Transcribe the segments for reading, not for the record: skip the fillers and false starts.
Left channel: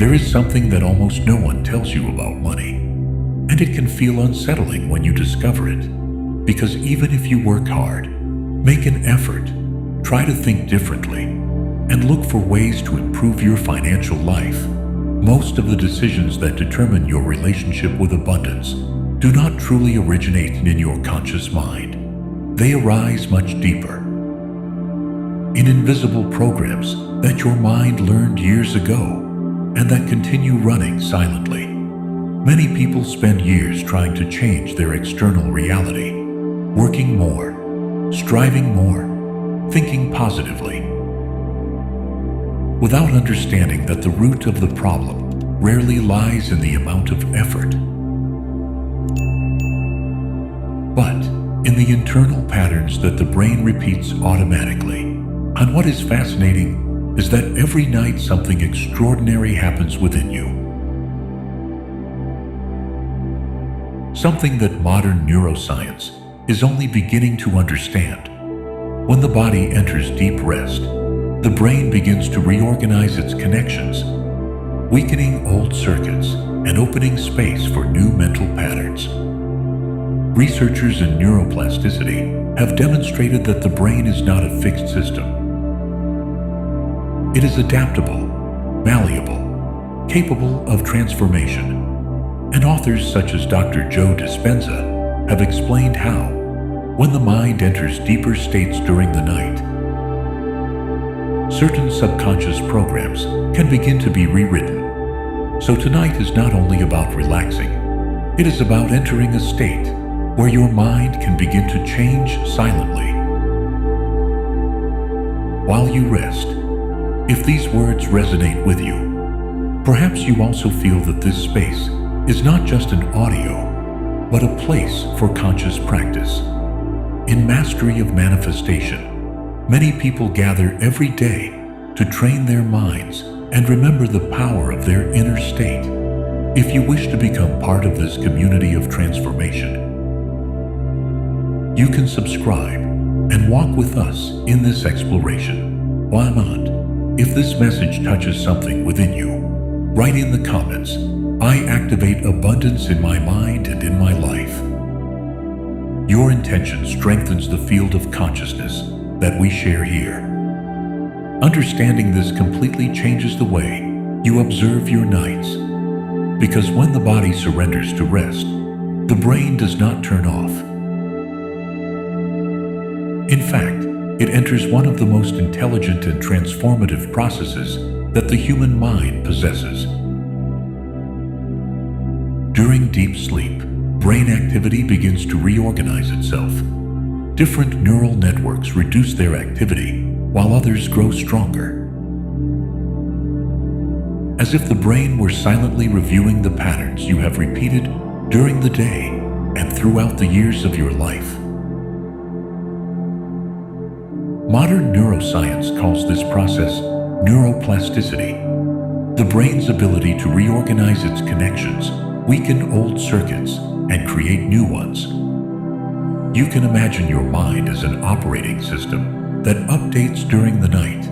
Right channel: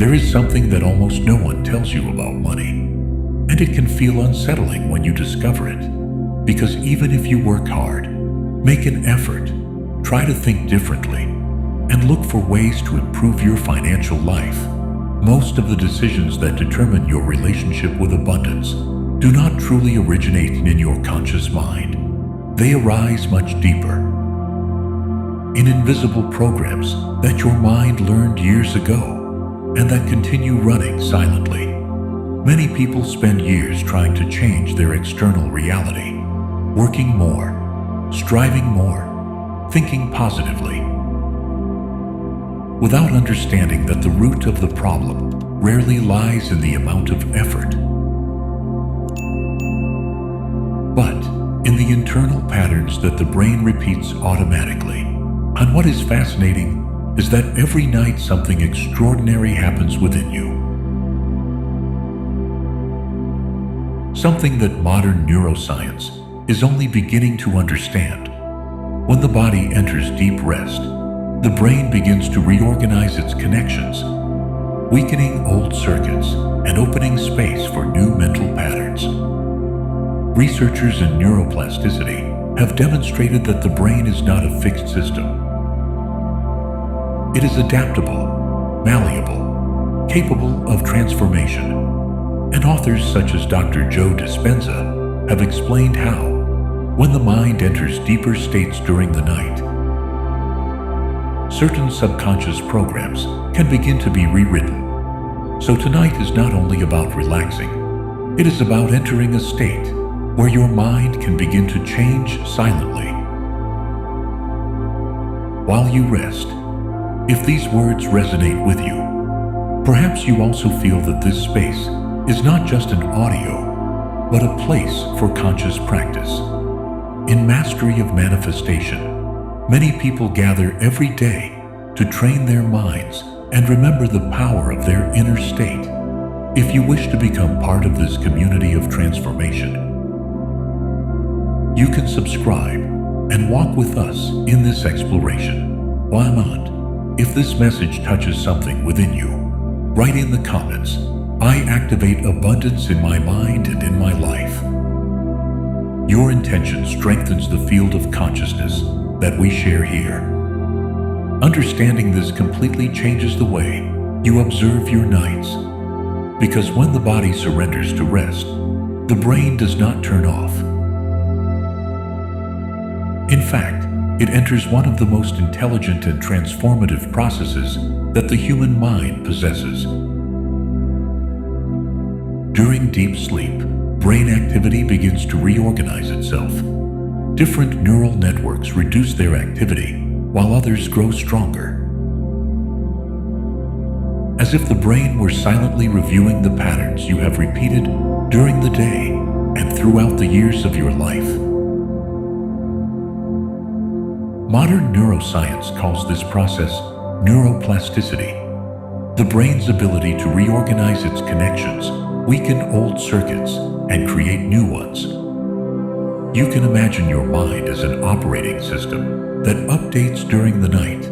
There is something that almost no one tells you about money, and it can feel unsettling when you discover it, because even if you work hard, make an effort, try to think differently, and look for ways to improve your financial life, most of the decisions that determine your relationship with abundance do not truly originate in your conscious mind. They arise much deeper, in invisible programs that your mind learned years ago and that continue running silently. Many people spend years trying to change their external reality, working more, striving more, thinking positively, without understanding that the root of the problem rarely lies in the amount of effort, but in the internal patterns that the brain repeats automatically. And what is fascinating is that every night something extraordinary happens within you. Something that modern neuroscience is only beginning to understand. When the body enters deep rest, the brain begins to reorganize its connections, weakening old circuits and opening space for new mental patterns. Researchers in neuroplasticity have demonstrated that the brain is not a fixed system. It is adaptable, malleable, capable of transformation, and authors such as Dr. Joe Dispenza have explained how, when the mind enters deeper states during the night, certain subconscious programs can begin to be rewritten. So tonight is not only about relaxing, it is about entering a state where your mind can begin to change silently. While you rest, if these words resonate with you, perhaps you also feel that this space is not just an audio, but a place for conscious practice. In Mastery of Manifestation, many people gather every day to train their minds and remember the power of their inner state. If you wish to become part of this community of transformation, you can subscribe and walk with us in this exploration. Why not? If this message touches something within you, write in the comments, "I activate abundance in my mind and in my life." Your intention strengthens the field of consciousness that we share here. Understanding this completely changes the way you observe your nights, because when the body surrenders to rest, the brain does not turn off. In fact, it enters one of the most intelligent and transformative processes that the human mind possesses. During deep sleep, brain activity begins to reorganize itself. Different neural networks reduce their activity, while others grow stronger. As if the brain were silently reviewing the patterns you have repeated during the day and throughout the years of your life. Modern neuroscience calls this process neuroplasticity, the brain's ability to reorganize its connections, weaken old circuits, and create new ones. You can imagine your mind as an operating system that updates during the night,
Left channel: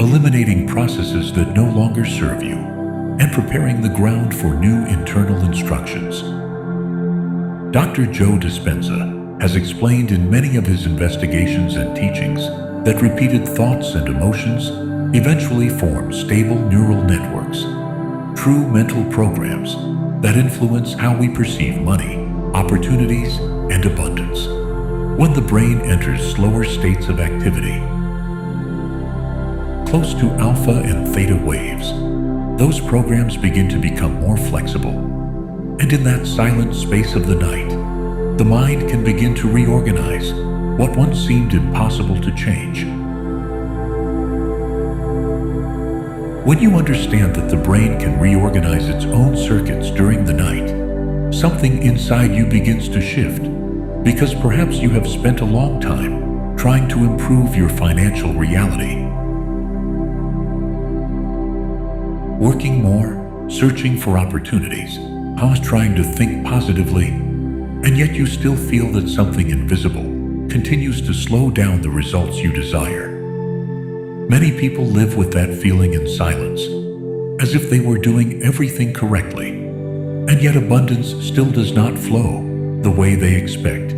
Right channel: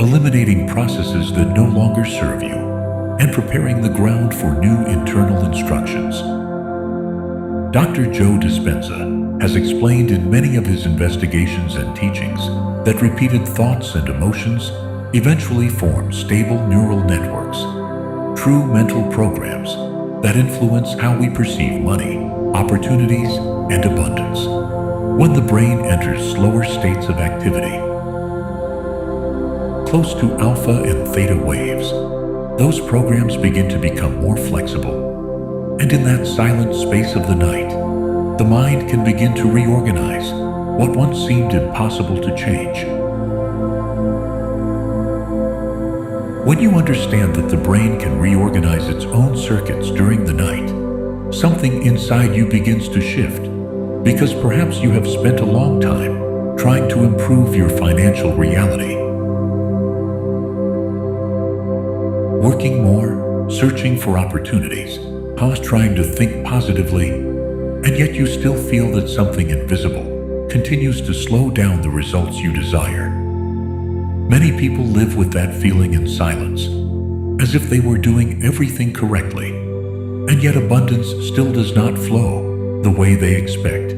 eliminating processes that no longer serve you and preparing the ground for new internal instructions. Dr. Joe Dispenza has explained in many of his investigations and teachings that repeated thoughts and emotions eventually form stable neural networks, true mental programs that influence how we perceive money, opportunities, and abundance. When the brain enters slower states of activity, close to alpha and theta waves, those programs begin to become more flexible. And in that silent space of the night, the mind can begin to reorganize what once seemed impossible to change. When you understand that the brain can reorganize its own circuits during the night, something inside you begins to shift, because perhaps you have spent a long time trying to improve your financial reality. Working more, searching for opportunities, trying to think positively, and yet you still feel that something invisible continues to slow down the results you desire. Many people live with that feeling in silence, as if they were doing everything correctly, and yet abundance still does not flow the way they expect.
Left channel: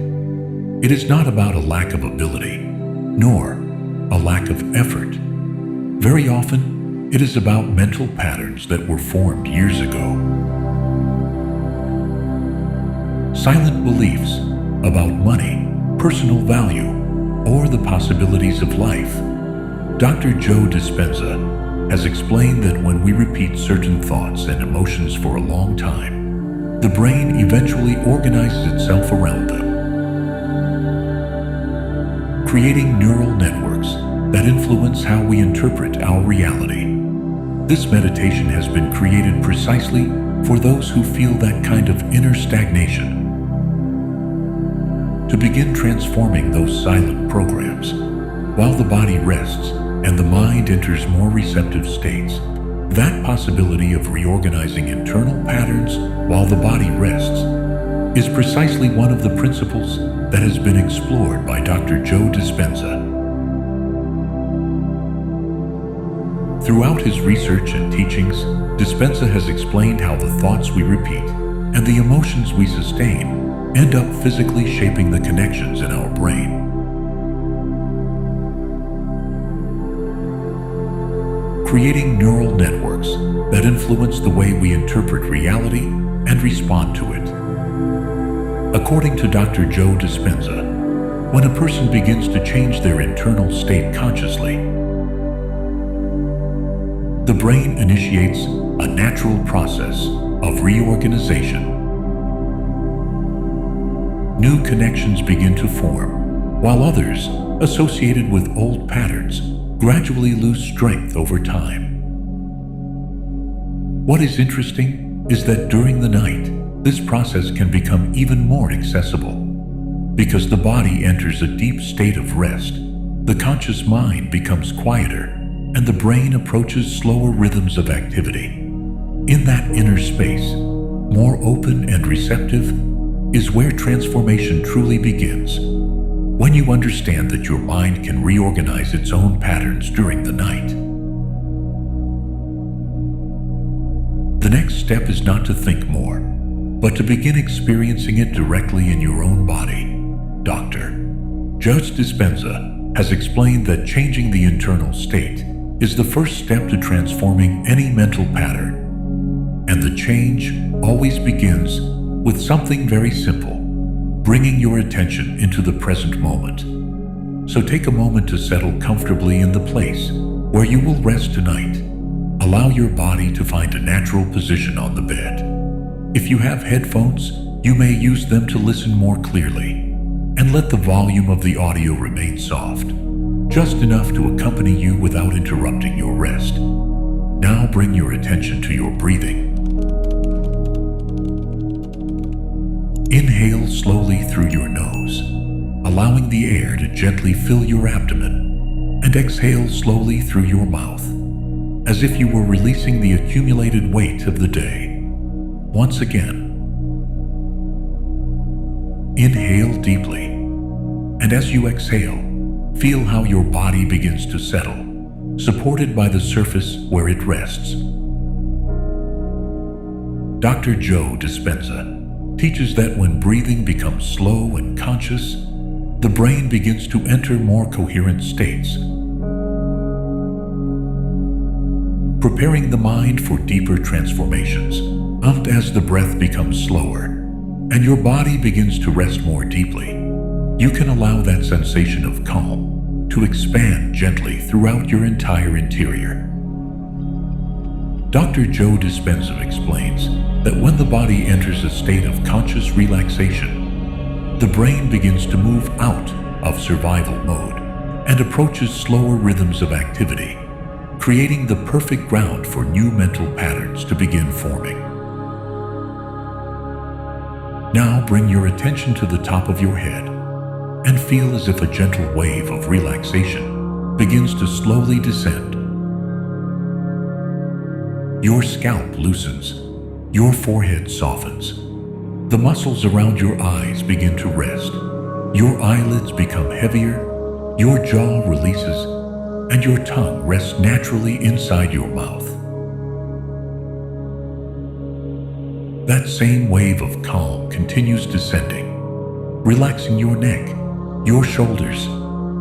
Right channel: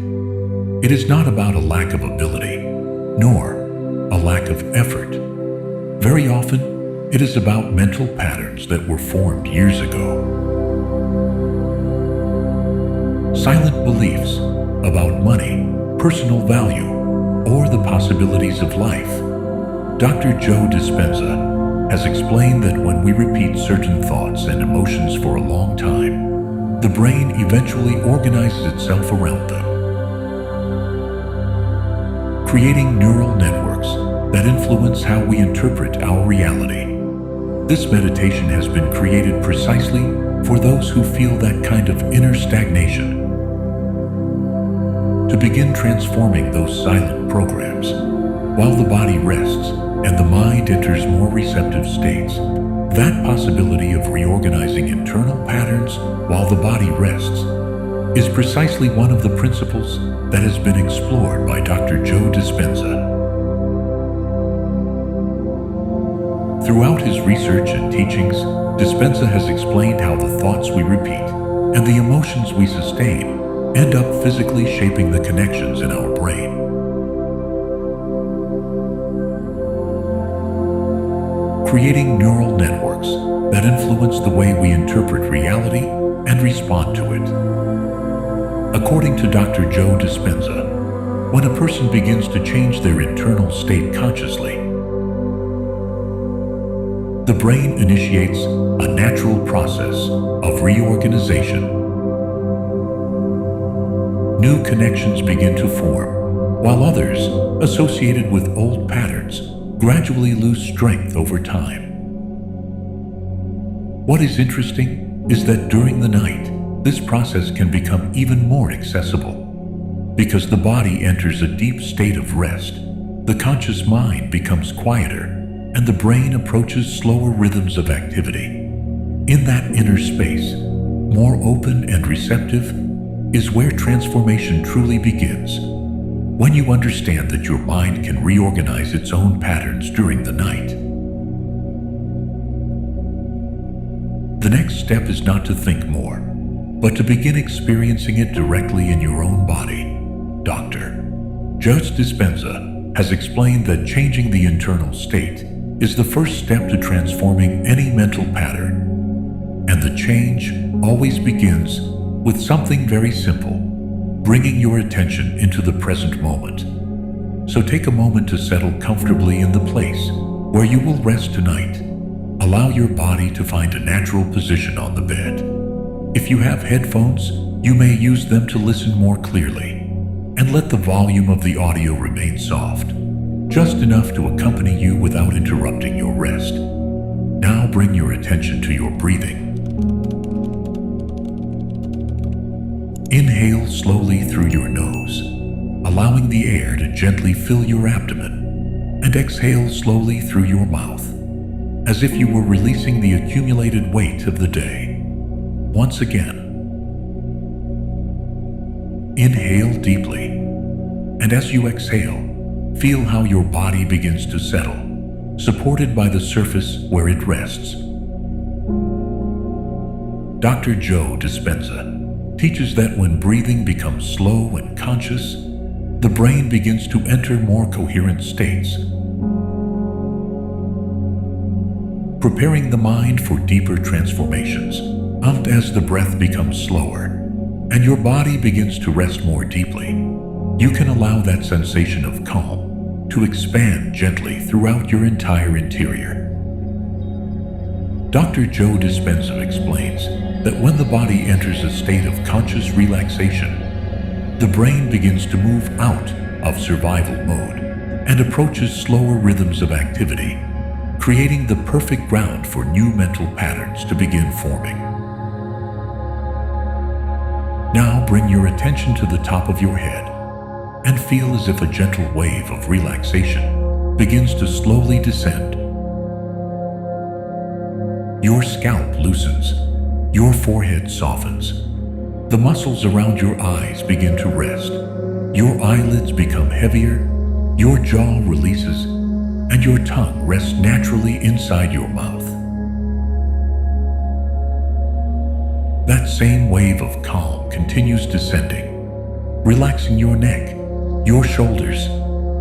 It is not about a lack of ability, nor a lack of effort. Very often, it is about mental patterns that were formed years ago. Silent beliefs about money, personal value, or the possibilities of life. Dr. Joe Dispenza has explained that when we repeat certain thoughts and emotions for a long time, the brain eventually organizes itself around them, creating neural networks that influence how we interpret our reality. This meditation has been created precisely for those who feel that kind of inner stagnation, to begin transforming those silent programs. While the body rests and the mind enters more receptive states, that possibility of reorganizing internal patterns while the body rests is precisely one of the principles that has been explored by Dr. Joe Dispenza. Throughout his research and teachings, Dispenza has explained how the thoughts we repeat and the emotions we sustain end up physically shaping the connections in our brain. Creating neural networks that influence the way we interpret reality and respond to it. According to Dr. Joe Dispenza, when a person begins to change their internal state consciously, the brain initiates a natural process of reorganization. New connections begin to form, while others, associated with old patterns, gradually lose strength over time. What is interesting is that during the night, this process can become even more accessible. Because the body enters a deep state of rest, the conscious mind becomes quieter, and the brain approaches slower rhythms of activity. In that inner space, more open and receptive, is where transformation truly begins. When you understand that your mind can reorganize its own patterns during the night. The next step is not to think more, but to begin experiencing it directly in your own body. Dr. Joe Dispenza has explained that changing the internal state is the first step to transforming any mental pattern. And the change always begins with something very simple, bringing your attention into the present moment. So take a moment to settle comfortably in the place where you will rest tonight. Allow your body to find a natural position on the bed. If you have headphones, you may use them to listen more clearly, and let the volume of the audio remain soft, just enough to accompany you without interrupting your rest. Now bring your attention to your breathing. Inhale slowly through your nose, allowing the air to gently fill your abdomen, and exhale slowly through your mouth, as if you were releasing the accumulated weight of the day. Once again, inhale deeply, and as you exhale, feel how your body begins to settle, supported by the surface where it rests. Dr. Joe Dispenza teaches that when breathing becomes slow and conscious, the brain begins to enter more coherent states, preparing the mind for deeper transformations. And as the breath becomes slower and your body begins to rest more deeply, you can allow that sensation of calm to expand gently throughout your entire interior. Dr. Joe Dispenza explains that when the body enters a state of conscious relaxation, the brain begins to move out of survival mode and approaches slower rhythms of activity, creating the perfect ground for new mental patterns to begin forming. Now bring your attention to the top of your head and feel as if a gentle wave of relaxation begins to slowly descend. Your scalp loosens, your forehead softens, the muscles around your eyes begin to rest, your eyelids become heavier, your jaw releases, and your tongue rests naturally inside your mouth. that same wave of calm continues descending, relaxing your neck, your shoulders,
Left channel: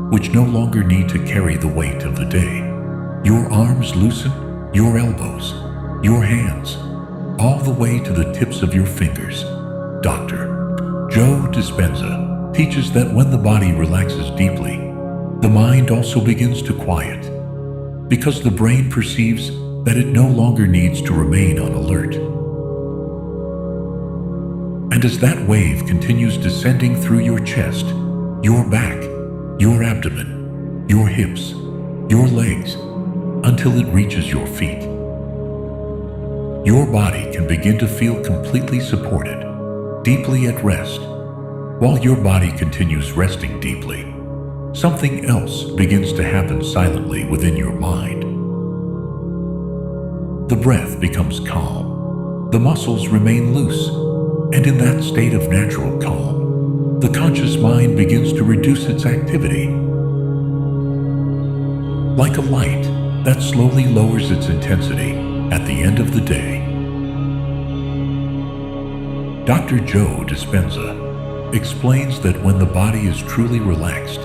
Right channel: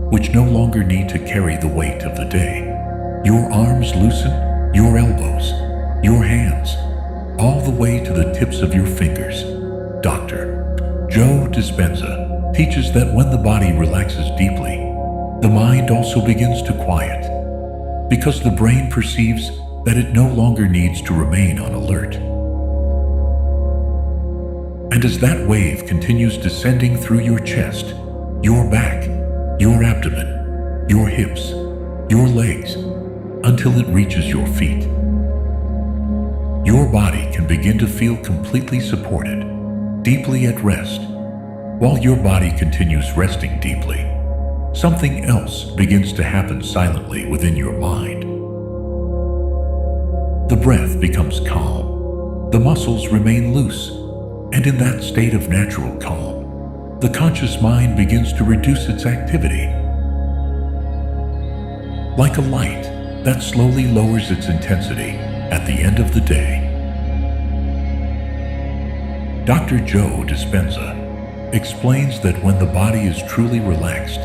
which no longer need to carry the weight of the day. Your arms loosen, your elbows, your hands, all the way to the tips of your fingers. Dr. Joe Dispenza teaches that when the body relaxes deeply, the mind also begins to quiet, because the brain perceives that it no longer needs to remain on alert. And as that wave continues descending through your chest, your back, your abdomen, your hips, your legs, until it reaches your feet, your body can begin to feel completely supported, deeply at rest. While your body continues resting deeply, something else begins to happen silently within your mind. The breath becomes calm, the muscles remain loose, and in that state of natural calm, the conscious mind begins to reduce its activity. Like a light that slowly lowers its intensity at the end of the day. Dr. Joe Dispenza explains that when the body is truly relaxed,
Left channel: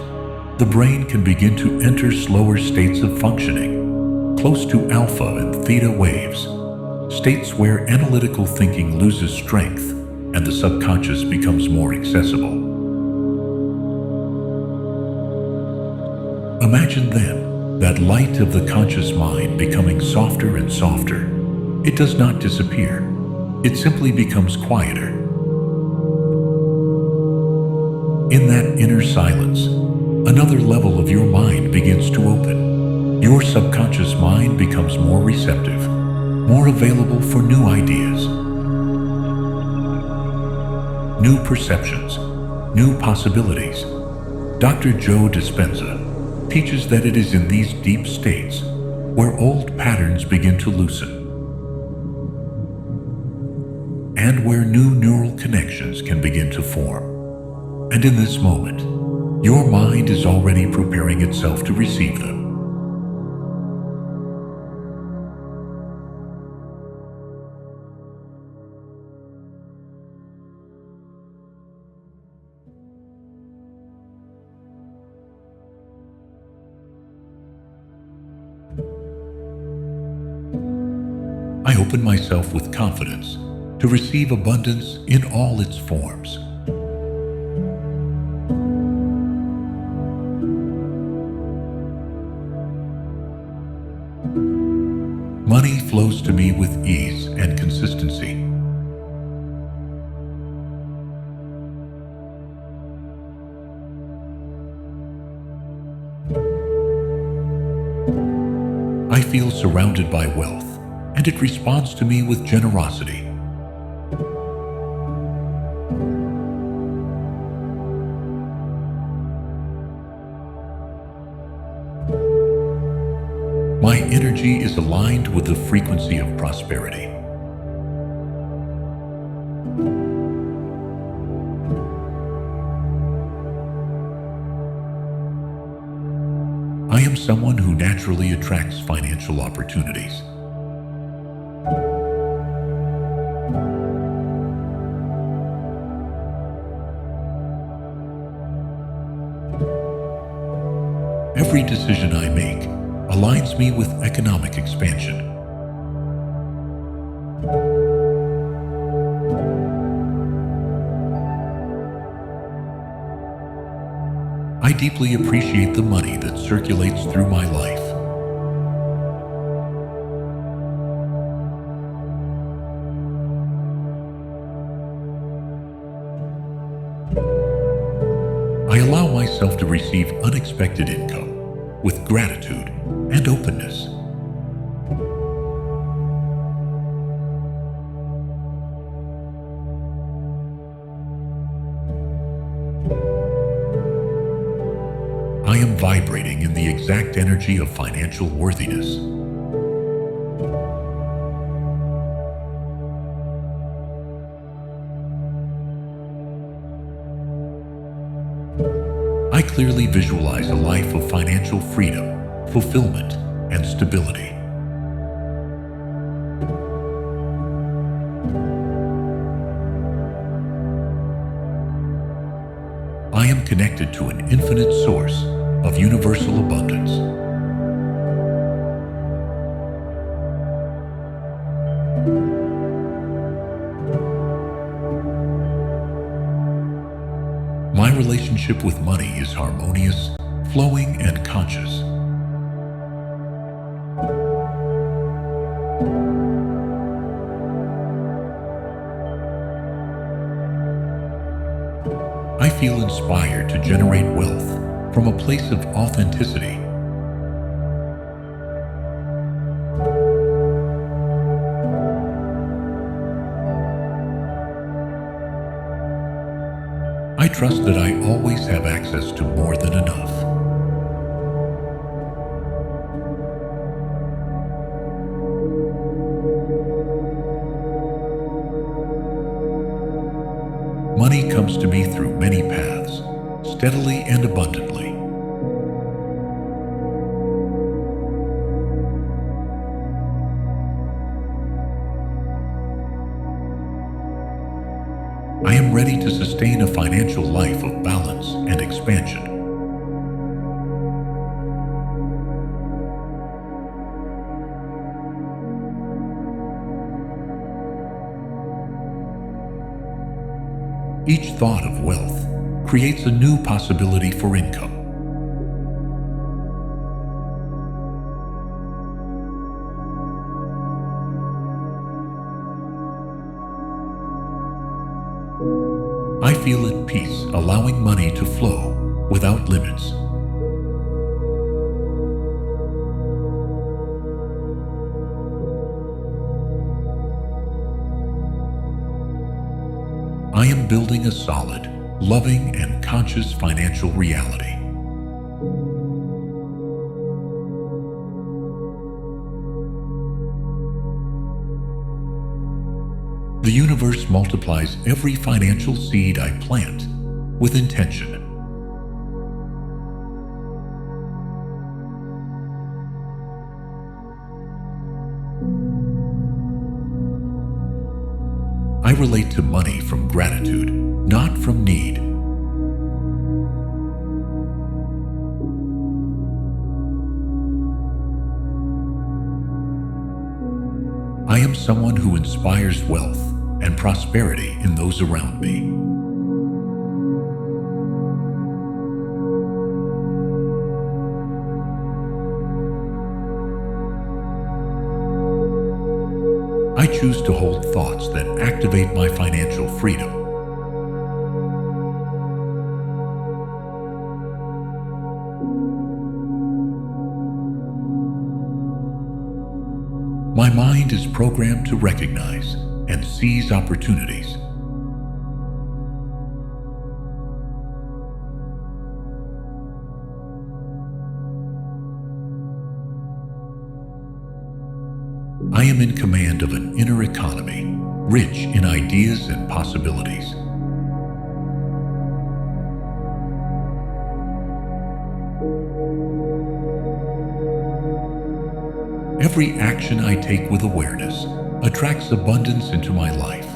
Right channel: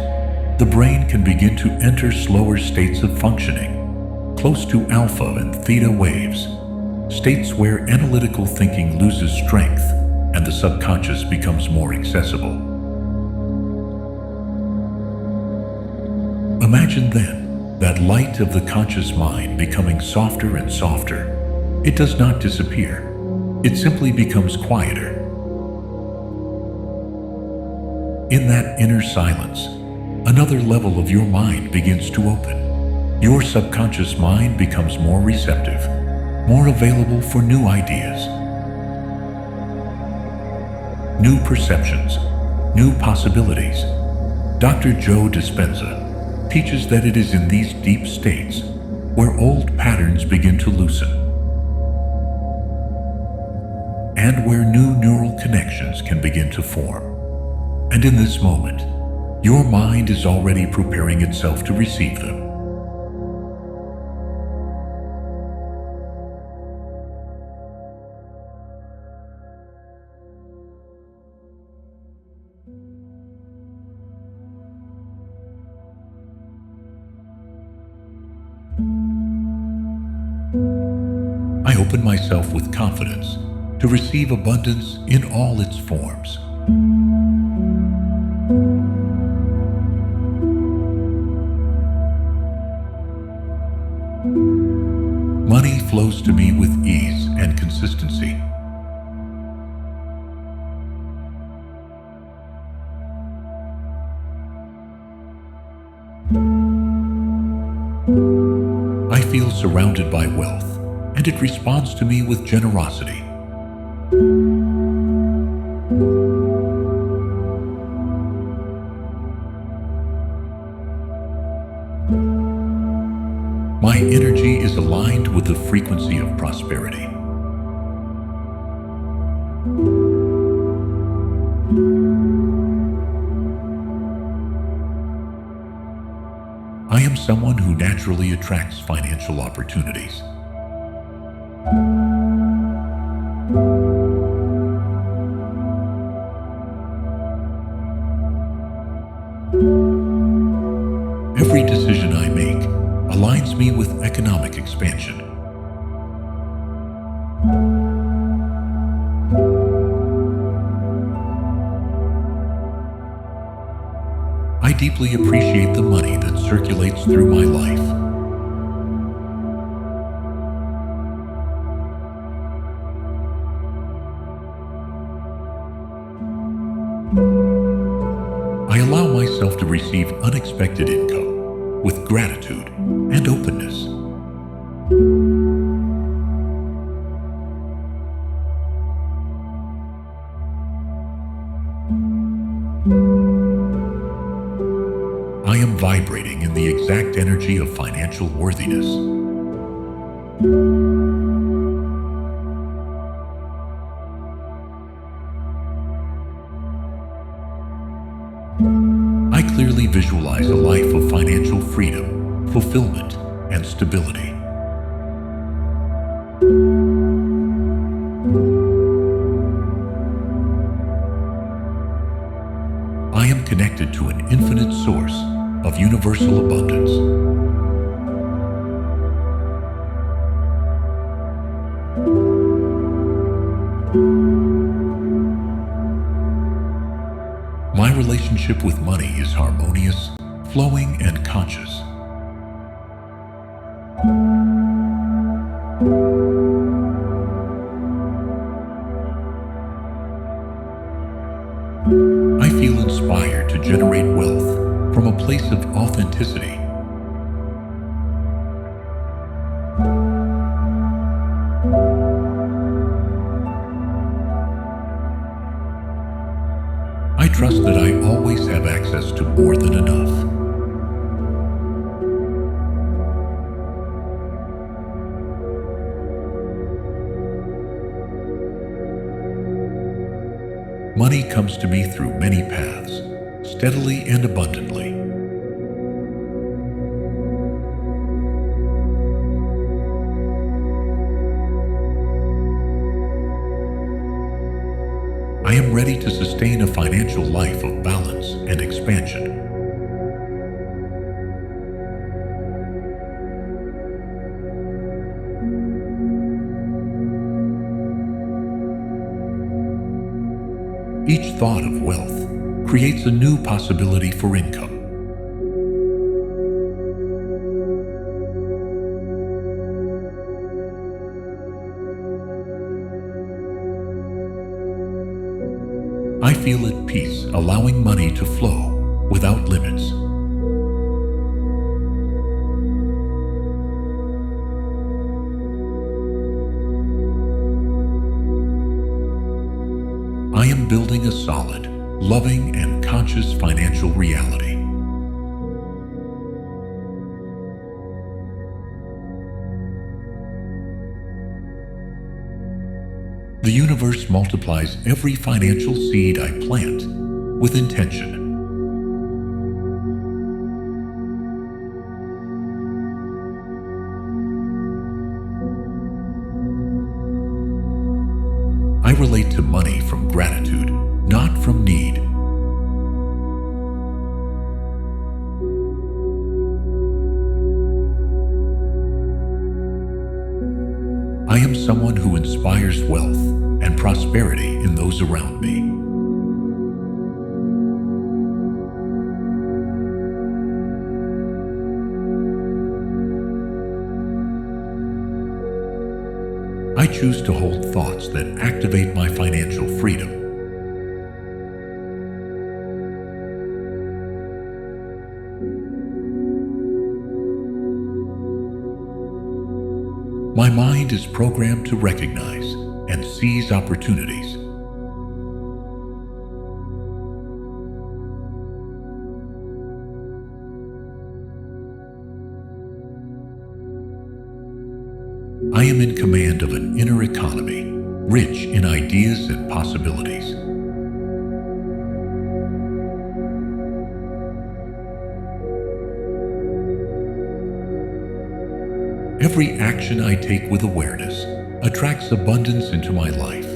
the brain can begin to enter slower states of functioning, close to alpha and theta waves, states where analytical thinking loses strength and the subconscious becomes more accessible. Imagine then that light of the conscious mind becoming softer and softer. It does not disappear. It simply becomes quieter. In that inner silence, another level of your mind begins to open. Your subconscious mind becomes more receptive, more available for new ideas, new perceptions, new possibilities. Dr. Joe Dispenza teaches that it is in these deep states where old patterns begin to loosen and where new neural connections can begin to form. And in this moment, your mind is already preparing itself to receive them. I open myself with confidence to receive abundance in all its forms. Money flows to me with ease and consistency. I feel surrounded by wealth, and it responds to me with generosity. My energy is aligned with the frequency of prosperity. I am someone who naturally attracts financial opportunities. Every decision I make aligns me with economic expansion. I deeply appreciate the money that circulates through my life. I allow myself to receive unexpected income with gratitude and openness. I am vibrating in the exact energy of financial worthiness. I clearly visualize a life of financial freedom, fulfillment, and stability. connected to an infinite source of universal abundance. My relationship with money is harmonious, flowing, and conscious. I feel inspired to generate wealth from a place of authenticity. I trust that I always have access to more than enough. Money comes to me through many paths, steadily and abundantly. I am ready to sustain a financial life of balance and expansion. Each thought of wealth creates a new possibility for income. I feel at peace, allowing money to flow without limits. I am building a solid, loving, and conscious financial reality. The universe multiplies every financial seed I plant with intention. I relate to money from gratitude, not from need. I am someone who inspires wealth and prosperity in those around me. I choose to hold thoughts that activate my financial freedom. My mind is programmed to recognize and seize opportunities. I am in command of an inner economy, rich in ideas and possibilities. Every action I take with awareness attracts abundance into my life.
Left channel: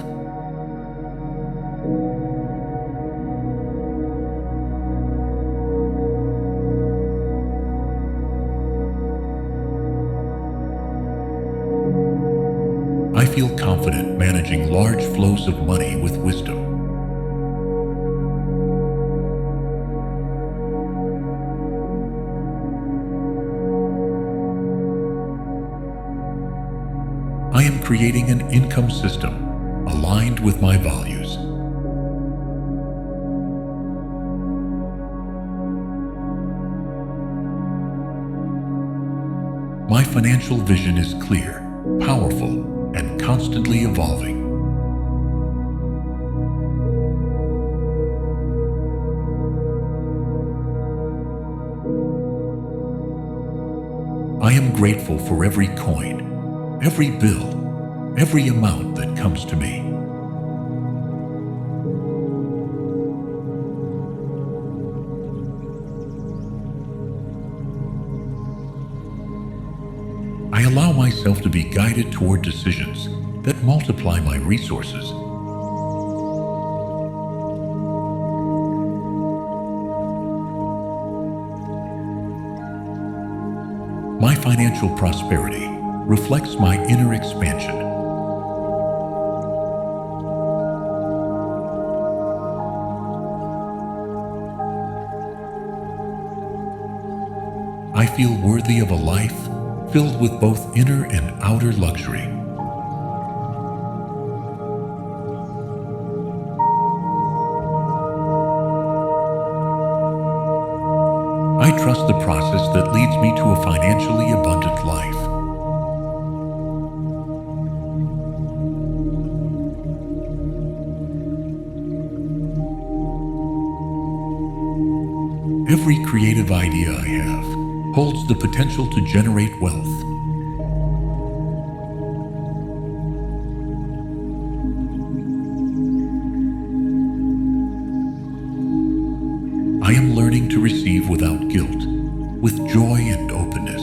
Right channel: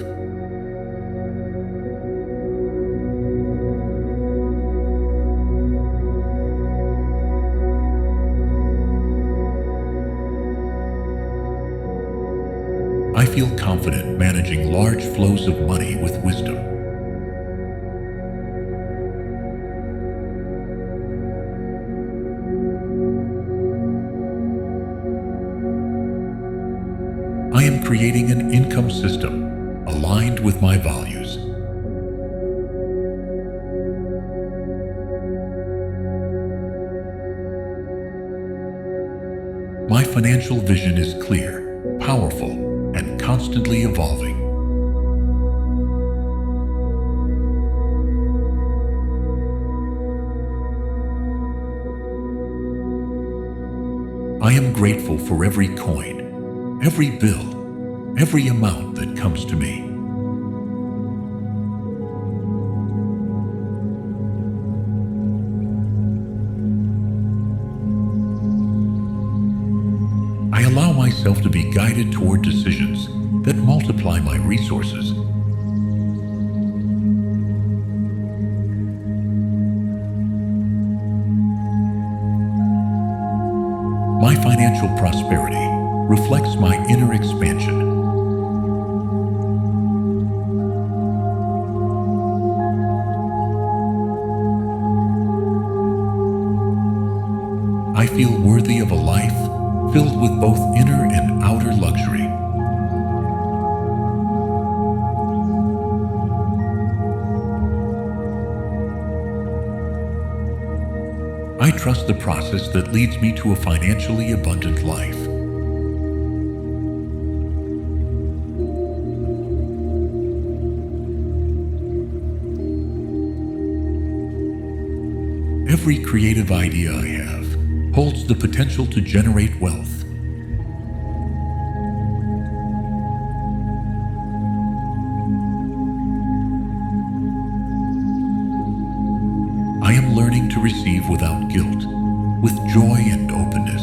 I feel confident managing large flows of money with wisdom. I am creating an income system aligned with my values. My financial vision is clear, powerful, and constantly evolving. I am grateful for every coin, every bill, every amount that comes to me. I allow myself to be guided toward decisions that multiply my resources. My financial prosperity reflects my inner expansion. I feel worthy of a life filled with both inner and outer luxury. I trust the process that leads me to a financially abundant life. Every creative idea I have holds the potential to generate wealth. I am learning to receive without guilt, with joy and openness.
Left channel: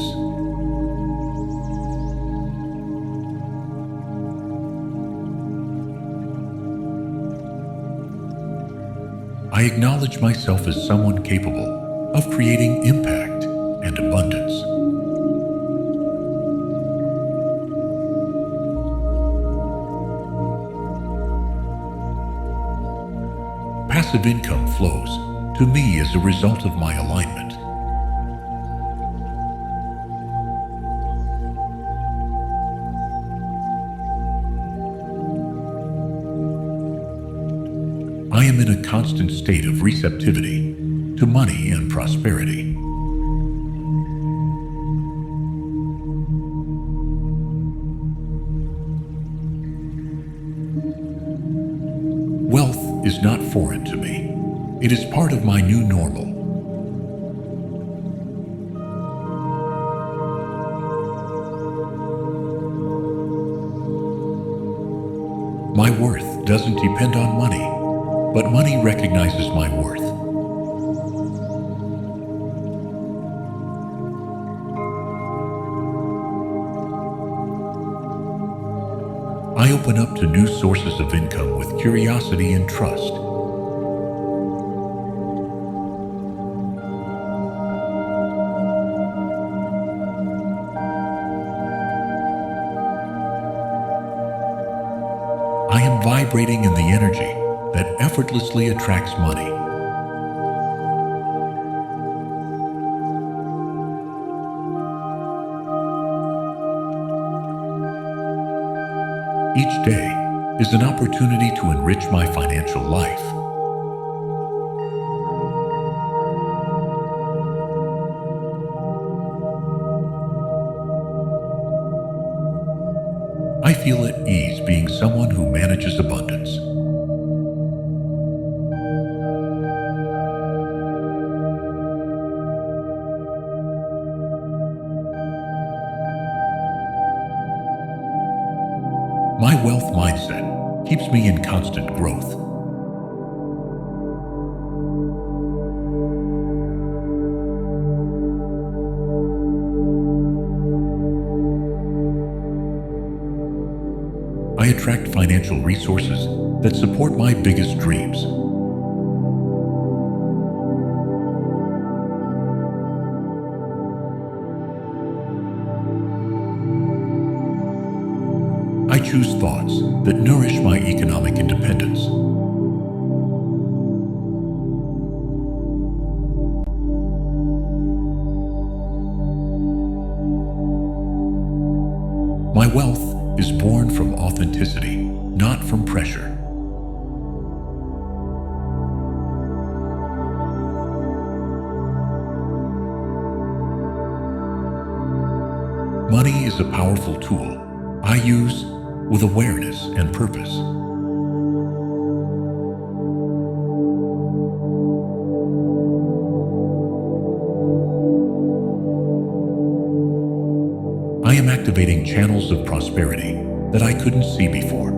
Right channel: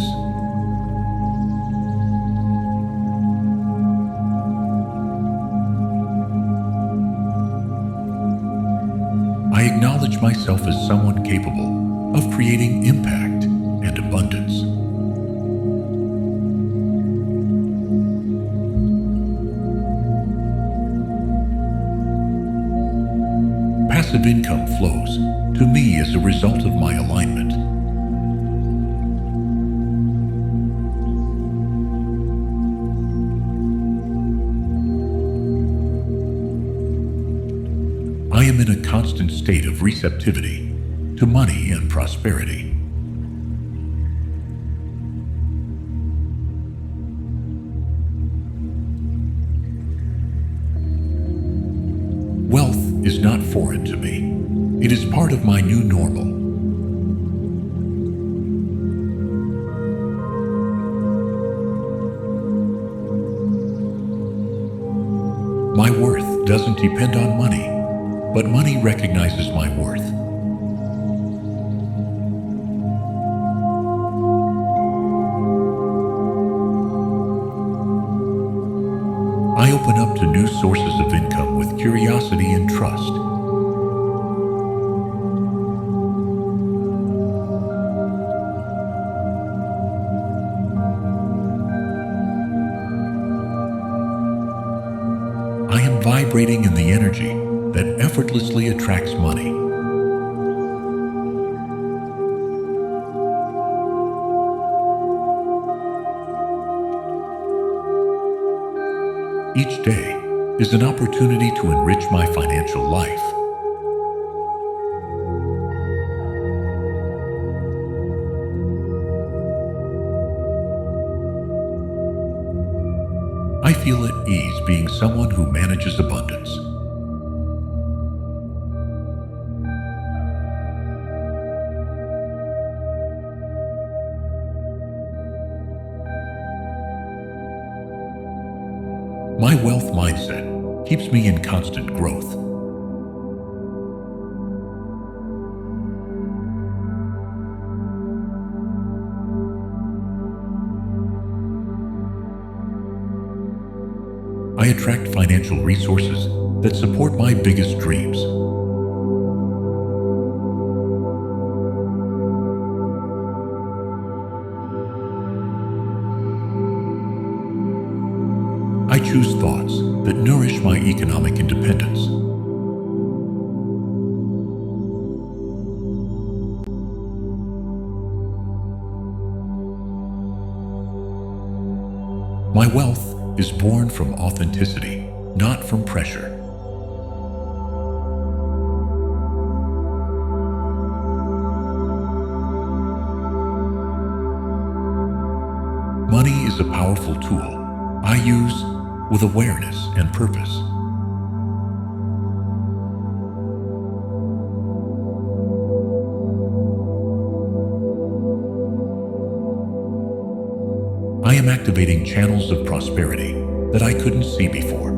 I acknowledge myself as someone capable of creating impact and abundance. Passive income flows to me as a result of my alignment. I am in a constant state of receptivity to money and prosperity. Wealth is not foreign to me. It is part of my new normal. My worth doesn't depend on money, but money recognizes my worth. I open up to new sources of income with curiosity and trust. I am vibrating in the energy that effortlessly attracts money. Each day is an opportunity to enrich my financial life. I feel at ease being someone who manages abundance. My wealth mindset keeps me in constant growth. I attract financial resources that support my biggest dreams. I choose thoughts that nourish my economic independence. My wealth is born from authenticity, not from pressure. Money is a powerful tool I use with awareness and purpose. I am activating channels of prosperity that I couldn't see before.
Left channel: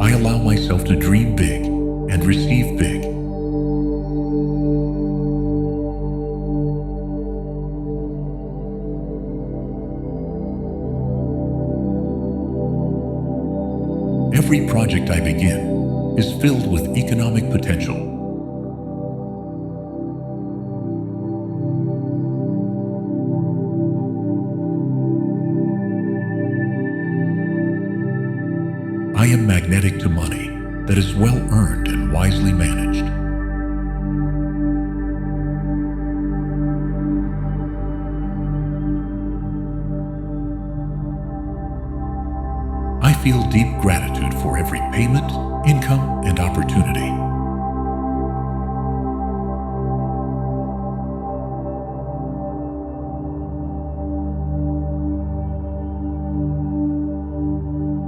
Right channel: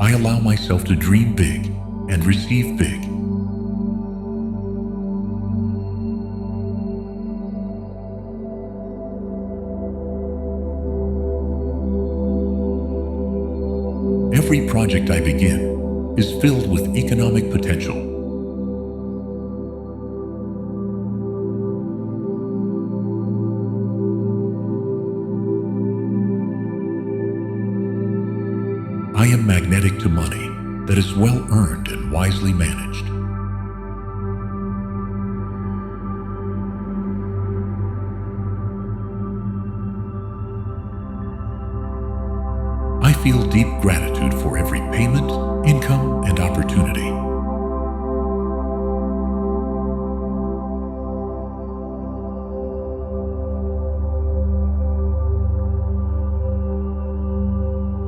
I allow myself to dream big and receive big. Every project I begin is filled with economic potential. I am magnetic to money that is well earned and wisely managed. I feel deep gratitude for every payment, income, and opportunity.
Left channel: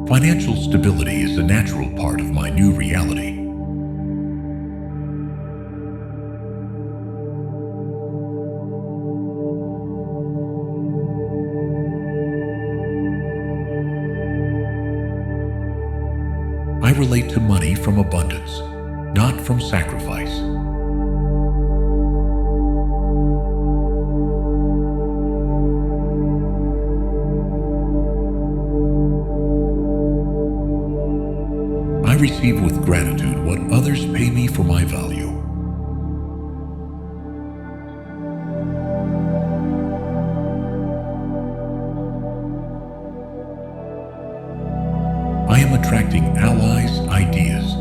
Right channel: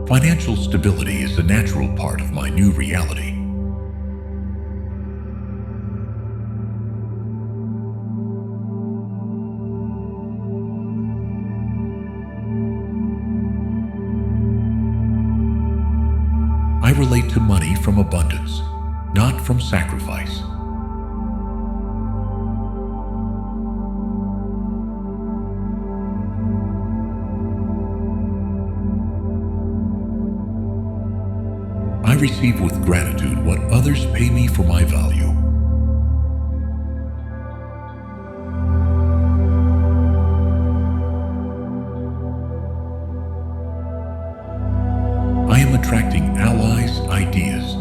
Financial stability is a natural part of my new reality. I relate to money from abundance, not from sacrifice. I receive with gratitude what others pay me for my value. I am attracting allies, ideas.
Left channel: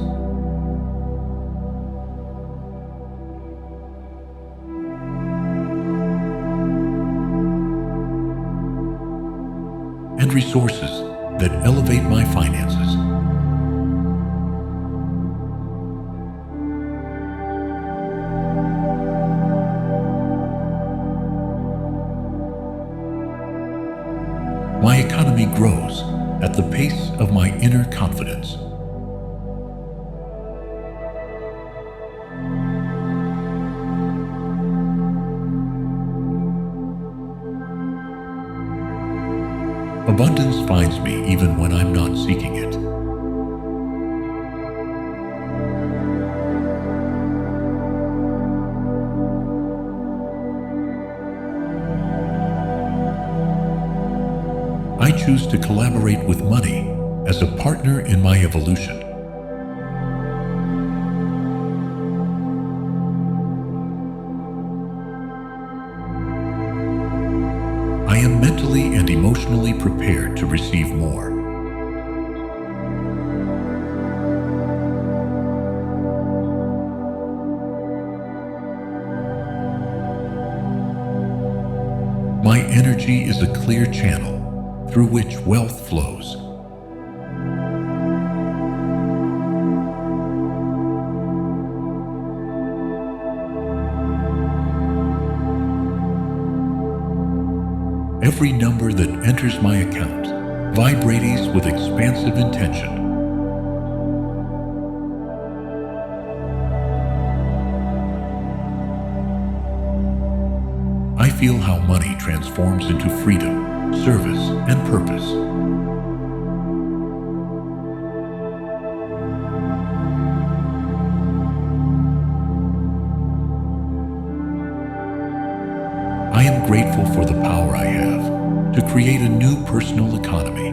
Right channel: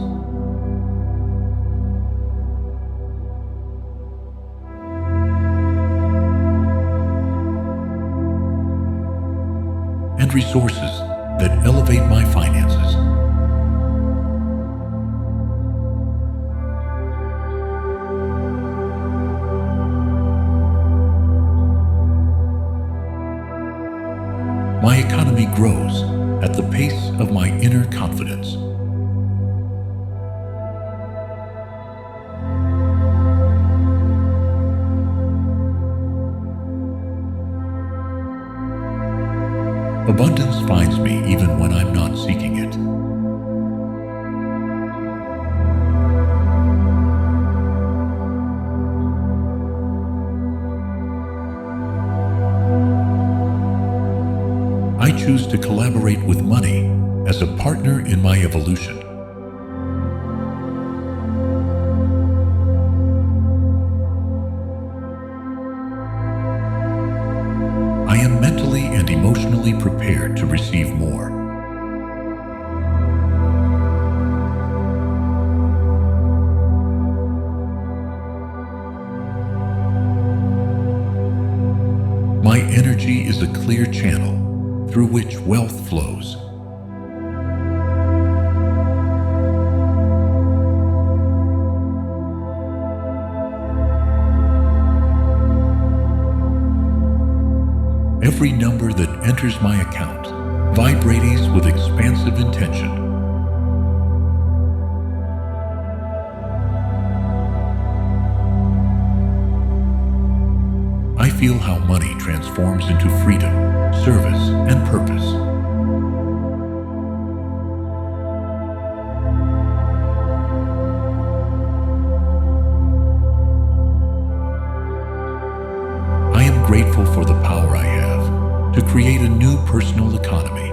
And resources that elevate my finances. My economy grows at the pace of my inner confidence. Abundance finds me even when I'm not seeking it. I choose to collaborate with money as a partner in my evolution. I am mentally and emotionally prepared to receive more. My energy is a clear channel through which wealth flows. Every number that enters my account vibrates with expansive intention. I feel how money transforms into freedom, service, and purpose. I am grateful for the power I have to create a new personal economy.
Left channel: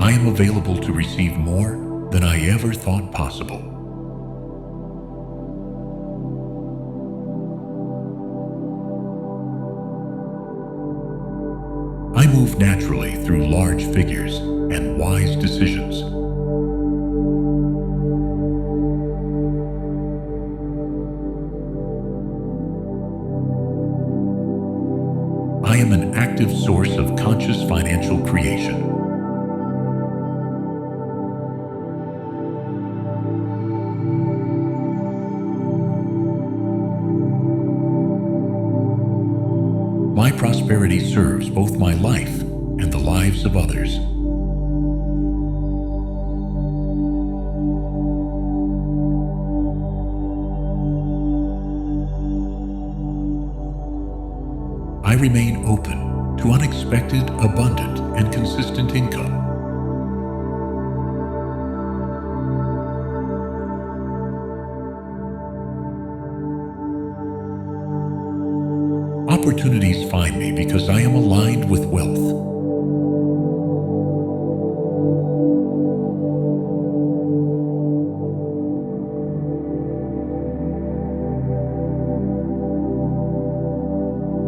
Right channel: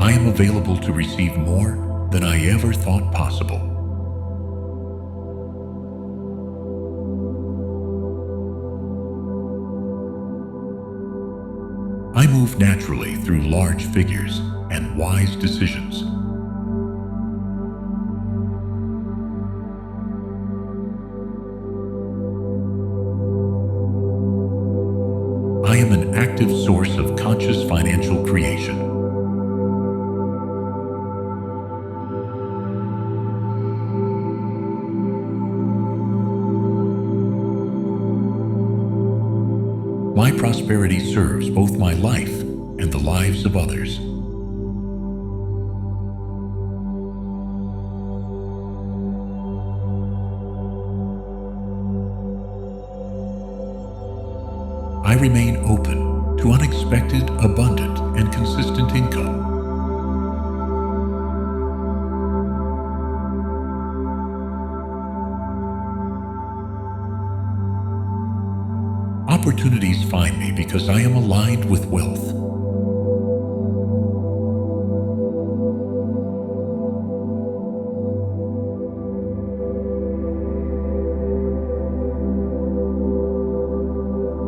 I am available to receive more than I ever thought possible. I move naturally through large figures and wise decisions. I am an active source of conscious financial creation. My prosperity serves both my life and the lives of others. I remain open to unexpected, abundant, and consistent income. Opportunities find me because I am aligned with wealth.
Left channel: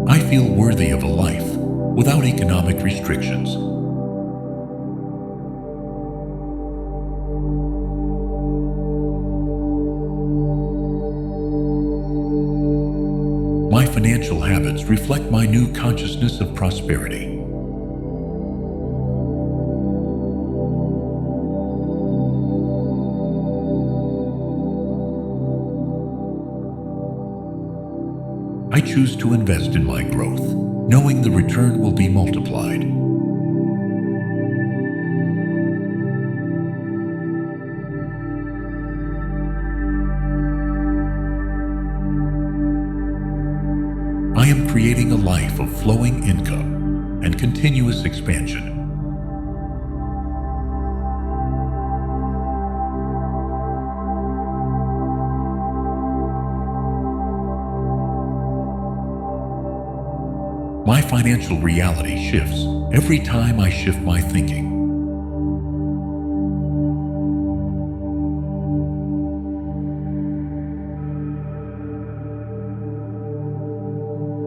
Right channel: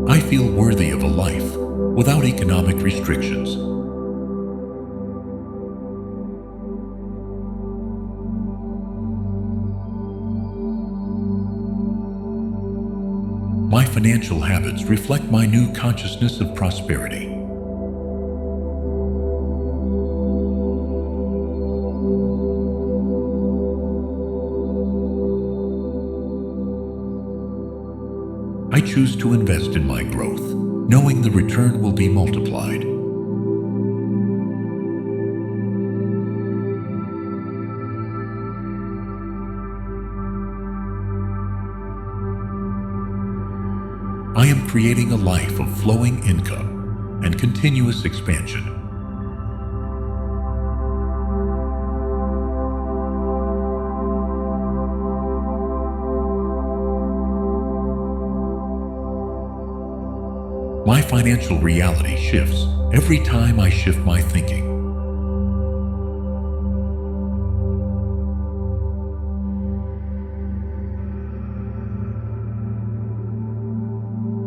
I feel worthy of a life without economic restrictions. My financial habits reflect my new consciousness of prosperity. I choose to invest in my growth, knowing the return will be multiplied. I am creating a life of flowing income and continuous expansion. My financial reality shifts every time I shift my thinking.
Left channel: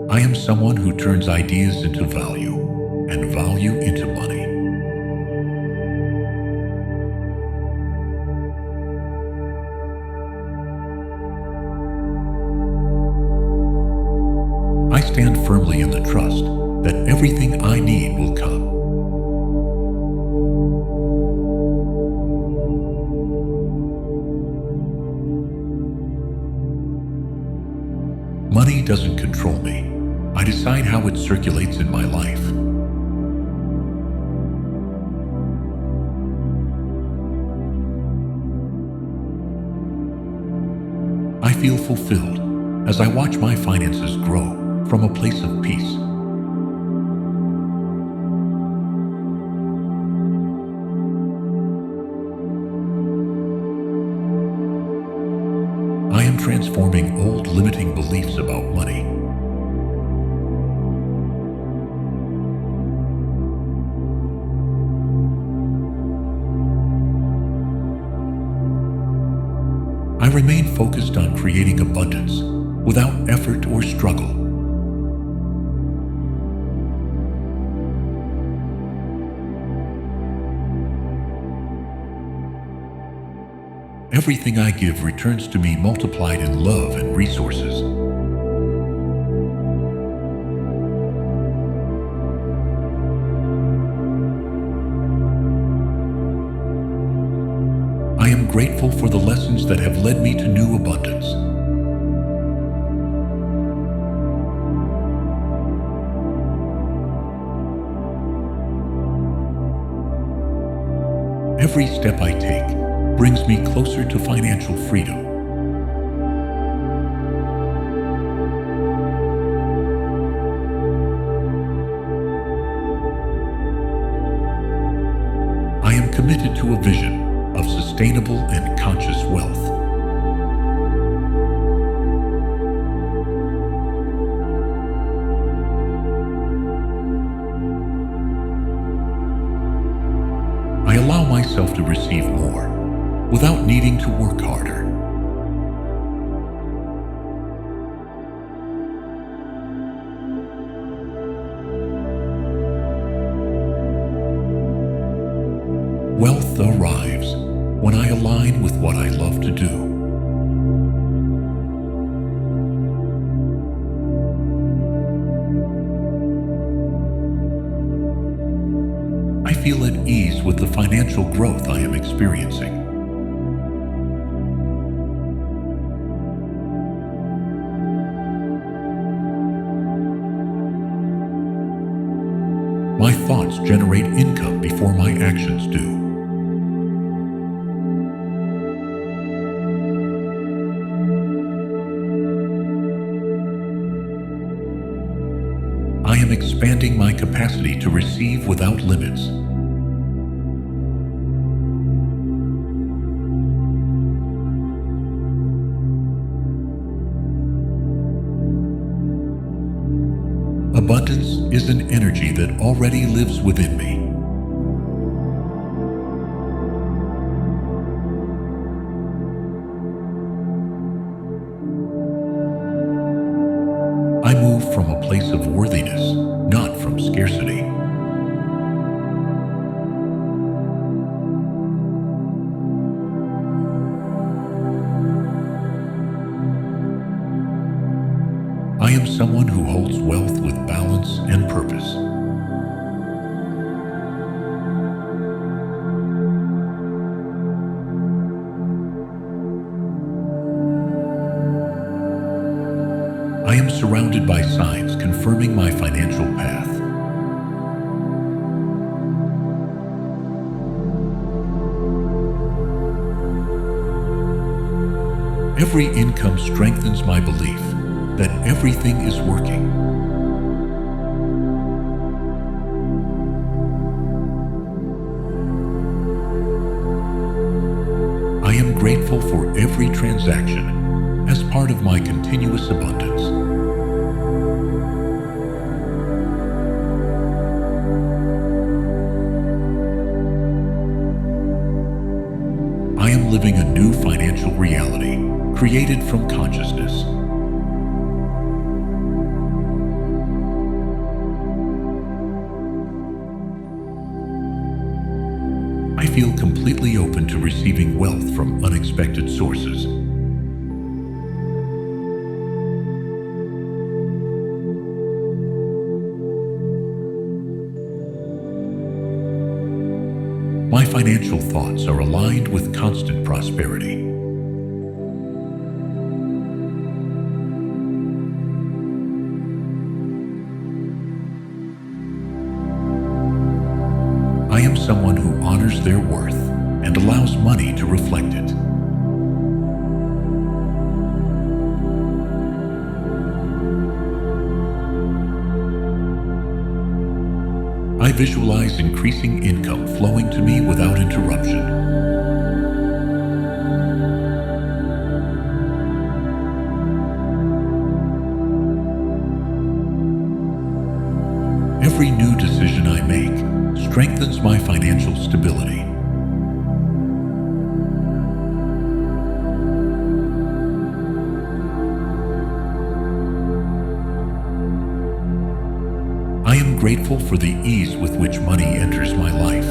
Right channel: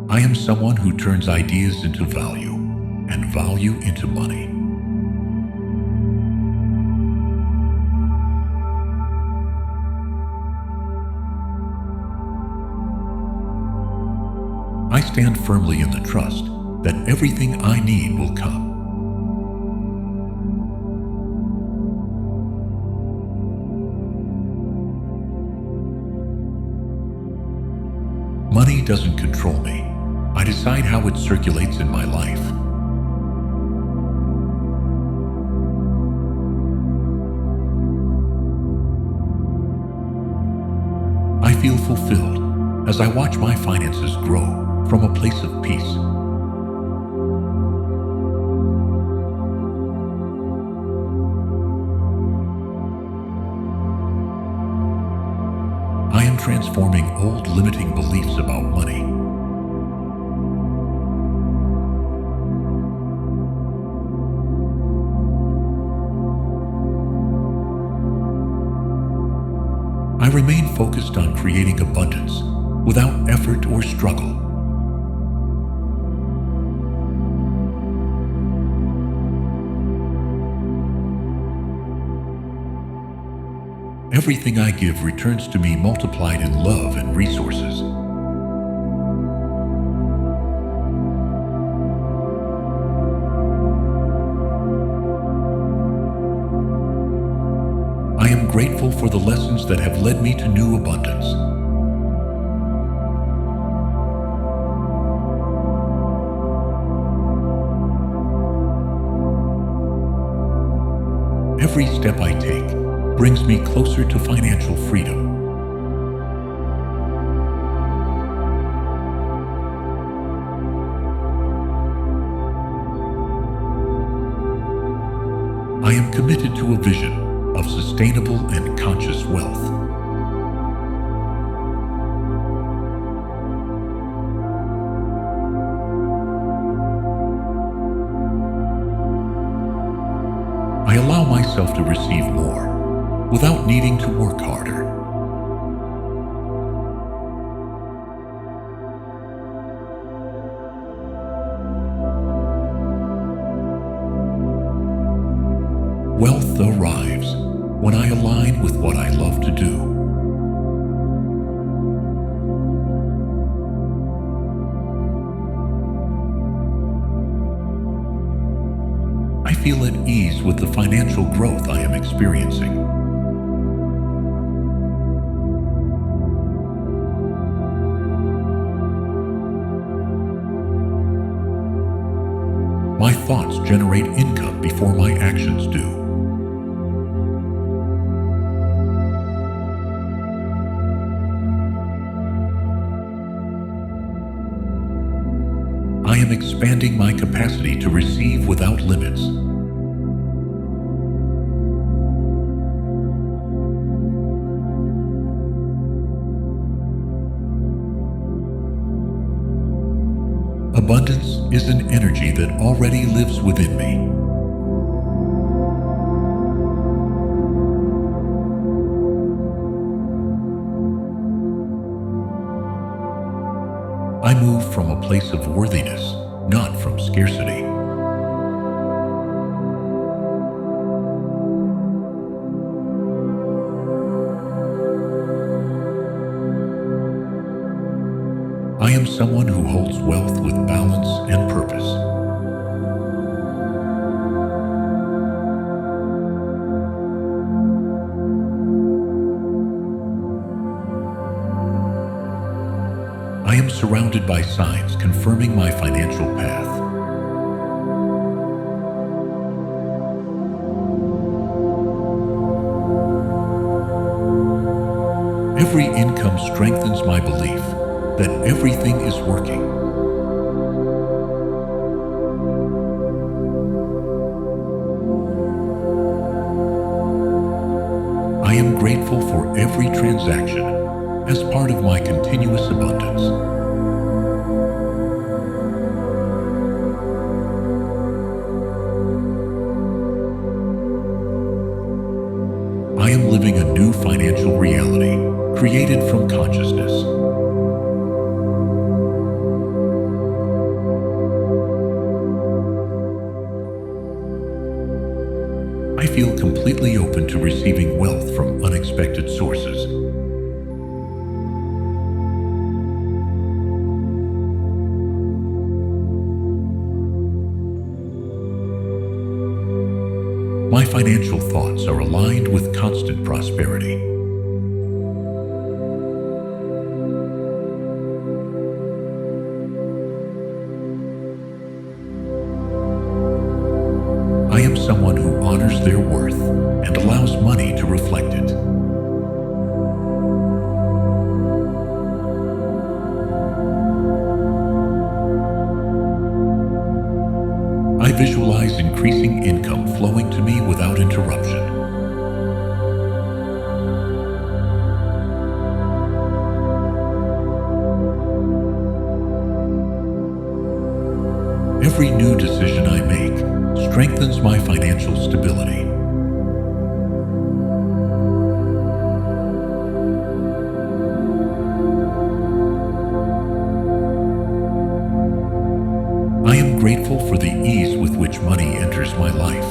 I am someone who turns ideas into value and value into money. I stand firmly in the trust that everything I need will come. Money doesn't control me. I decide how it circulates in my life. I feel fulfilled as I watch my finances grow from a place of peace. I am transforming old limiting beliefs about money. I remain focused on creating abundance without effort or struggle. Everything I give returns to me multiplied in love and resources. I am grateful for the lessons that have led me to new abundance. Every step I take brings me closer to financial freedom. I am committed to a vision of sustainable and conscious wealth. I allow myself to receive more without needing to work harder. Wealth arrives when I align with what I love to do. I feel at ease with the financial growth I am experiencing. My thoughts generate income before my actions do. I am expanding my capacity to receive without limits. Abundance is an energy that already lives within me. I move from a place of worthiness, not from scarcity. I am someone who holds wealth with balance and purpose. I am surrounded by signs confirming my financial path. Every income strengthens my belief that everything is working. I am grateful for every transaction as part of my continuous abundance. I am living a new financial reality created from consciousness. I feel completely open to receiving wealth from unexpected sources. My financial thoughts are aligned with constant prosperity. I am someone who honors their worth and allows money to reflect it. I visualize increasing income flowing to me without interruption. Every new decision I make strengthens my financial stability. I am grateful for the ease with which money enters my life.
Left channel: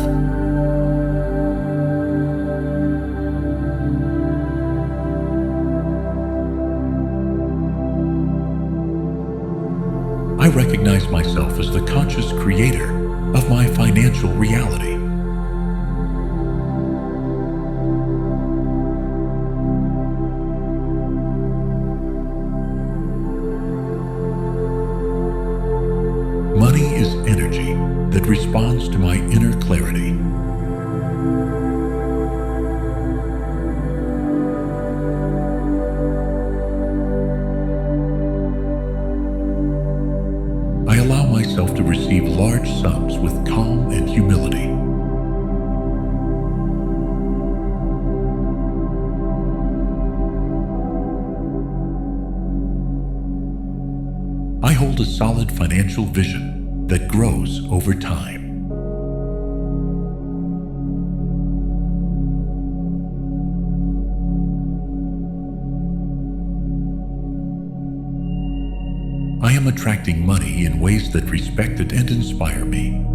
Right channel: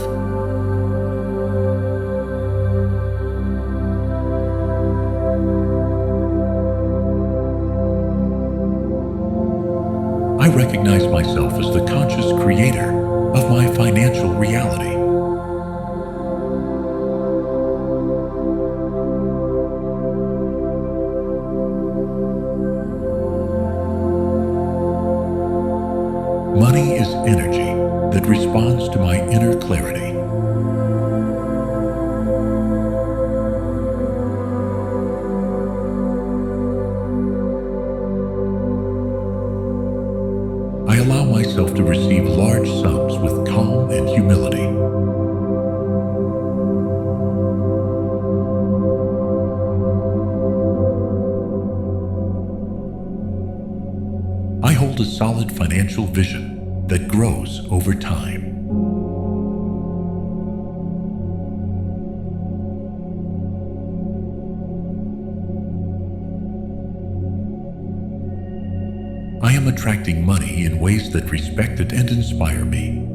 I recognize myself as the conscious creator of my financial reality. Money is energy that responds to my inner clarity. I allow myself to receive large sums with calm and humility. I hold a solid financial vision that grows over time. I am attracting money in ways that respect it and inspire me.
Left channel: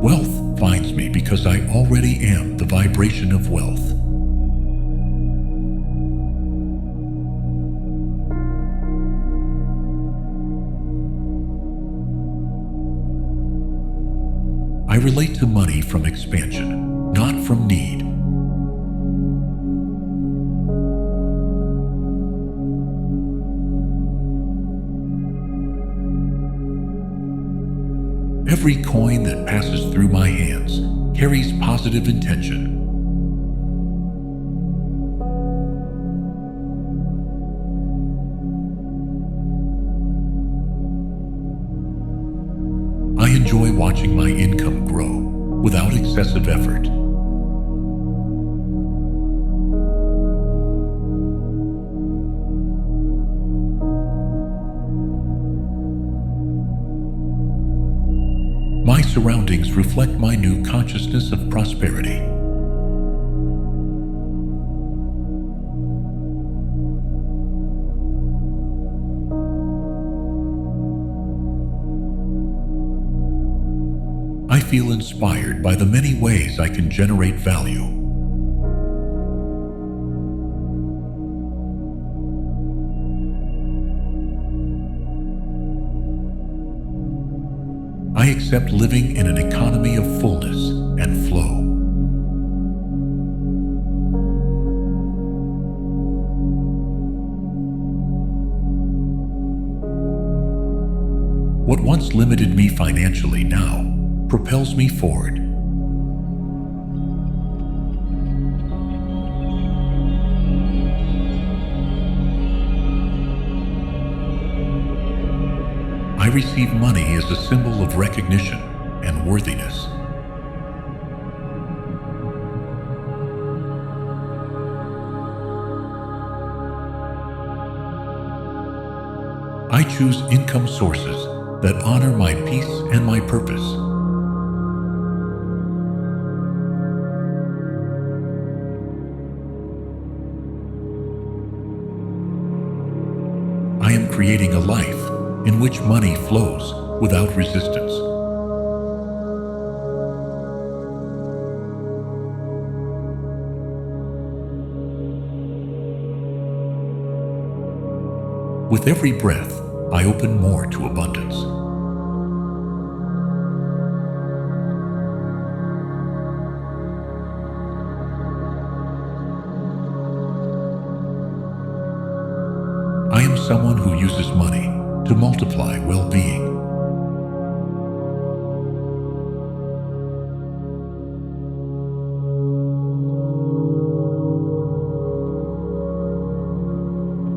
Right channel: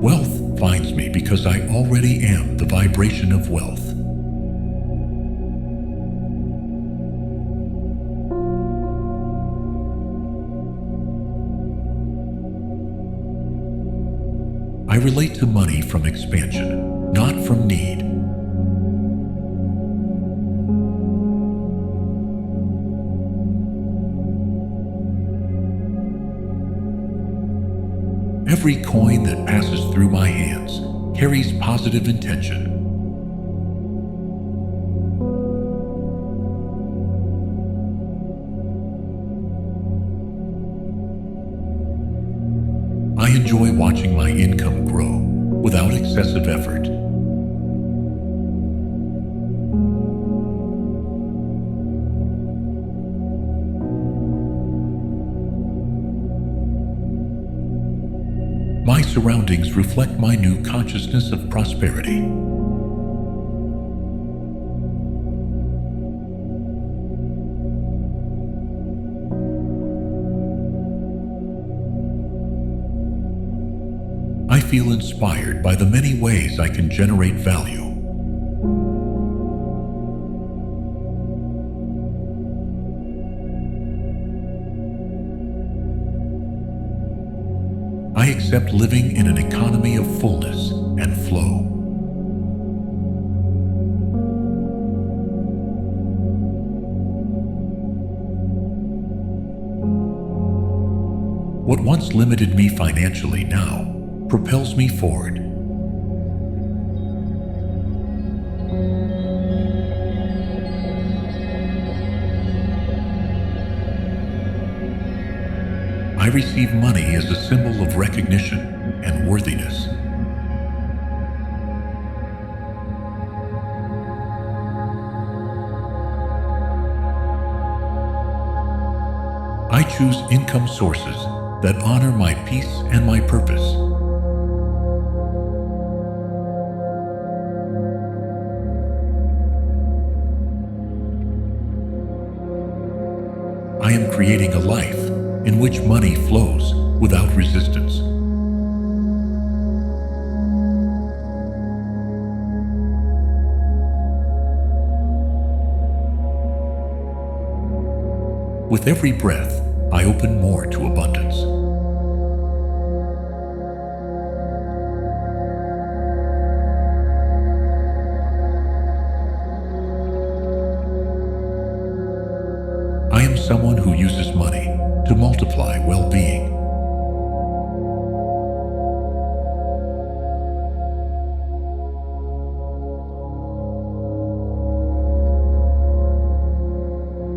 Wealth finds me because I already am the vibration of wealth. I relate to money from expansion, not from need. Every coin that passes through my hands carries positive intention. I enjoy watching my income grow without excessive effort. surroundings reflect my new consciousness of prosperity. I feel inspired by the many ways I can generate value. I accept living in an economy of fullness and flow. What once limited me financially now propels me forward. I receive money as a symbol of recognition and worthiness. I choose income sources that honor my peace and my purpose. I am creating a life in which money flows without resistance. With every breath, I open more to abundance. I am someone who uses money to multiply well-being.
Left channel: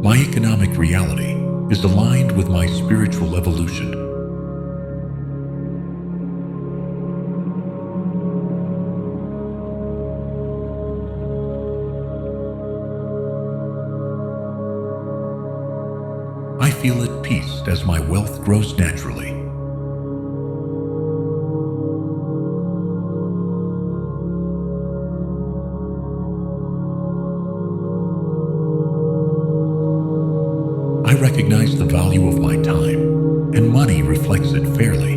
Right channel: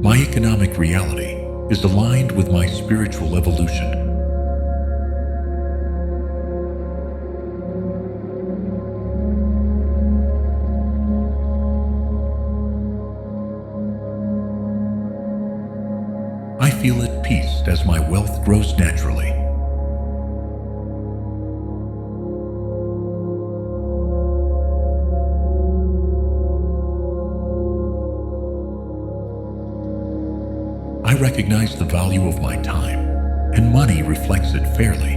My economic reality is aligned with my spiritual evolution. I feel at peace as my wealth grows naturally. I recognize the value of my time, and money reflects it fairly.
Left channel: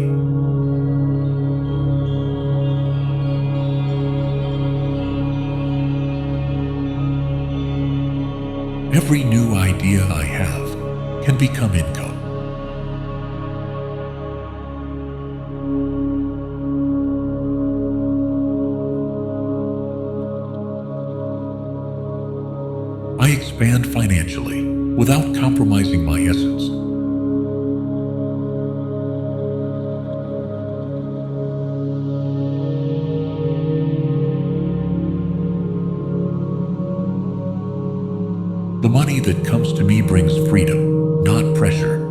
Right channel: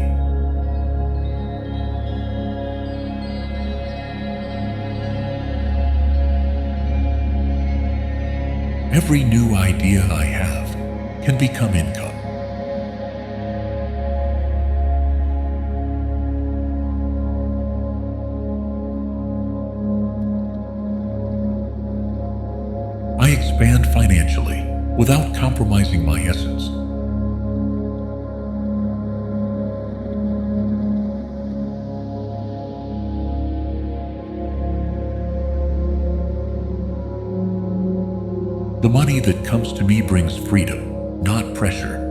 Every new idea I have can become income. I expand financially without compromising my essence. The money that comes to me brings freedom, not pressure.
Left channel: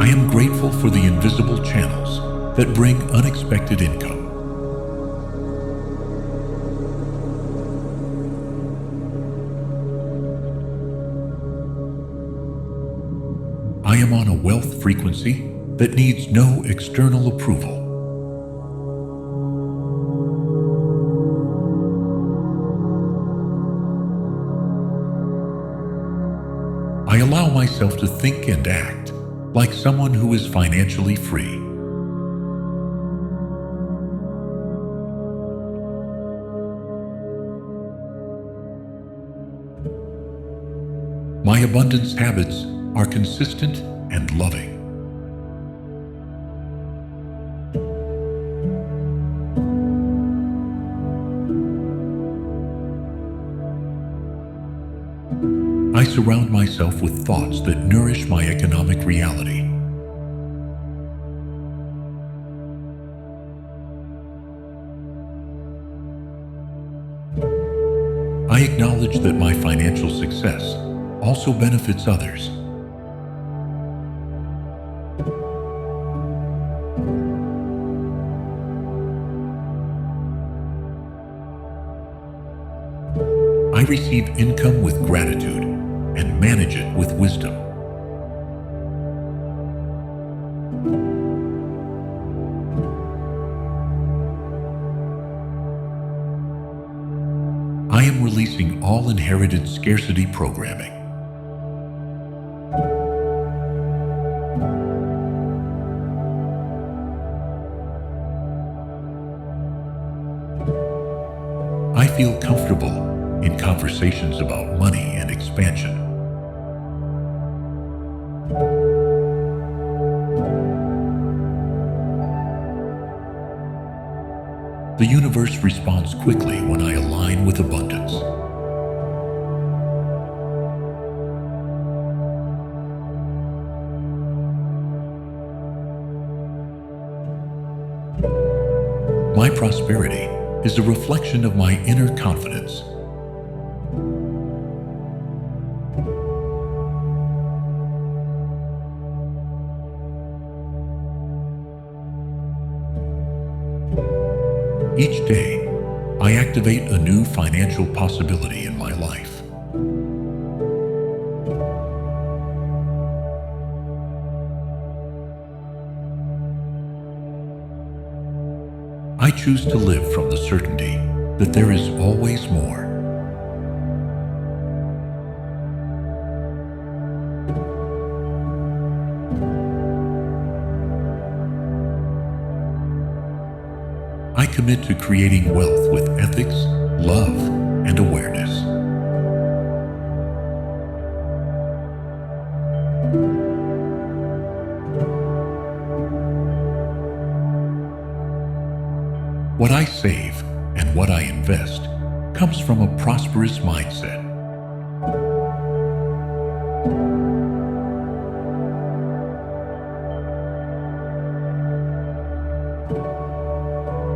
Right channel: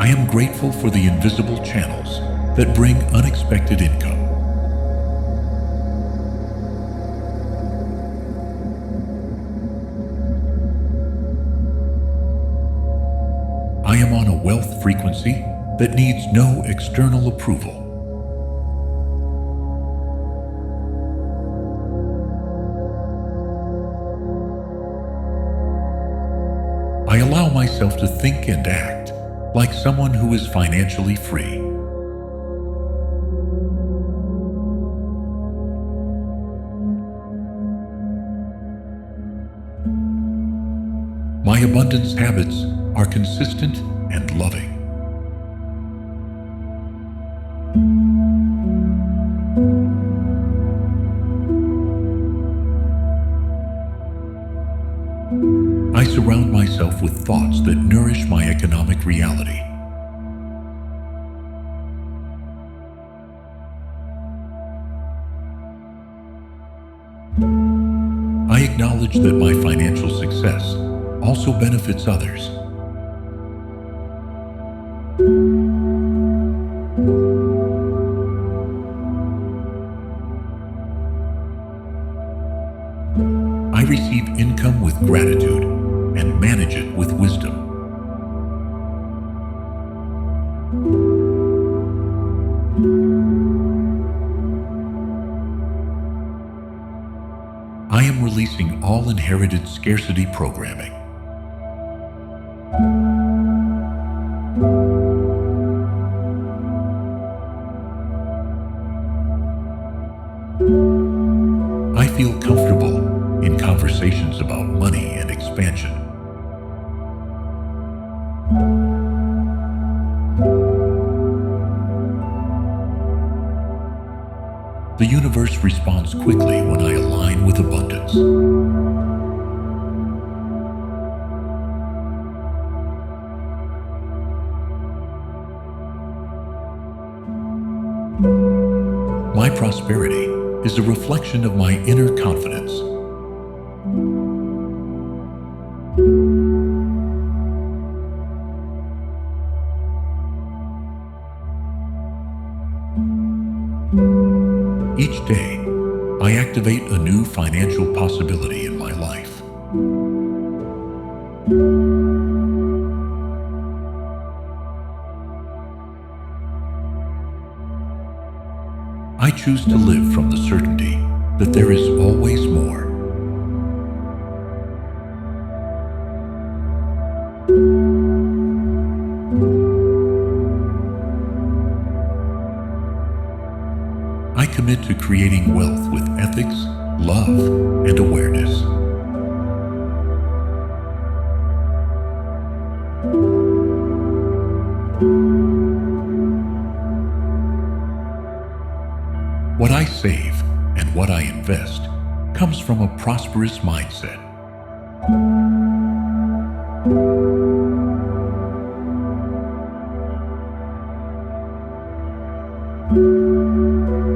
I am grateful for the invisible channels that bring unexpected income. I am on a wealth frequency that needs no external approval. I allow myself to think and act like someone who is financially free. My abundance habits are consistent and loving. I surround myself with thoughts that nourish my economic reality. I acknowledge that my financial success also benefits others. receive income with gratitude and manage it with wisdom. I am releasing all inherited scarcity programming. I feel comfortable in conversations about money and expansion. The universe responds quickly when I align with abundance. My prosperity is a reflection of my inner confidence. Each day, I activate a new financial possibility in my life. I choose to live from the certainty that there is always more. I commit to creating wealth with ethics, love, and awareness. What I save and what I invest comes from a prosperous mindset.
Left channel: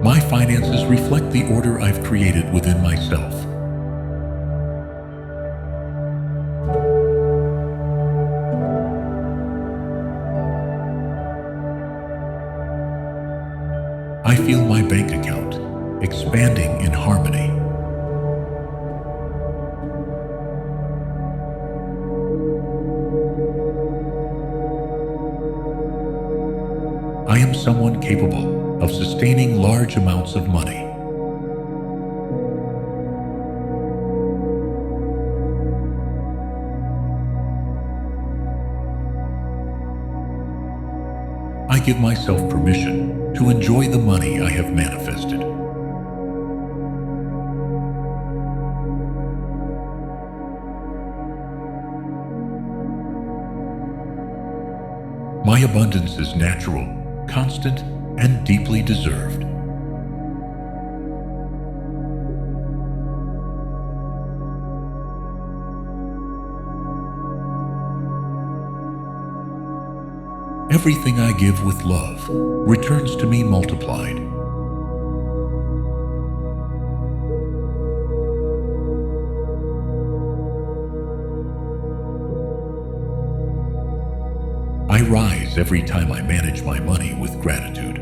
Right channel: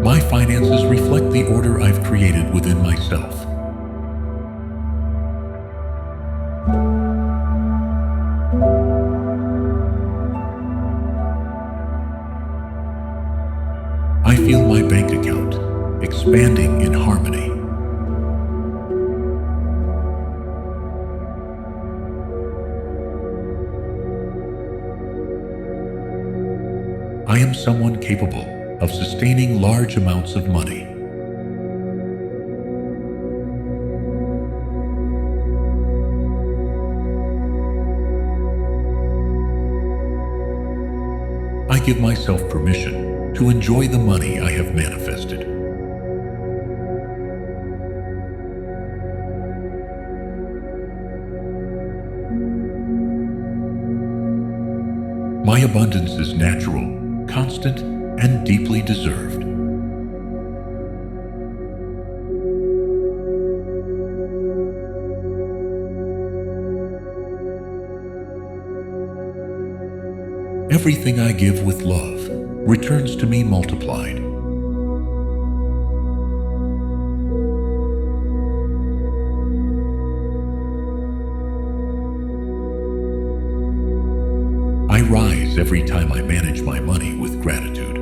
My finances reflect the order I've created within myself. I feel my bank account expanding in harmony. I am someone capable of sustaining large amounts of money. I give myself permission to enjoy the money I have manifested. My abundance is natural, constant, and deeply deserved. Everything I give with love returns to me multiplied. I rise every time I manage my money with gratitude.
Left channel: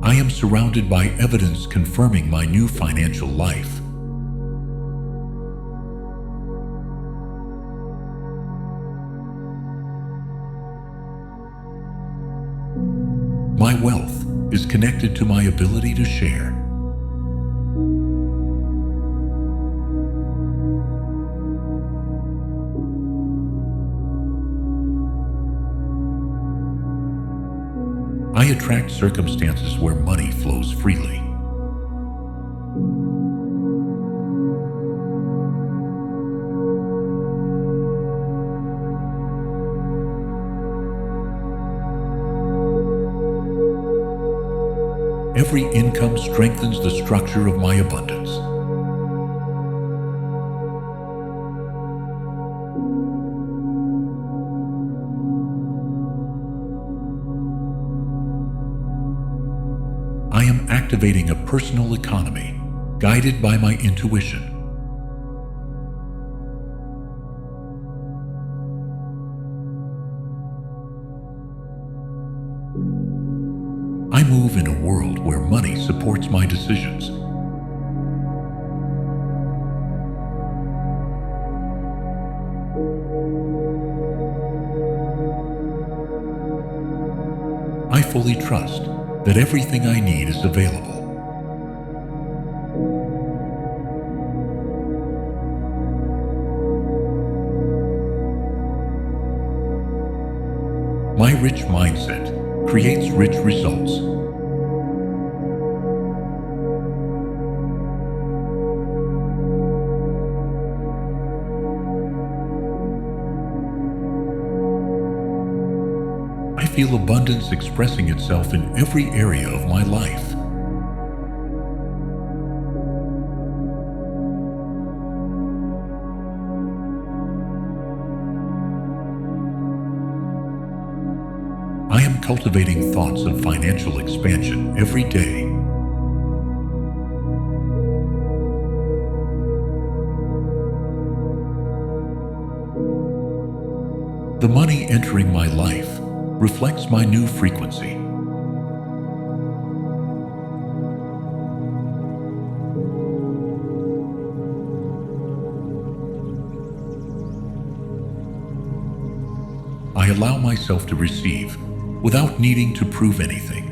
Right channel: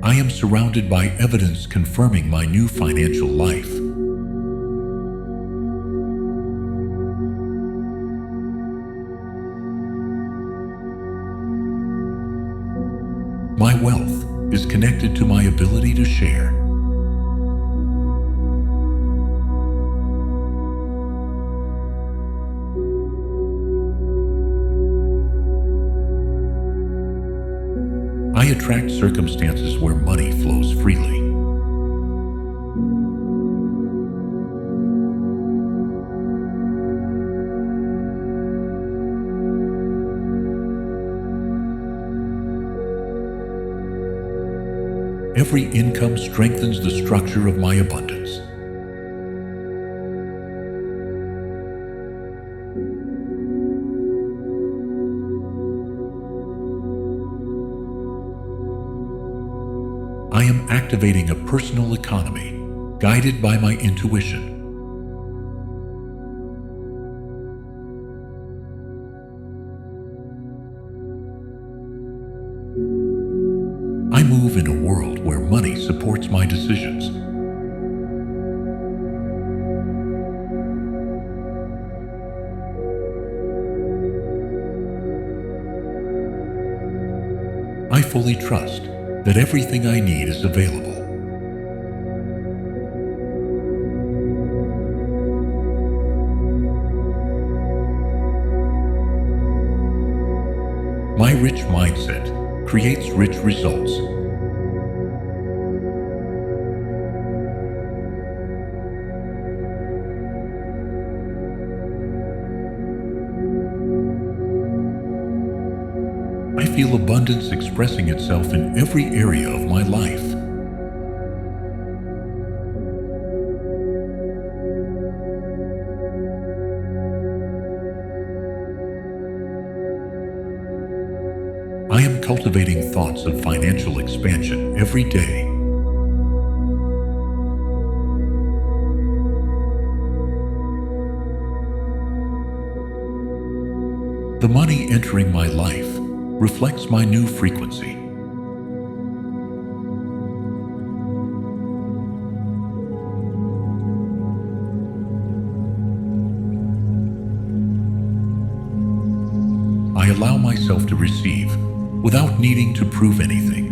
I am surrounded by evidence confirming my new financial life. My wealth is connected to my ability to share. I attract circumstances where money flows freely. Every income strengthens the structure of my abundance. I am activating a personal economy guided by my intuition. I move in a world where money supports my decisions. I fully trust that everything I need is available. My rich mindset creates rich results. I feel abundance expressing itself in every area of my life. I am cultivating thoughts of financial expansion every day. The money entering my life reflects my new frequency. I allow myself to receive without needing to prove anything.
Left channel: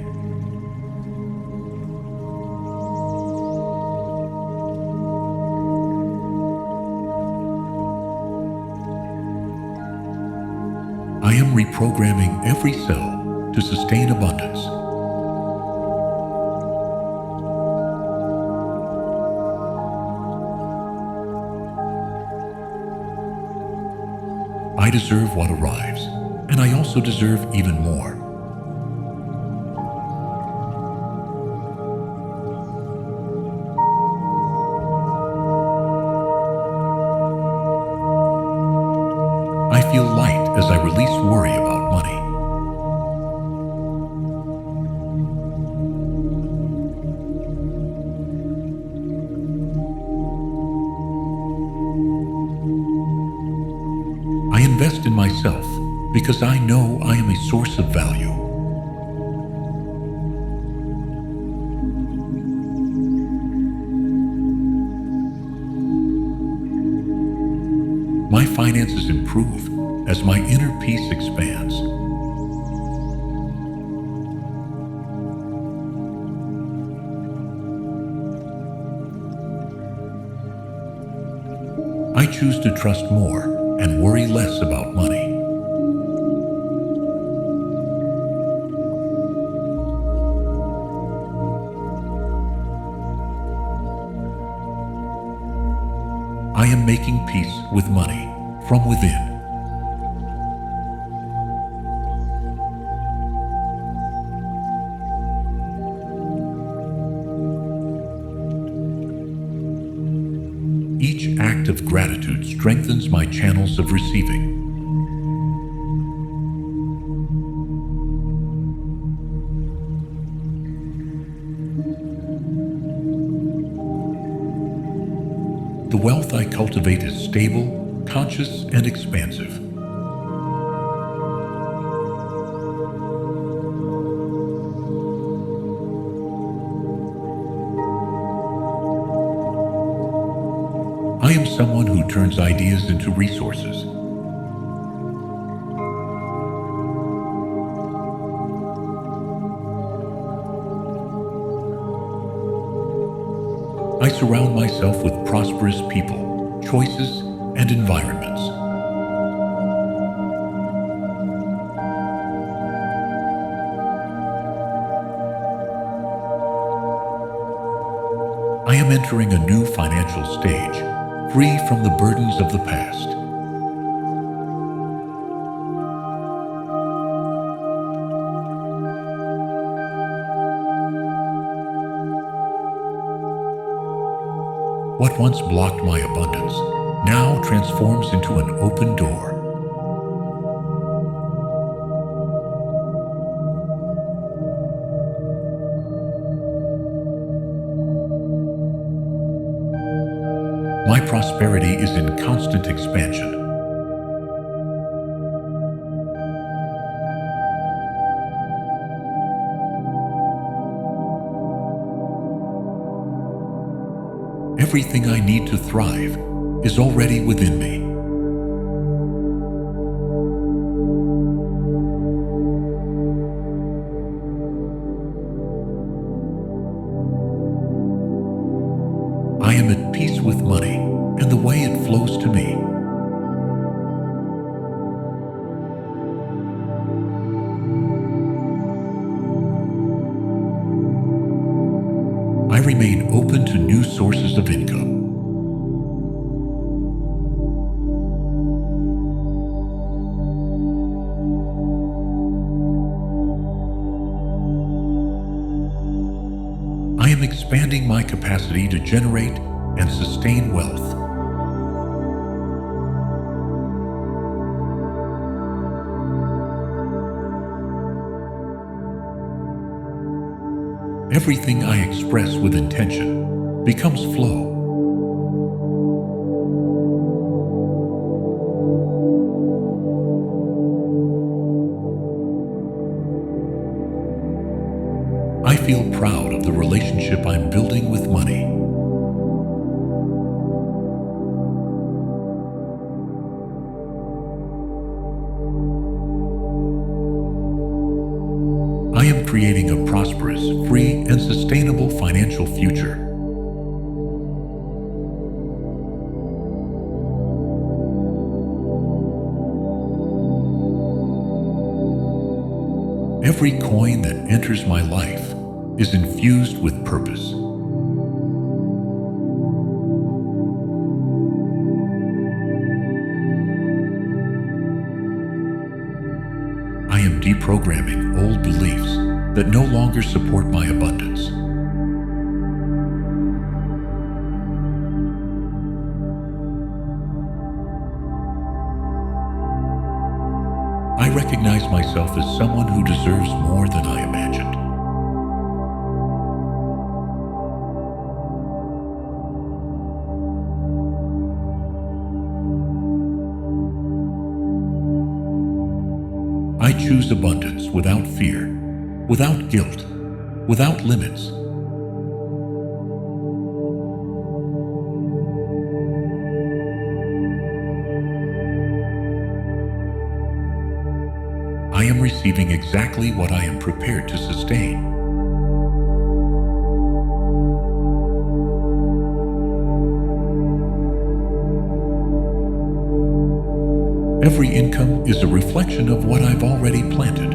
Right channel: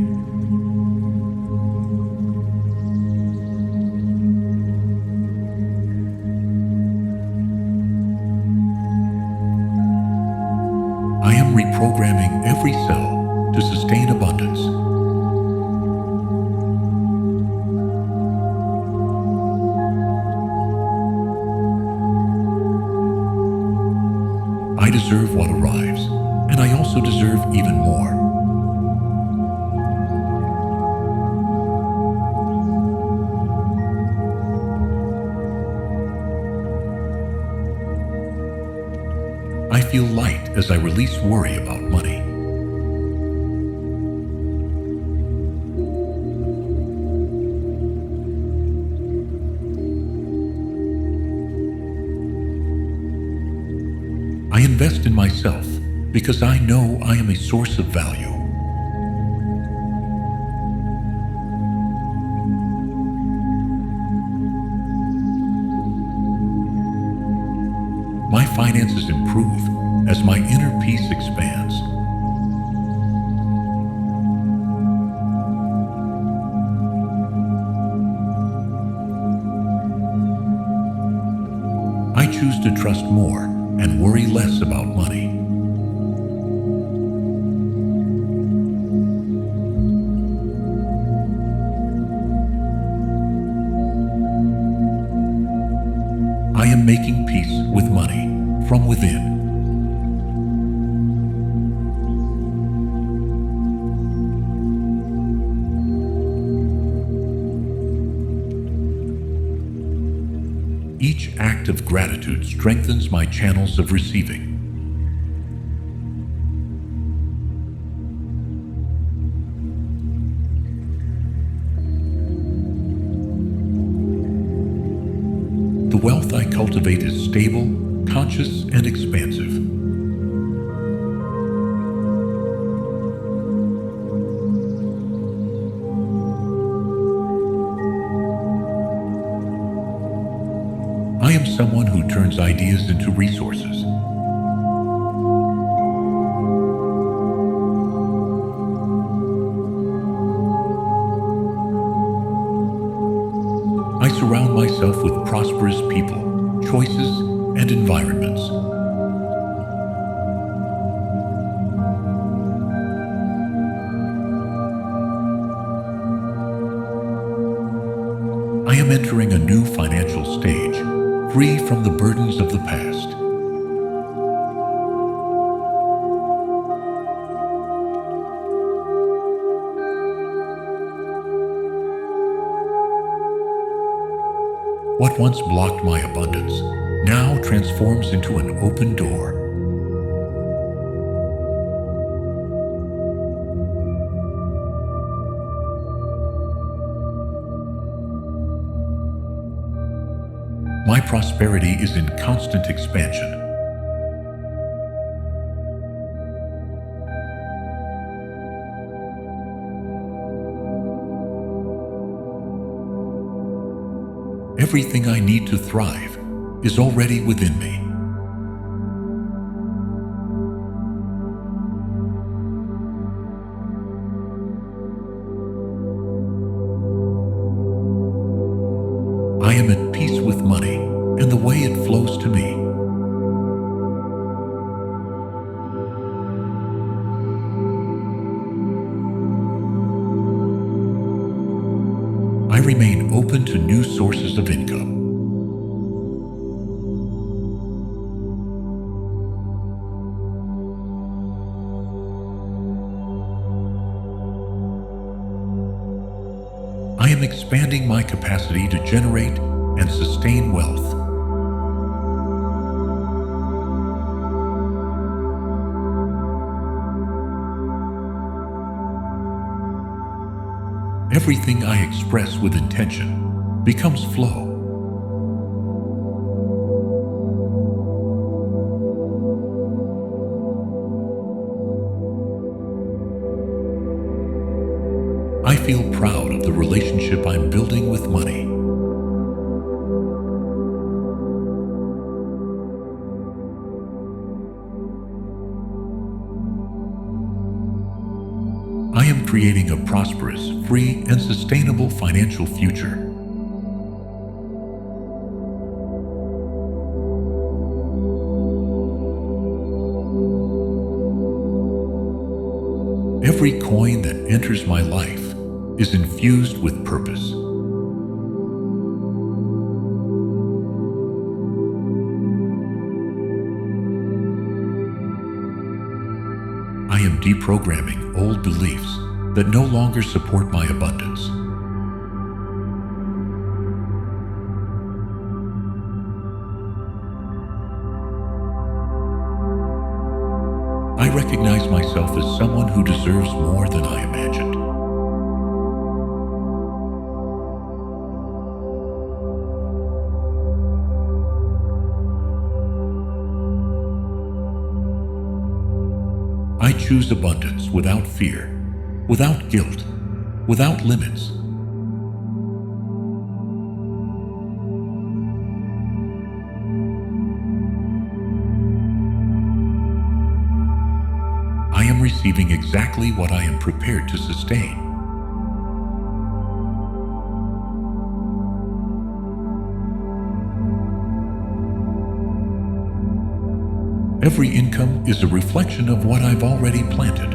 I am reprogramming every cell to sustain abundance. I deserve what arrives, and I also deserve even more. I feel light as I release worry about money. I invest in myself because I know I am a source of value. My finances improve as my inner peace expands. I choose to trust more and worry less about money. I am making peace with money from within. Each act of gratitude strengthens my channels of receiving. The wealth I cultivate is stable, conscious, and expansive. I am someone who turns ideas into resources. I surround myself with prosperous people, choices, and environments. I am entering a new financial stage, free from the burdens of the past. What once blocked my abundance now transforms into an open door. My prosperity is in constant expansion. Everything I need to thrive is already within me. I am at peace with money and the way it flows to me. I remain open to new sources of income. I am expanding my capacity to generate and sustain wealth. Everything I express with intention becomes flow. I feel proud of the relationship I'm building with money. I am creating a prosperous, free, and sustainable financial future. Every coin that enters my life is infused with purpose. I am deprogramming old beliefs that no longer support my abundance. I recognize myself as someone who deserves more than I imagined. I choose abundance without fear, without guilt, without limits. I am receiving exactly what I am prepared to sustain. Every income is a reflection of what I've already planted.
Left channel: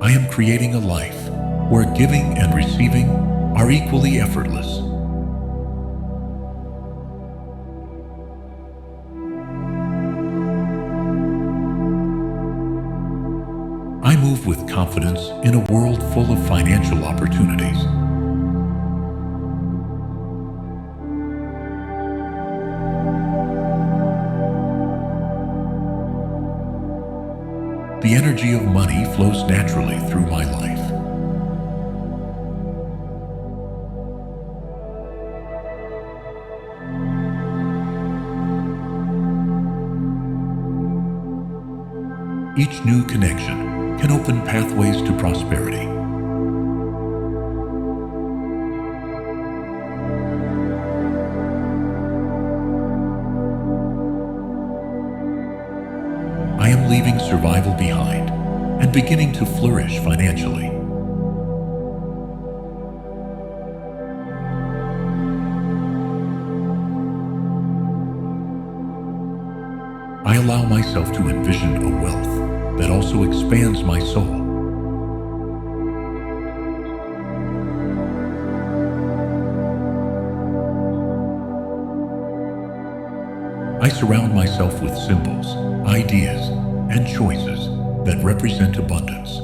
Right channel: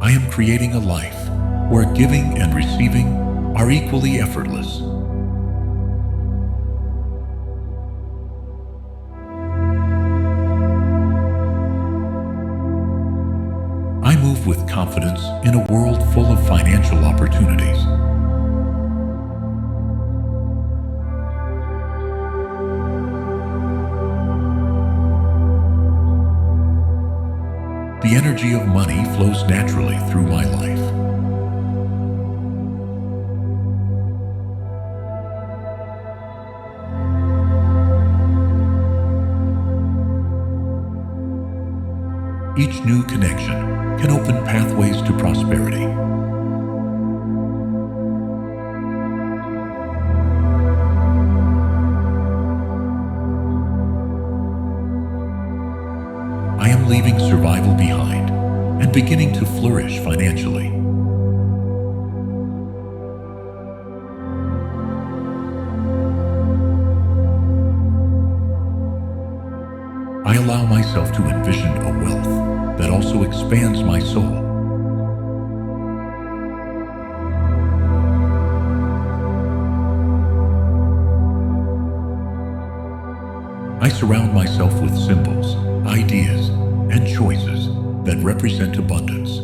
I am creating a life where giving and receiving are equally effortless. I move with confidence in a world full of financial opportunities. The energy of money flows naturally through my life. Each new connection can open pathways to prosperity. I am leaving survival behind and beginning to flourish financially. I allow myself to envision a wealth that also expands my soul. I surround myself with symbols, ideas, and choices that represent abundance.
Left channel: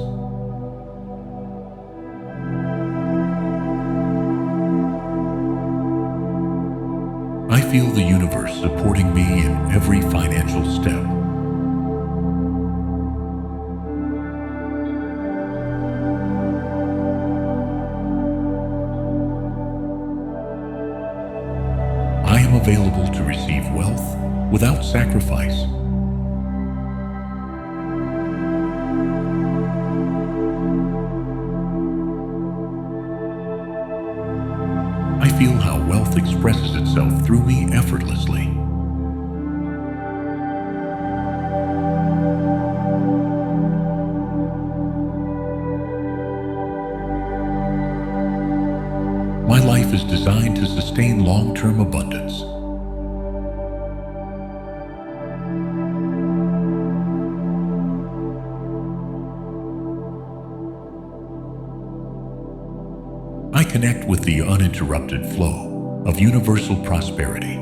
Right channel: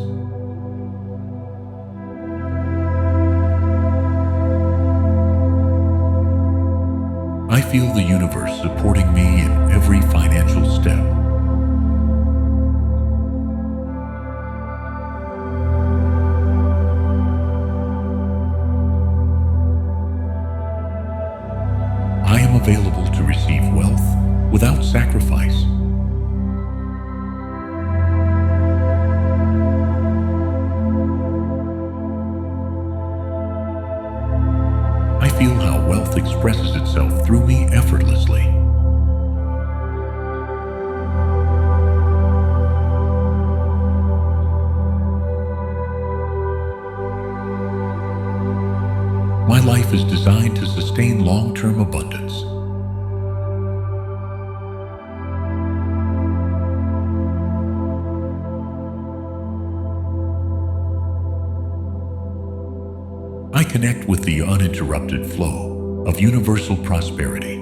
I feel the universe supporting me in every financial step. I am available to receive wealth without sacrifice. I feel how wealth expresses itself through me effortlessly. My life is designed to sustain long-term abundance. I connect with the uninterrupted flow of universal prosperity.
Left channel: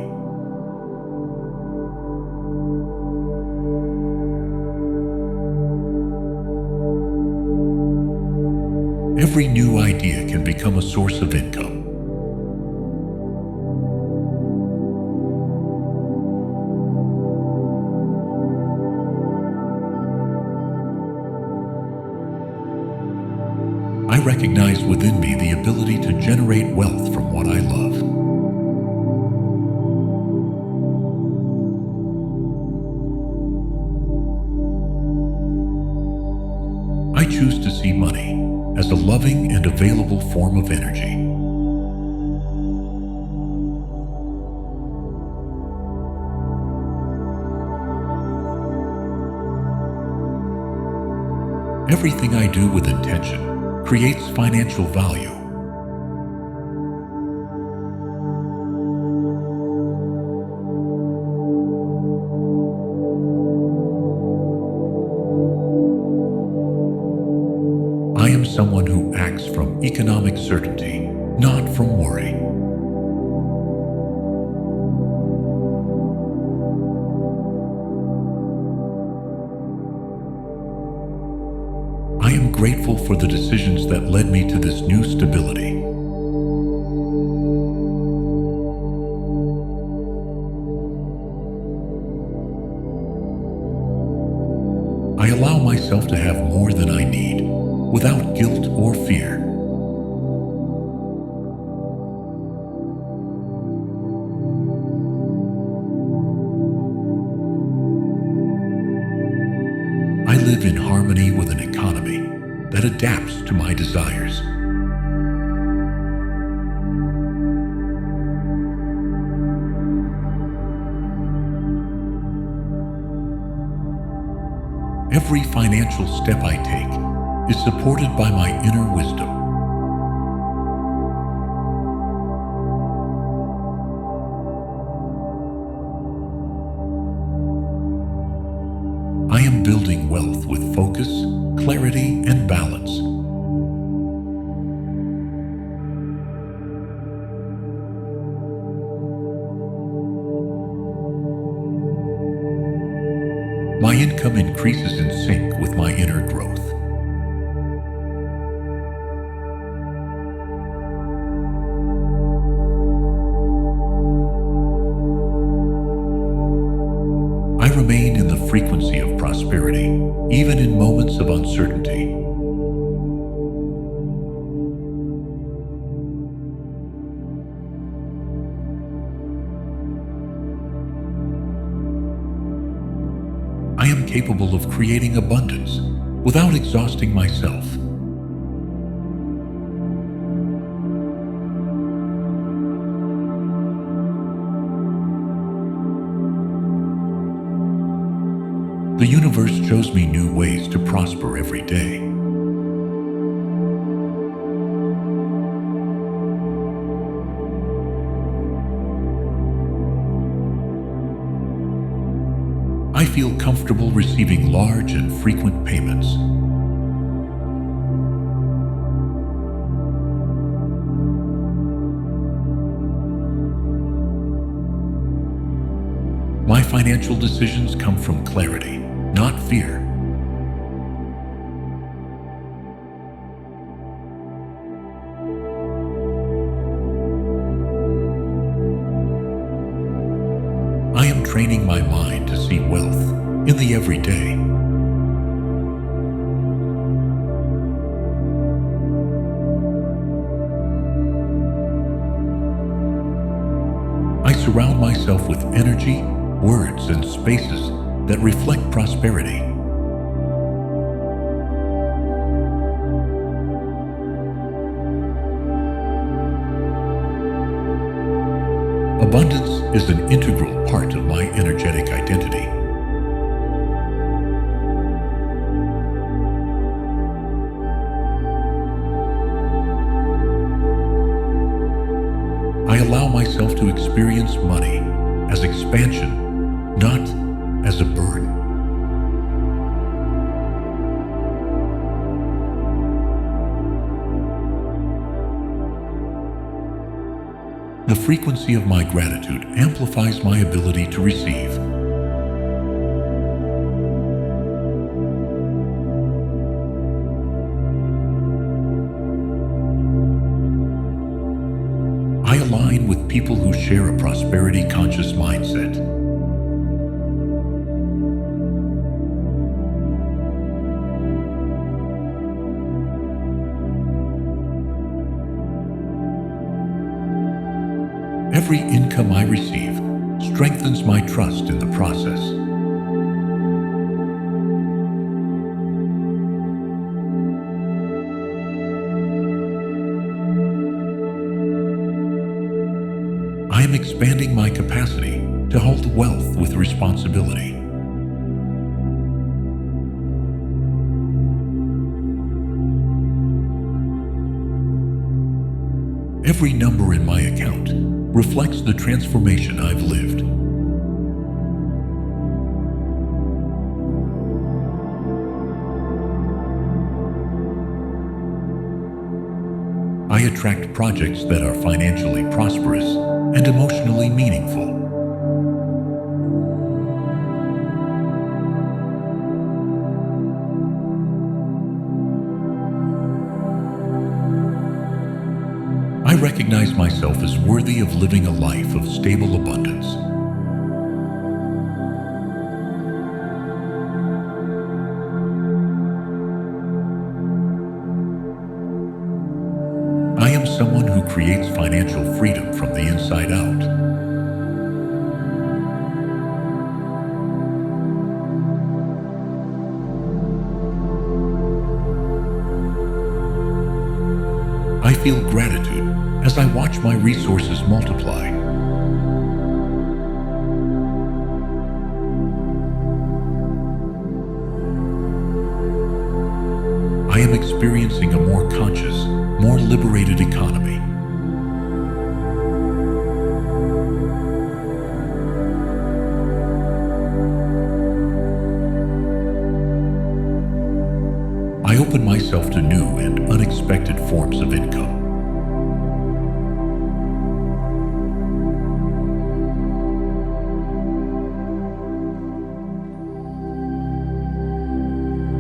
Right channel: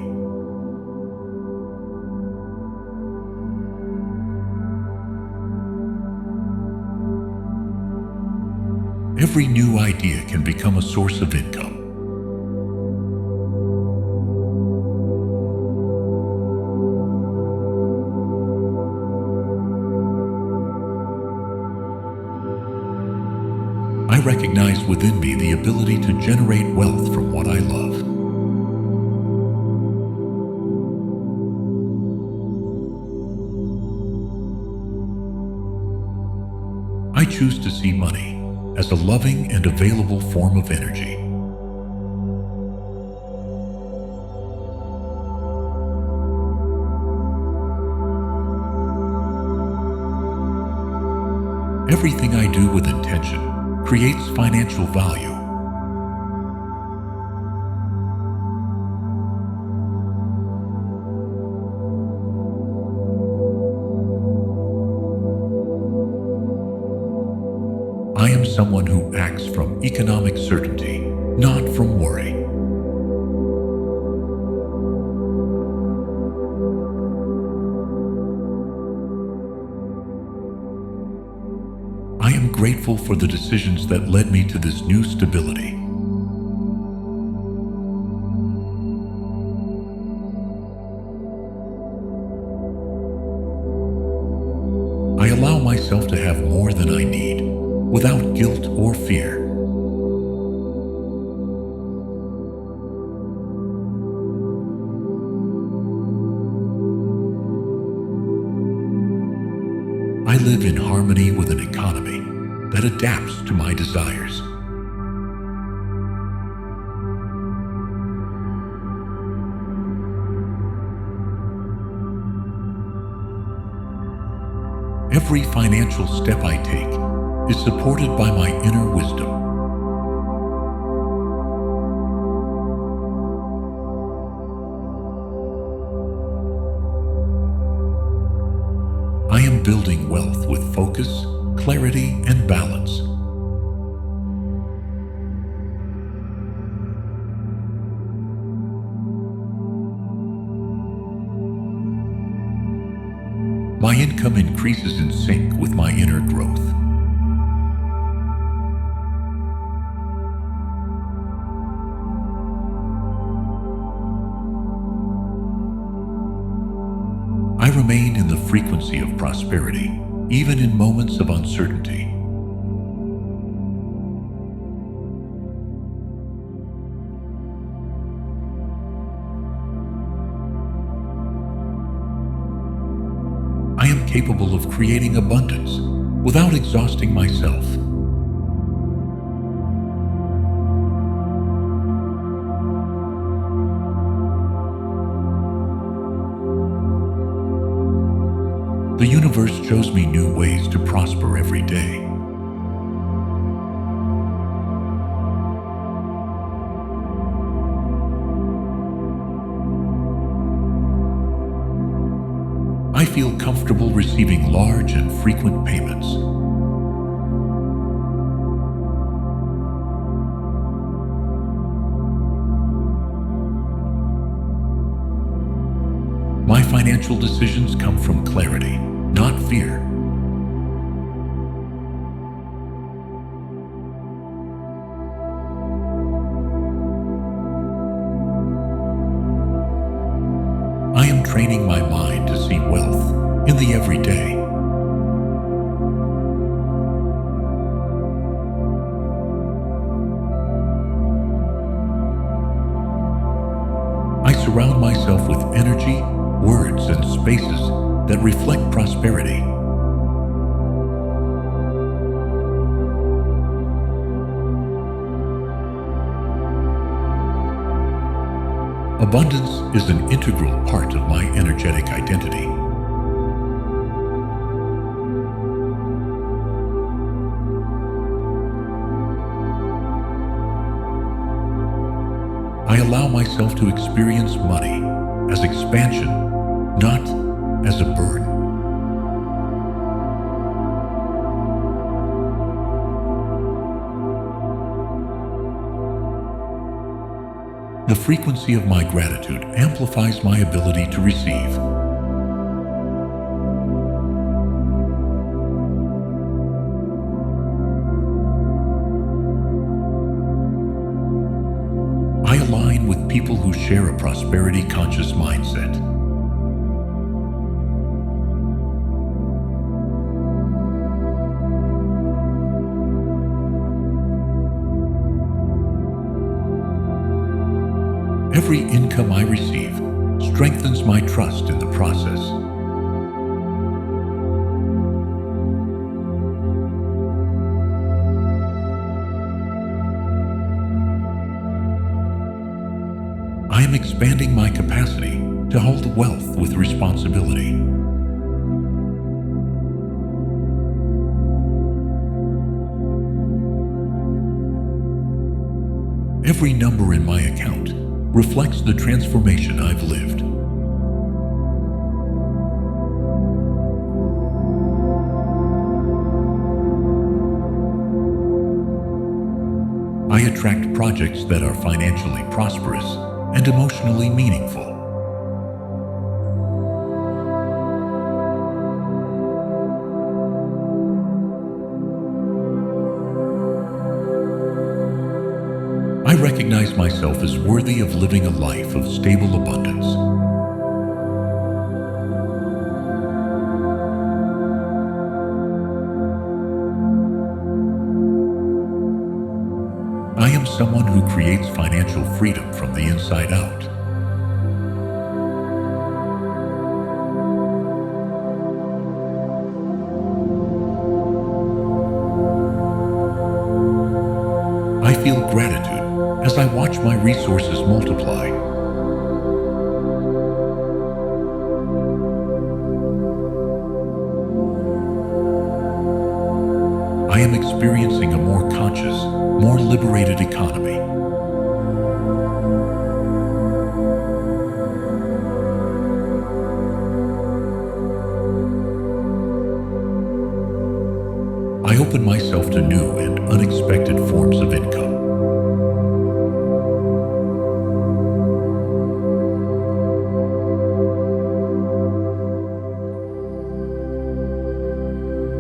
Every new idea can become a source of income. I recognize within me the ability to generate wealth from what I love. I choose to see money as a loving and available form of energy. Everything I do with intention creates financial value. I am someone who acts from economic certainty, not from worry. I am grateful for the decisions that led me to this new stability. I allow myself to have more than I need, without guilt or fear. I live in harmony with an economy that adapts to my desires. Every financial step I take is supported by my inner wisdom. I am building wealth with focus, clarity, and balance. My income increases in sync with my inner growth. I remain in the frequency of prosperity, even in moments of uncertainty. I am capable of creating abundance without exhausting myself. The universe shows me new ways to prosper every day. I feel comfortable receiving large and frequent payments. My financial decisions come from clarity, not fear. I am training my mind to see wealth in the everyday. I surround myself with energy, words, and spaces that reflect prosperity. Abundance is an integral part of my energetic identity. I allow myself to experience money as expansion, not as a burden. The frequency of my gratitude amplifies my ability to receive. I align with people who share a prosperity-conscious mindset. Every income I receive strengthens my trust in the process. I am expanding my capacity to hold wealth with responsibility. Every number in my account reflects the transformation I've lived. I attract projects that are financially prosperous and emotionally meaningful. I recognize myself as worthy of living a life of stable abundance. I am someone who creates financial freedom from the inside out. I feel gratitude as I watch my resources multiply. I am experiencing a more conscious, more liberated economy. I open myself to new and unexpected forms of income.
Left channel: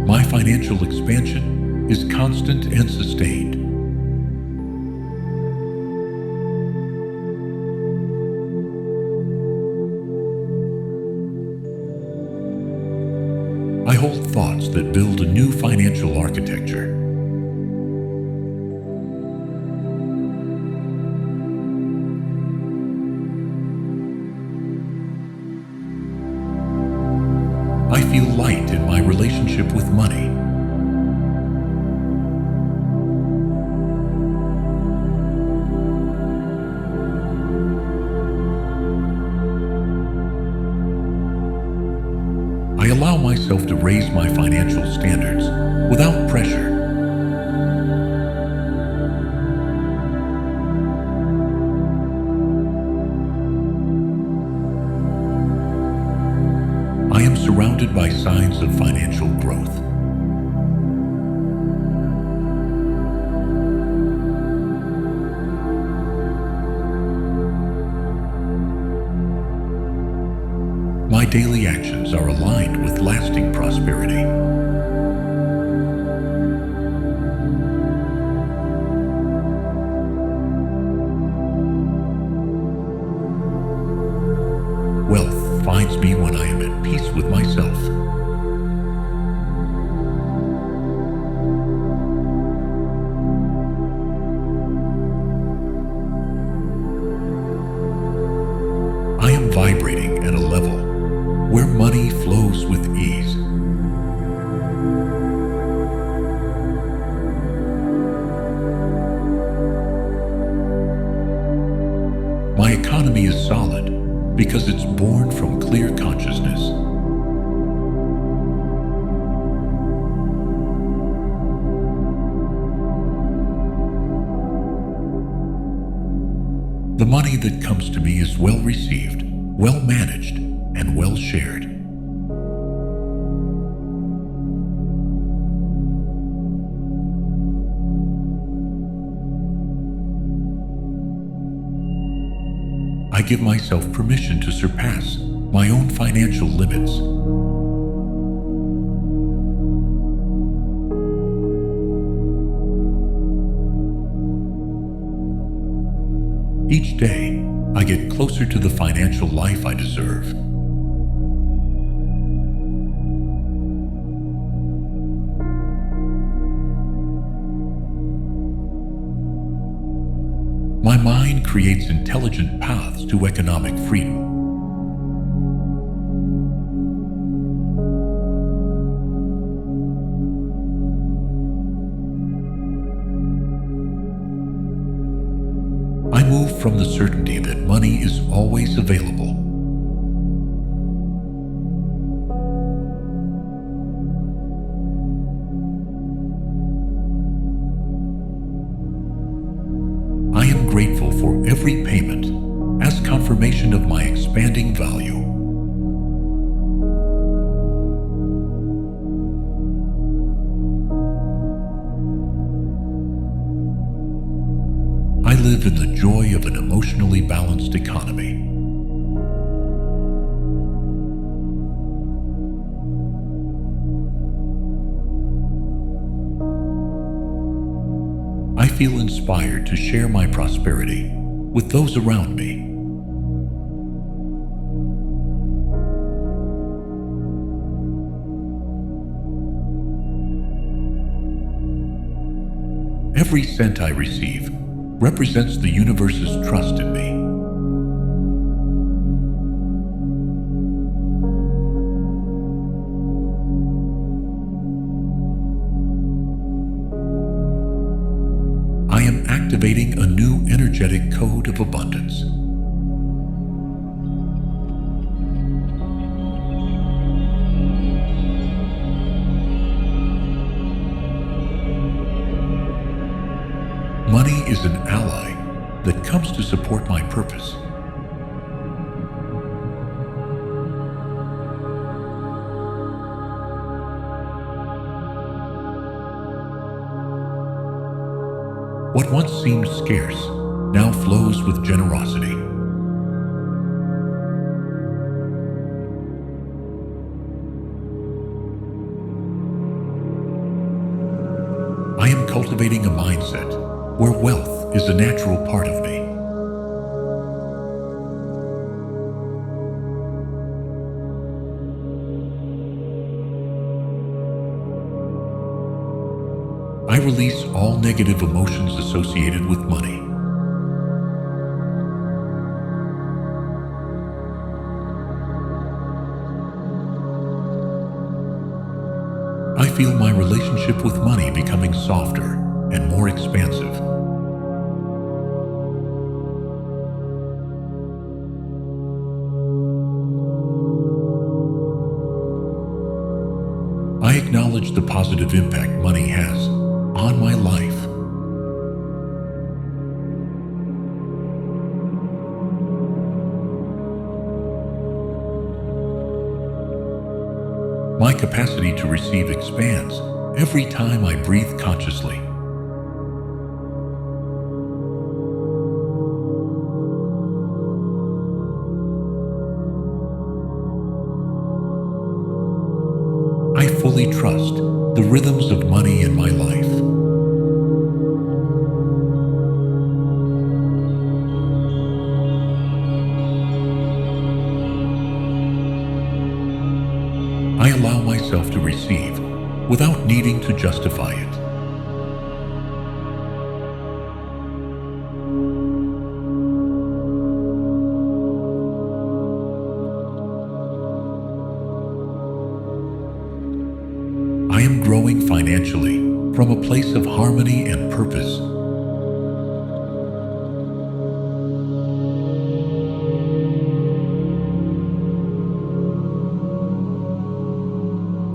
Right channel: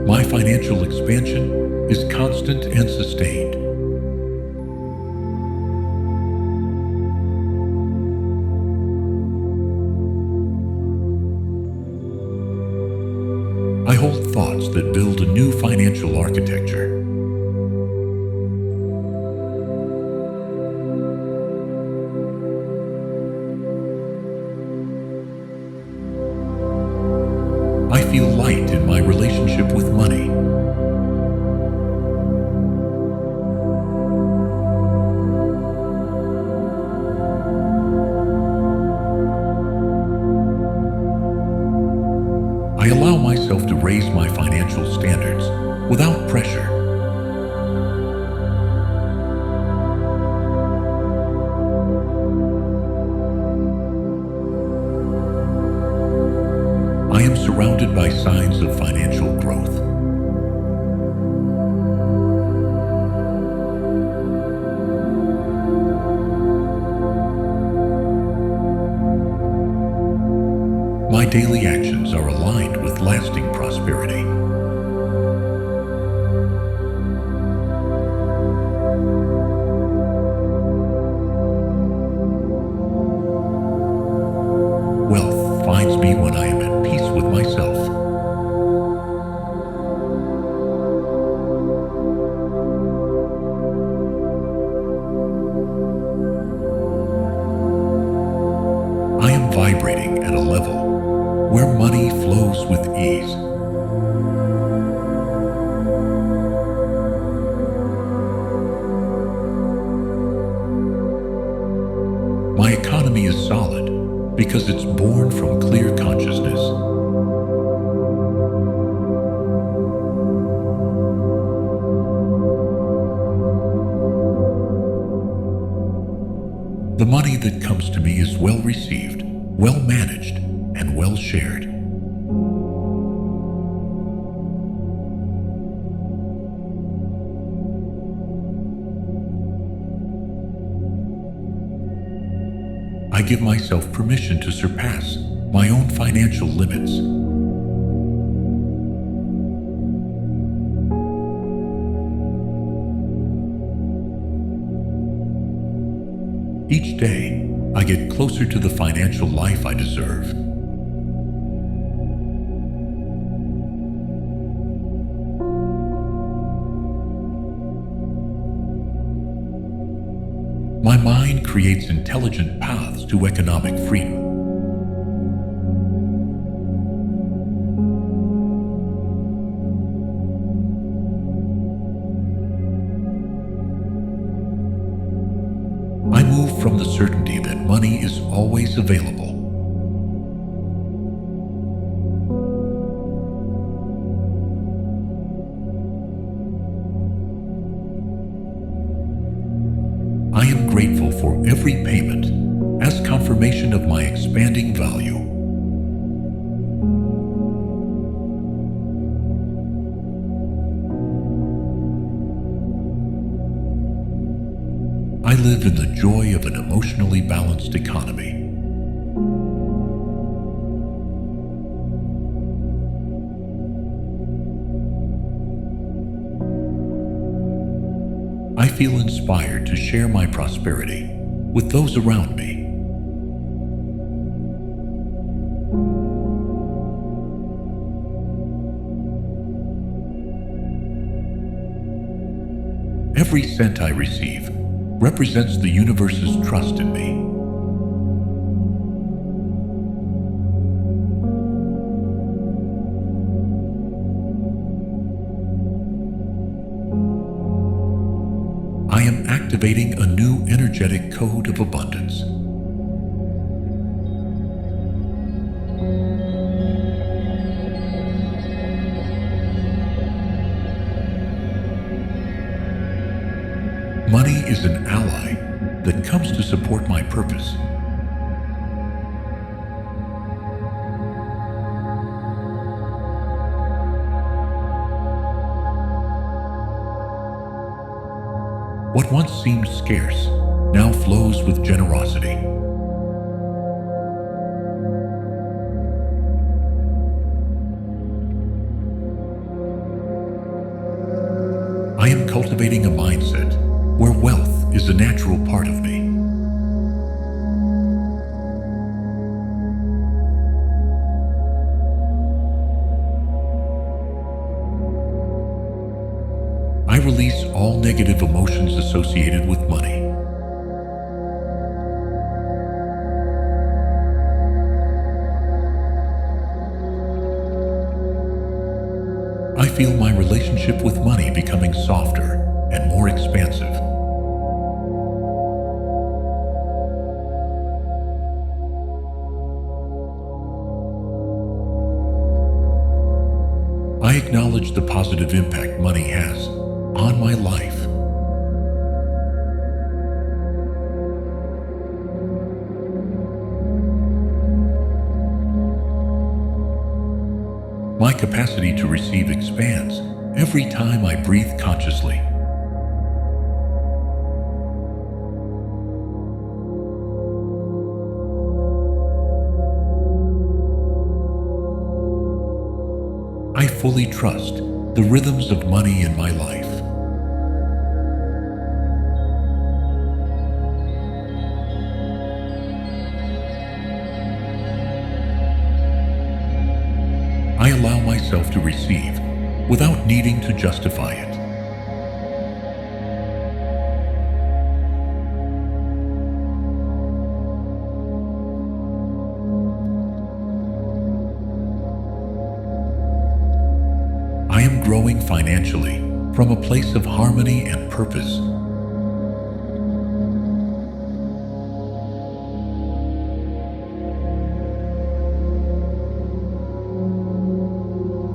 My financial expansion is constant and sustained. I hold thoughts that build a new financial architecture. I feel light in my relationship with money. I allow myself to raise my financial standards without pressure. I am surrounded by signs of financial growth. My daily actions are aligned with lasting prosperity. Wealth finds me when I am at peace with myself. I am vibrating at a level where money flows with ease. My economy economy is solid because it's born from clear consciousness. The money that comes to me is well received, well managed, and well shared. I give myself permission to surpass my own financial limits. Each day, I get closer to the financial life I deserve. My mind creates intelligent paths to economic freedom. I move from the certainty that money is always available. I am grateful for every payment as confirmation of my expanding value. I live in the joy of an emotionally balanced economy. I feel inspired to share my prosperity with those around me. Every cent I receive represents the universe's trust in me. I am activating a new energetic code of abundance. Money is an ally that comes to support my purpose. What once seemed scarce now flows with generosity. I am cultivating a mindset where wealth is a natural part of me. I release all negative emotions associated with money. I feel my relationship with money becoming softer and more expansive. I acknowledge the positive impact money has on my life. My capacity to receive expands every time I breathe consciously. I fully trust the rhythms of money in my life. I allow myself to receive without needing to justify it. I am growing financially from a place of harmony and purpose.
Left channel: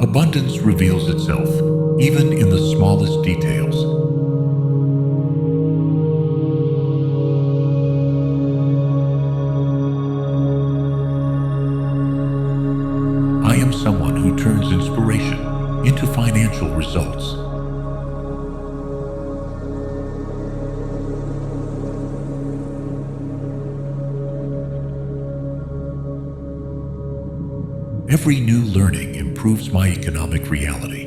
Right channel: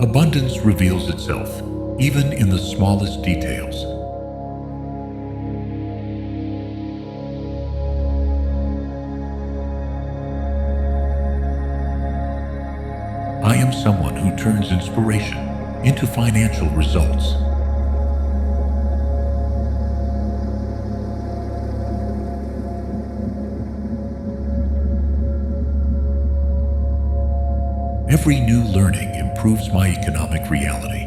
Abundance reveals itself, even in the smallest details. I am someone who turns inspiration into financial results. Every new learning improves my economic reality.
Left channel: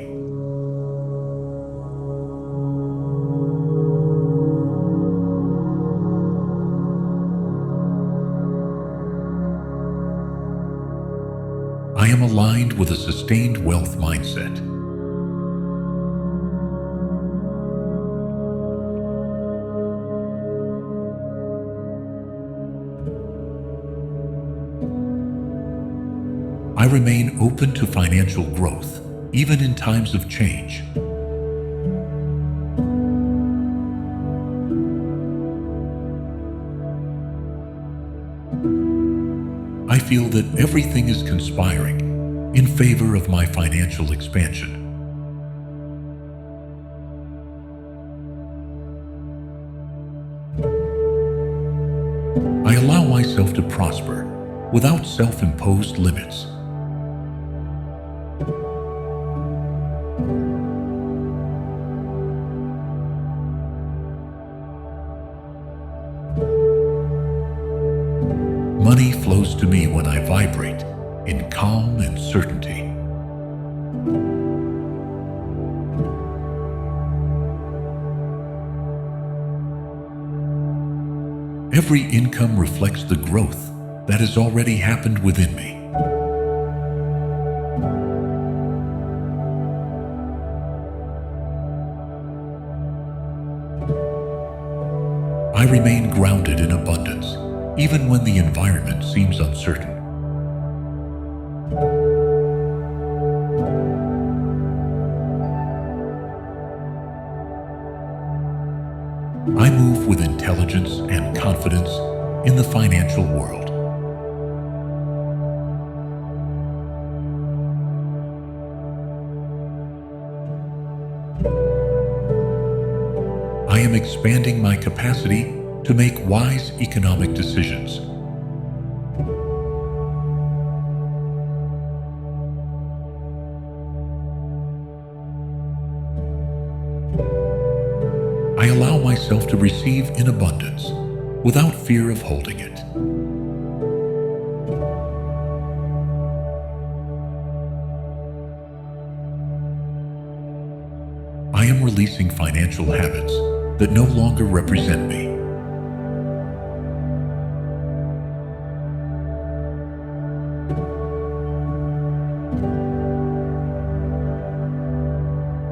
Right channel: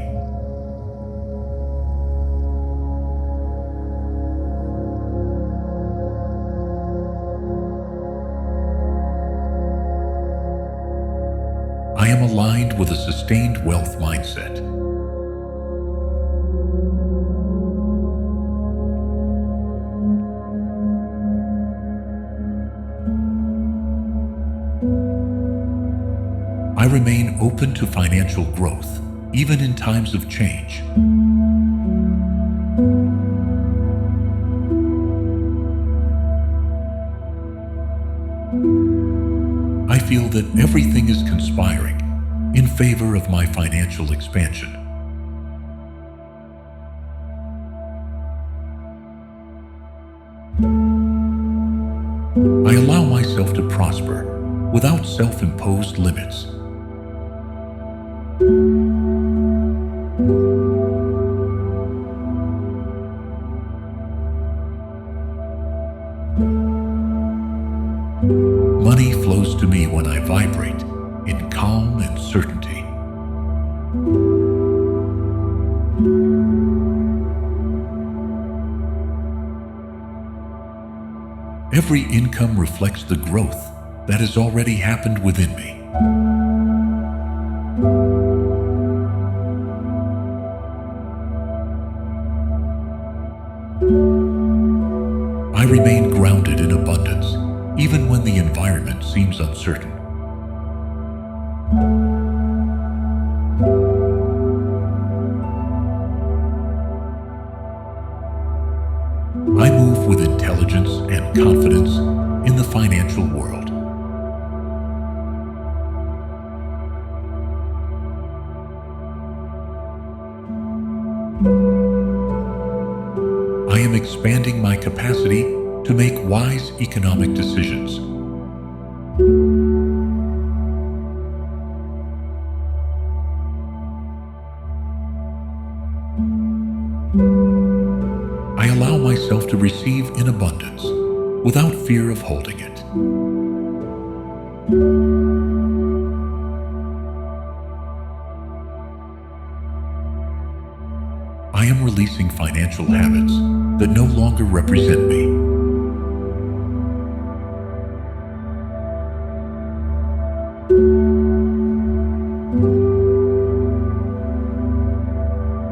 I am aligned with a sustained wealth mindset. I remain open to financial growth, even in times of change. I feel that everything is conspiring in favor of my financial expansion. I allow myself to prosper without self-imposed limits. Money flows to me when I vibrate in calm and certainty. Every income reflects the growth that has already happened within me. I remain grounded in abundance, even when the environment seems uncertain. I move with intelligence and confidence in the financial world. I am expanding my capacity to make wise economic decisions. I allow myself to receive in abundance without fear of holding it. I am releasing financial habits that no longer represent me.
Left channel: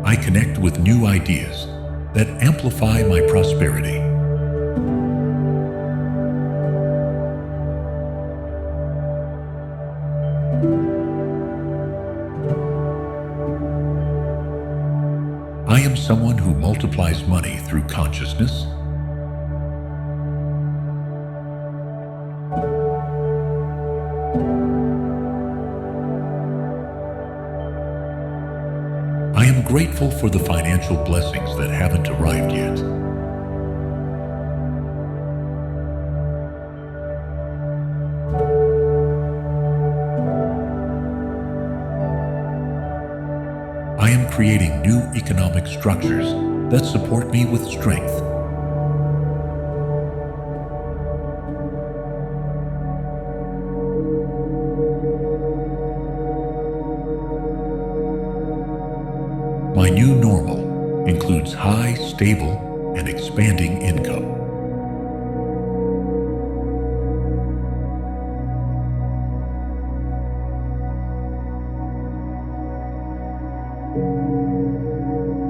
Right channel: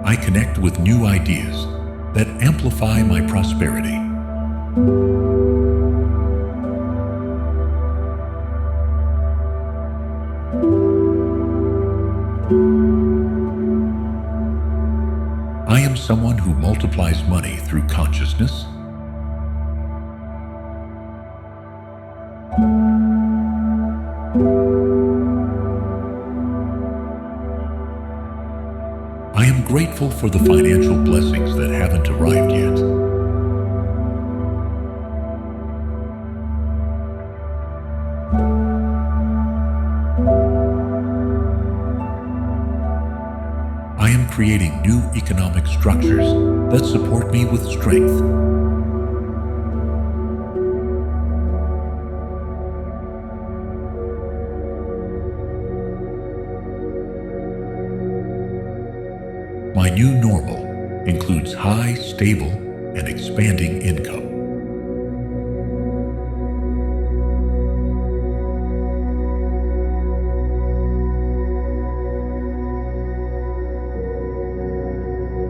I connect with new ideas that amplify my prosperity. I am someone who multiplies money through consciousness. I am grateful for the financial blessings that haven't arrived yet. I am creating new economic structures that support me with strength. My new normal includes high, stable, and expanding income.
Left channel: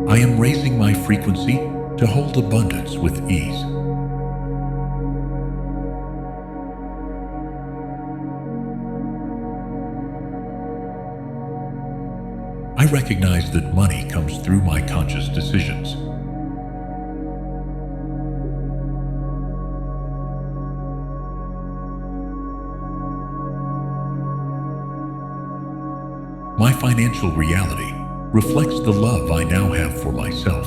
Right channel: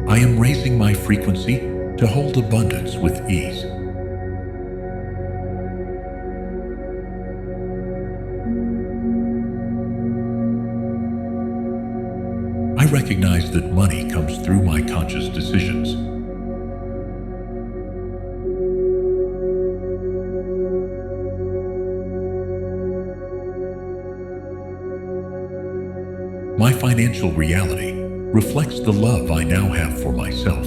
I am raising my frequency to hold abundance with ease. I recognize that money comes through my conscious decisions. My financial reality reflects the love I now have for myself.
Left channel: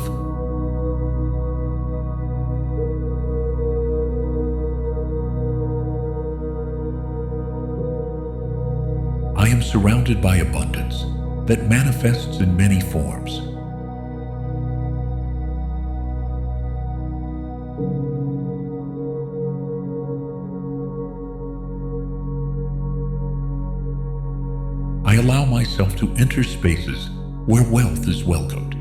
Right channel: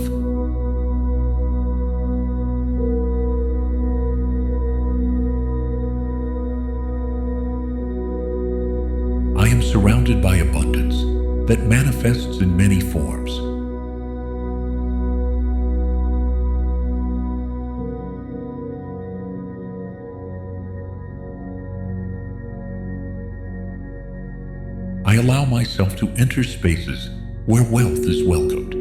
I am surrounded by abundance that manifests in many forms. I allow myself to enter spaces where wealth is welcomed.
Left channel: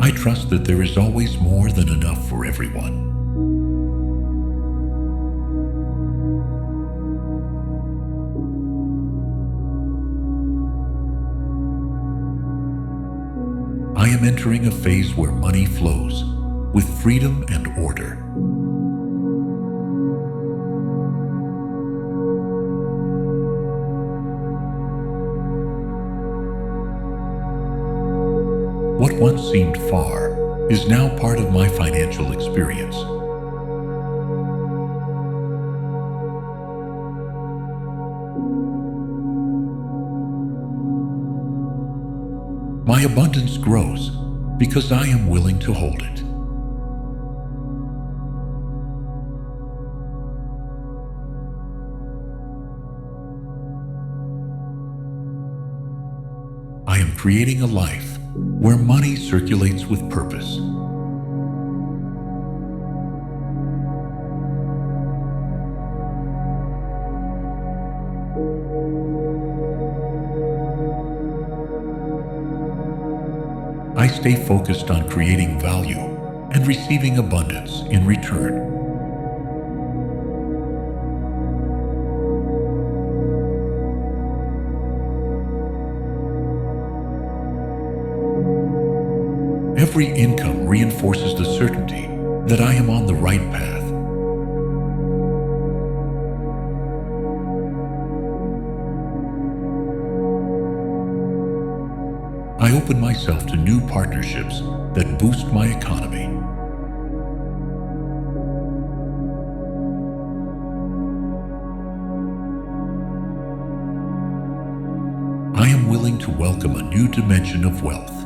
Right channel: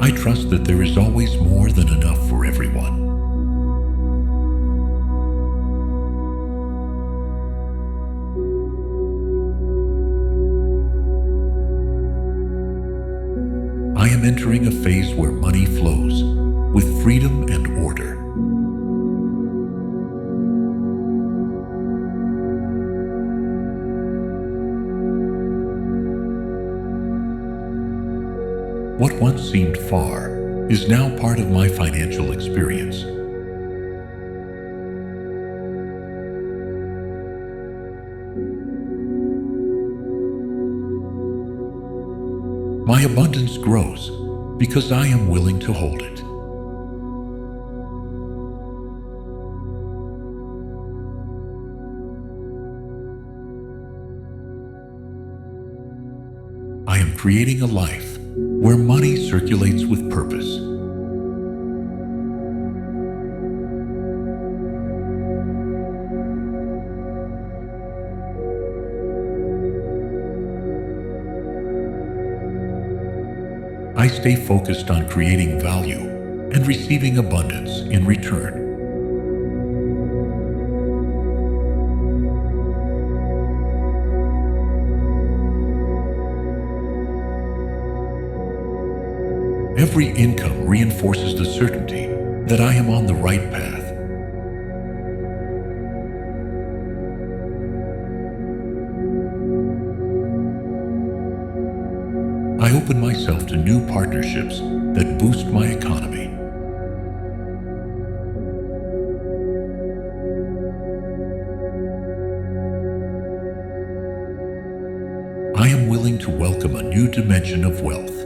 I trust that there is always more than enough for everyone. I am entering a phase where money flows with freedom and order. What once seemed far is now part of my financial experience. My abundance grows because I am willing to hold it. I am creating a life where money circulates with purpose. I stay focused on creating value and receiving abundance in return. Every income reinforces the certainty that I am on the right path. I open myself to new partnerships that boost my economy. I am willing to welcome a new dimension of wealth.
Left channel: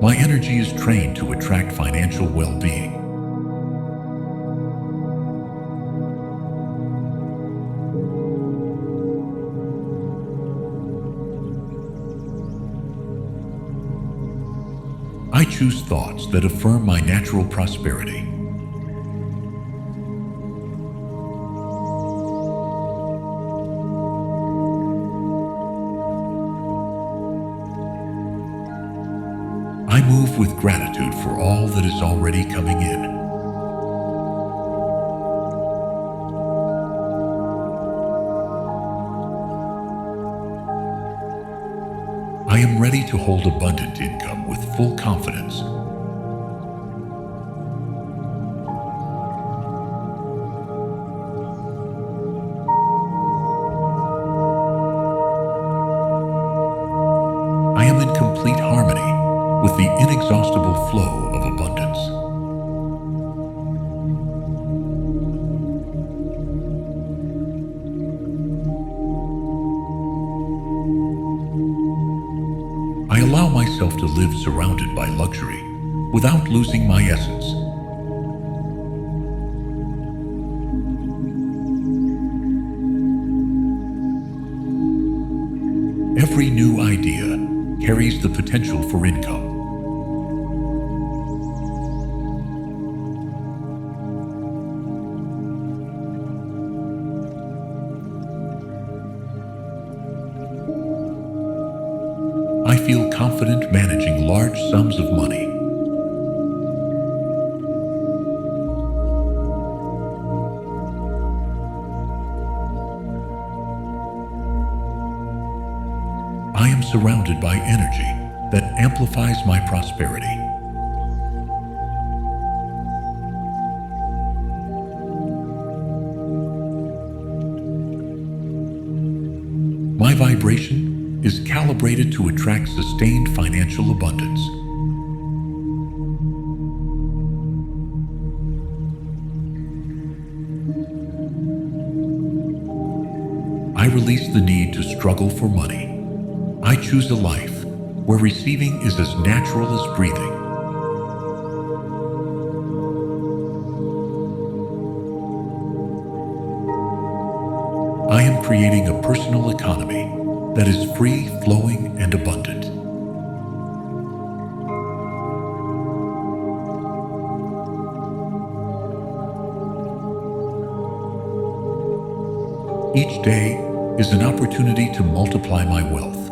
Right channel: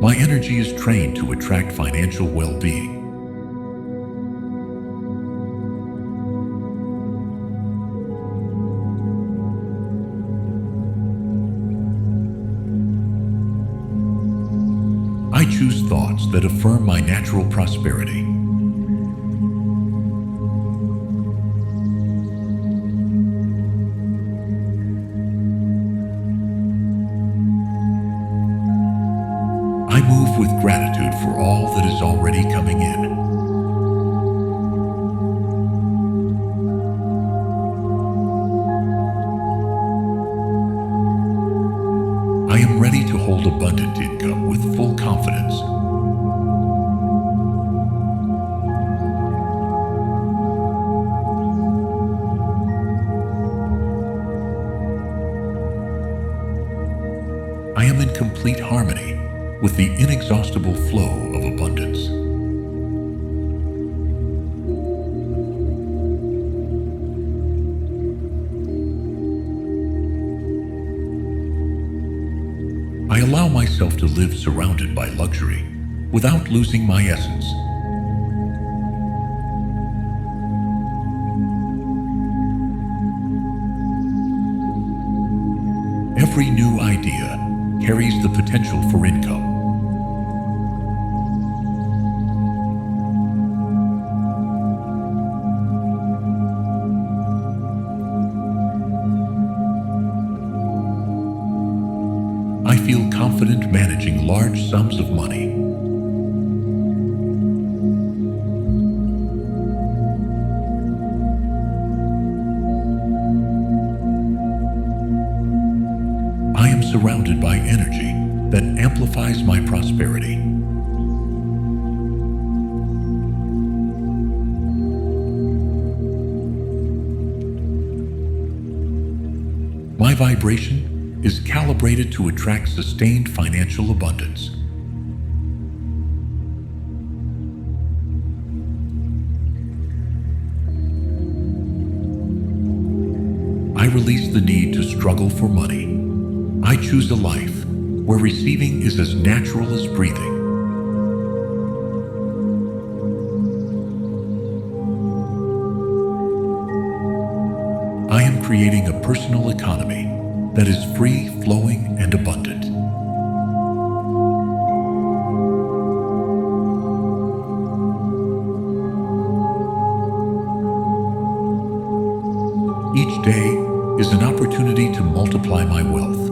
My energy is trained to attract financial well-being. I choose thoughts that affirm my natural prosperity. I move with gratitude for all that is already coming in. I am ready to hold abundant income with full confidence. I am in complete harmony with the inexhaustible flow of abundance. I allow myself to live surrounded by luxury without losing my essence. Every new idea carries the potential for income. I feel confident managing large sums of money. I am surrounded by energy that amplifies my prosperity. My vibration is calibrated to attract sustained financial abundance. I release the need to struggle for money. I choose a life where receiving is as natural as breathing. I am creating a personal economy that is free, flowing, and abundant. Each day is an opportunity to multiply my wealth.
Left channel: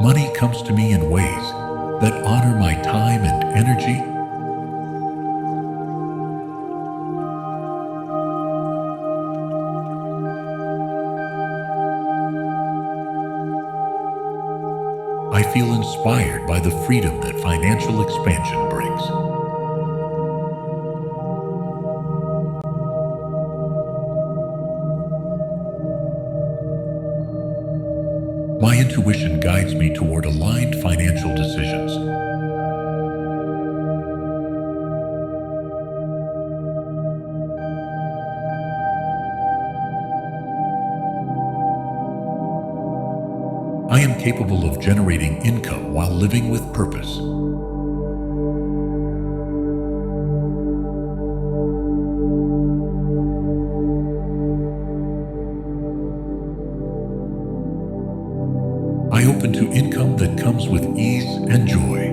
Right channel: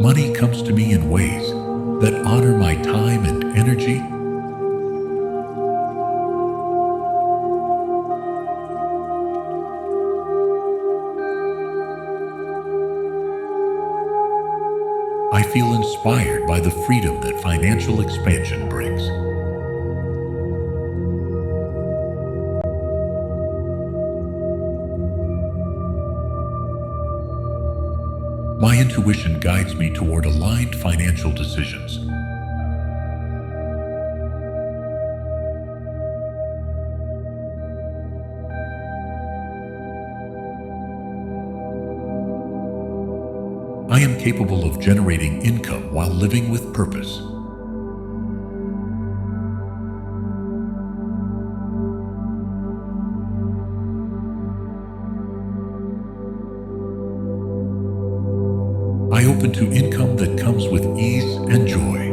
Money comes to me in ways that honor my time and energy. I feel inspired by the freedom that financial expansion brings. My intuition guides me toward aligned financial decisions. I am capable of generating income while living with purpose. I open to income that comes with ease and joy.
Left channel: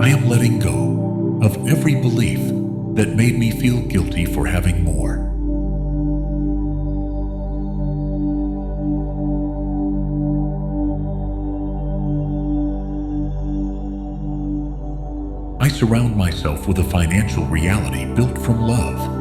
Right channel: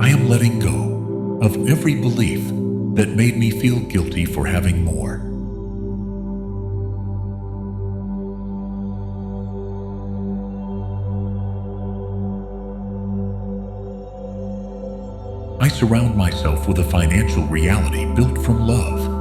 I am letting go of every belief that made me feel guilty for having more. I surround myself with a financial reality built from love.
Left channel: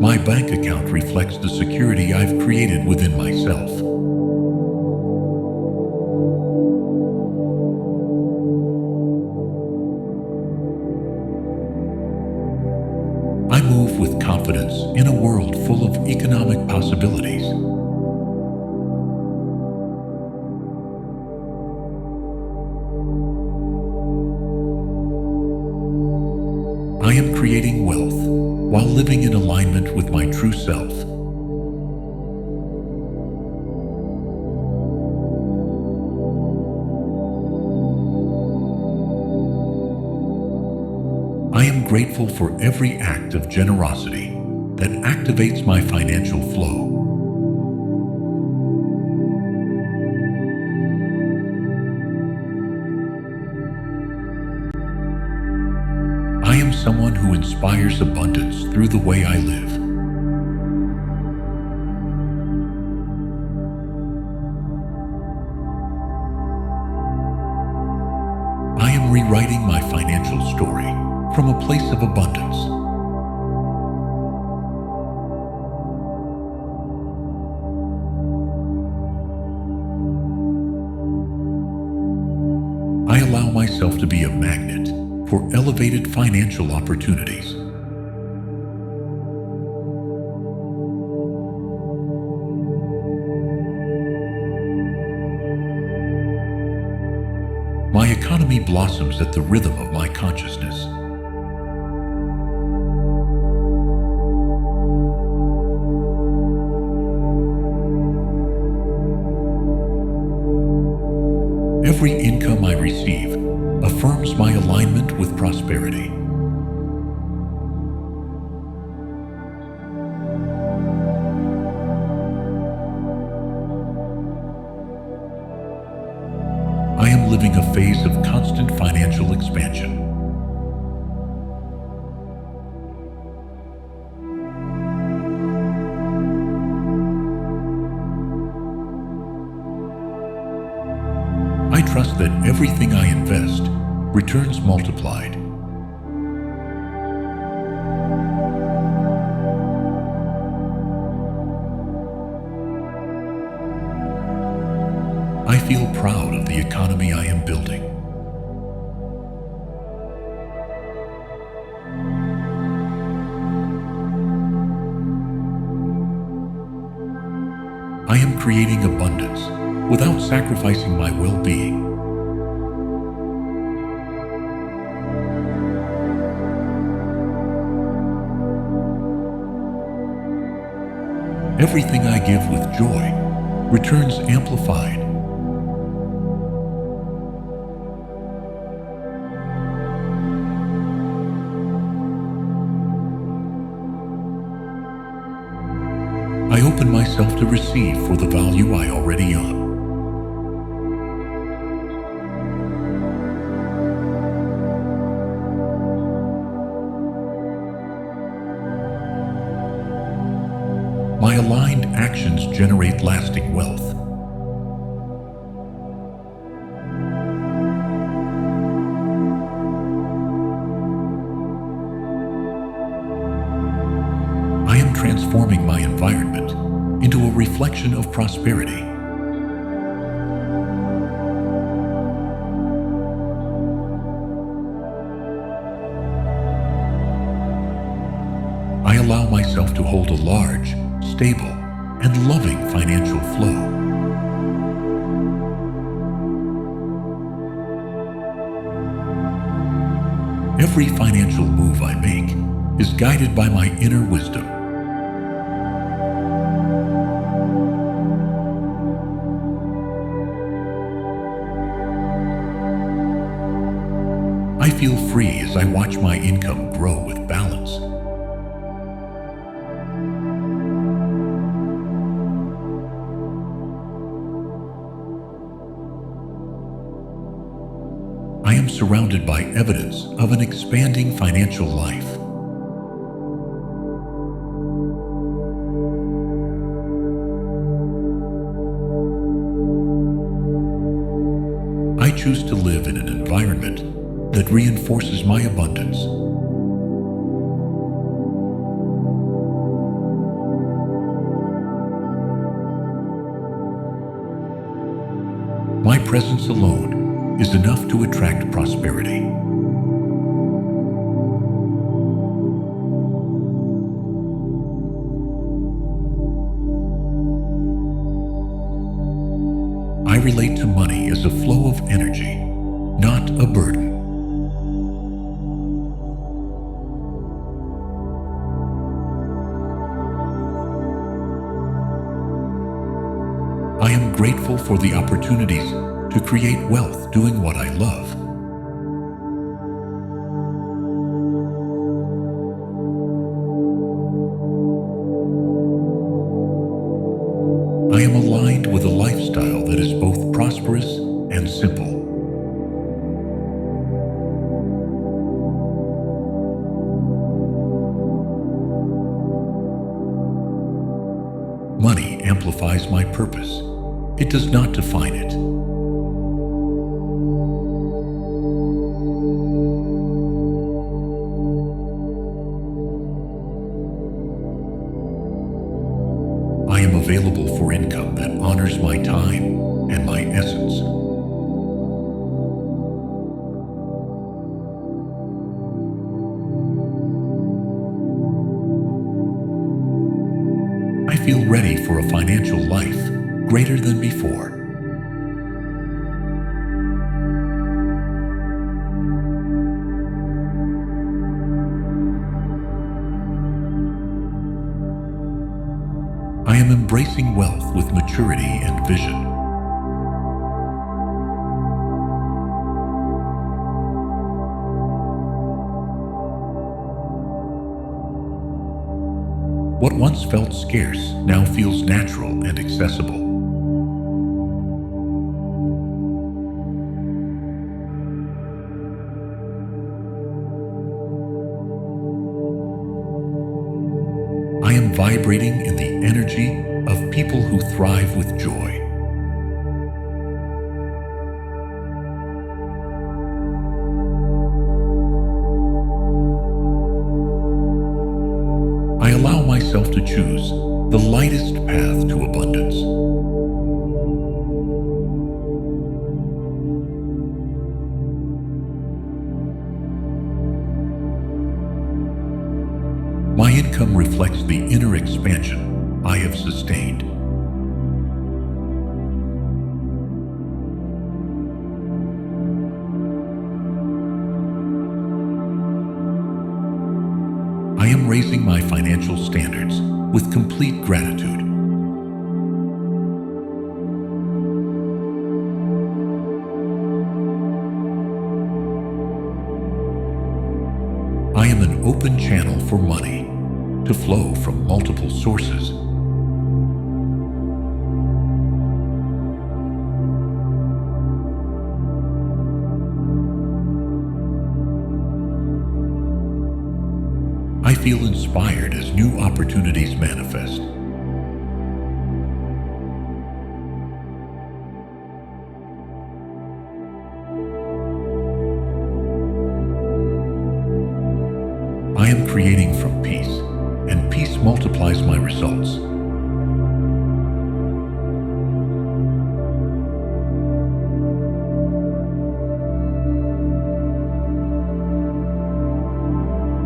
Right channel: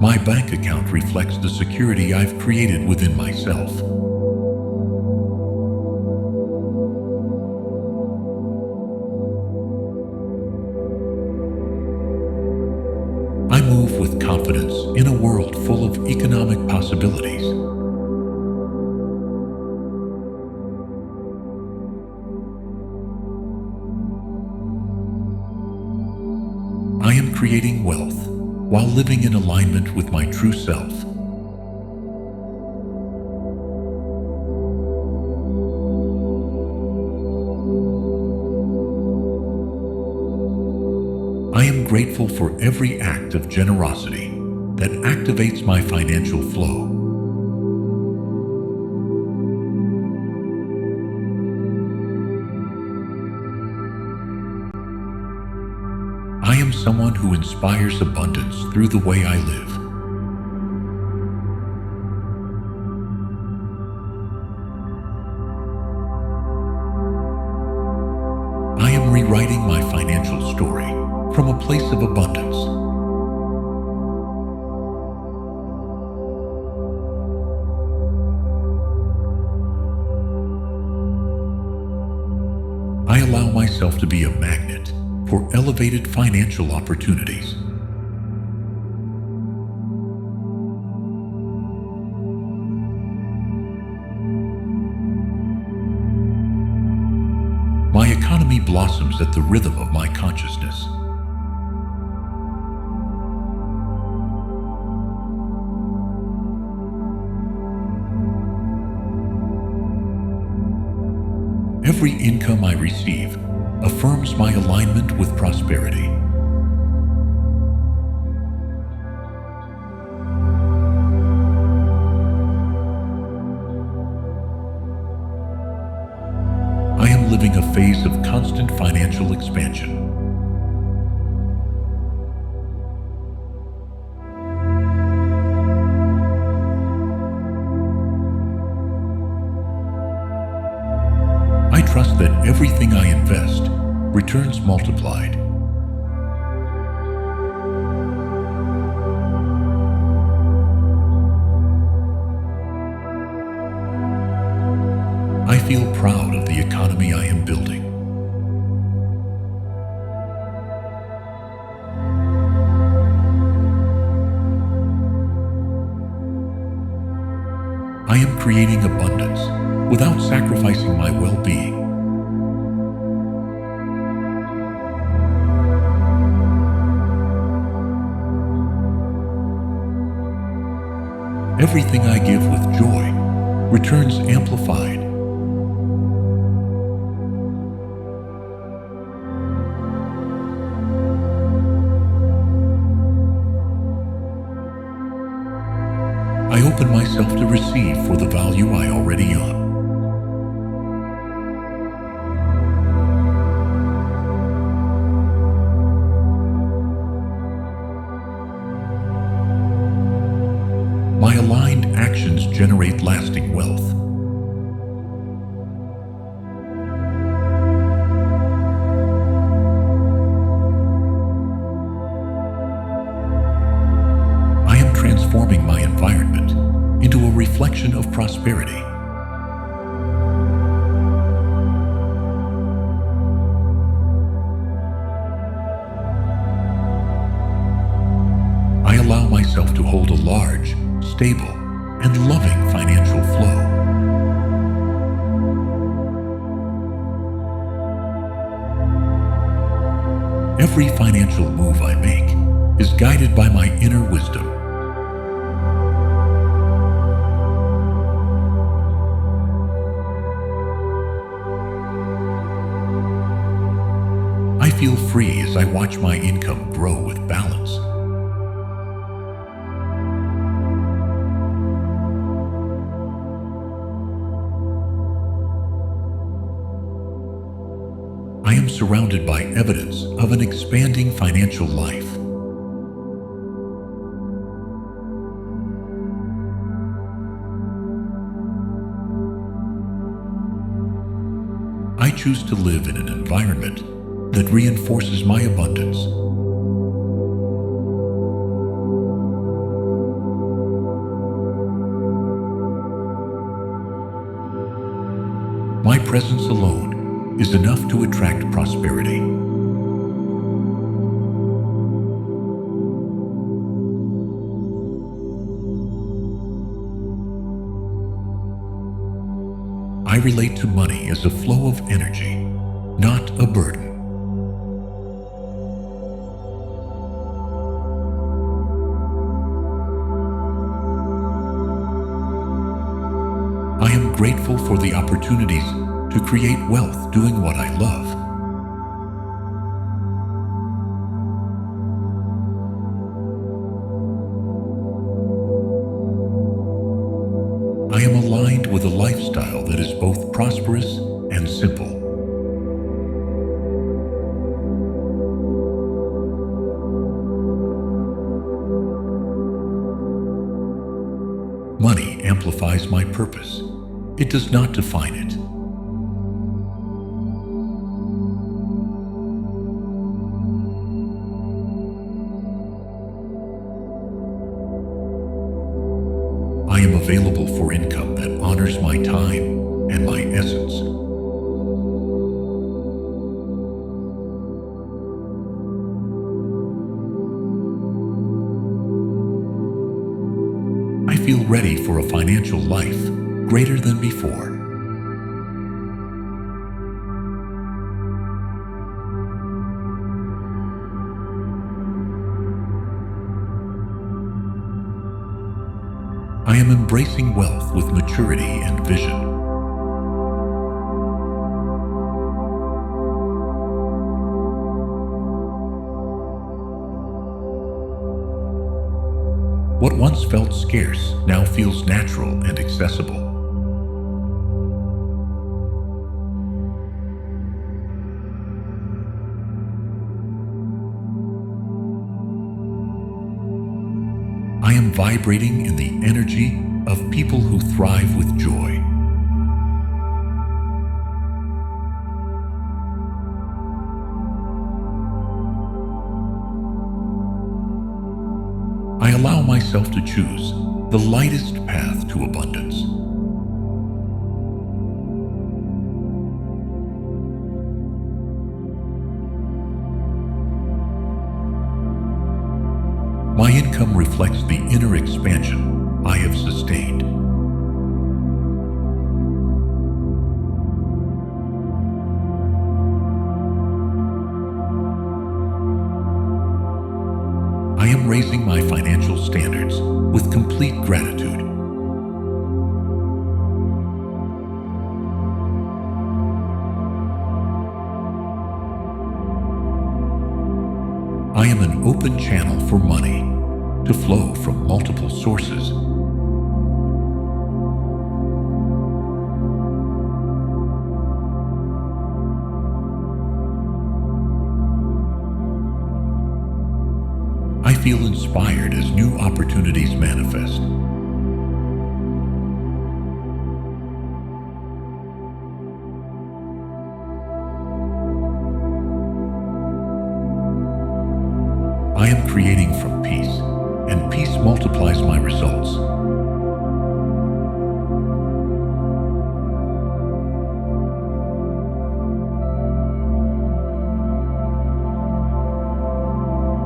My bank account reflects the security I've created within myself. I move with confidence in a world full of economic possibilities. I am creating wealth while living in alignment with my true self. I am grateful for every act of generosity that activates my financial flow. I am someone who inspires abundance through the way I live. I am rewriting my financial story from a place of abundance. I allow myself to be a magnet for elevated financial opportunities. My economy blossoms at the rhythm of my consciousness. Every income I receive affirms my alignment with prosperity. I am living a phase of constant financial expansion. trust that everything I invest returns multiplied. I feel proud of the economy I am building. I am creating abundance without sacrificing my well-being. Everything I give with joy returns amplified. I open myself to receive for the value I already own. My aligned actions generate lasting wealth. I am transforming my environment into a reflection of prosperity. I allow myself to hold a large, stable, and loving financial flow. Every financial move I make is guided by my inner wisdom. I feel free as I watch my income grow with balance. I am surrounded by evidence of an expanding financial life. I choose to live in an environment that reinforces my abundance. My presence alone is enough to attract prosperity. I relate to money as a flow of energy, not a burden. I am grateful for the opportunities to create wealth doing what I love. I am aligned with a lifestyle that is both prosperous and simple. Money amplifies my purpose. It does not define it. I am available for income that honors my time and my essence. I feel ready for a financial life greater than before. I am embracing wealth with maturity and vision. What once felt scarce now feels natural and accessible. I am vibrating in the energy of people who thrive with joy. I allow myself to choose the lightest path to abundance. My income reflects the inner expansion I have sustained. I am raising my financial standards with complete gratitude. I am an open channel for money to flow from multiple sources. I feel inspired as new opportunities manifest. I am creating from peace, and peace multiplies my results.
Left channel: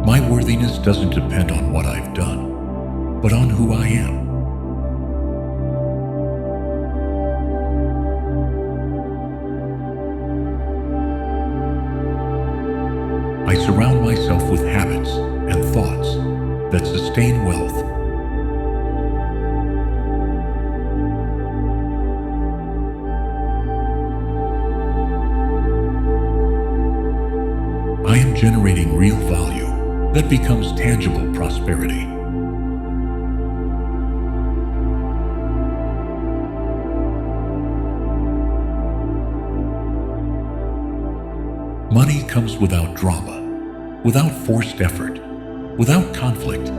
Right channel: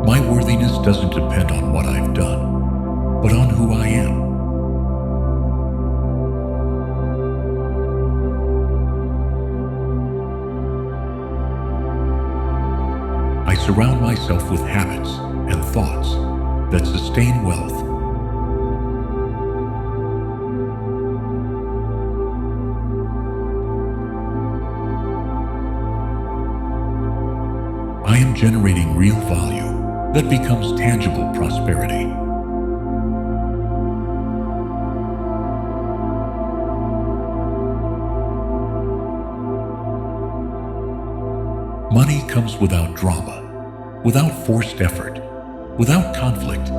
My worthiness doesn't depend on what I've done, but on who I am. I surround myself with habits and thoughts that sustain wealth. I am generating real value that becomes tangible prosperity. Money comes without drama, without forced effort, without conflict.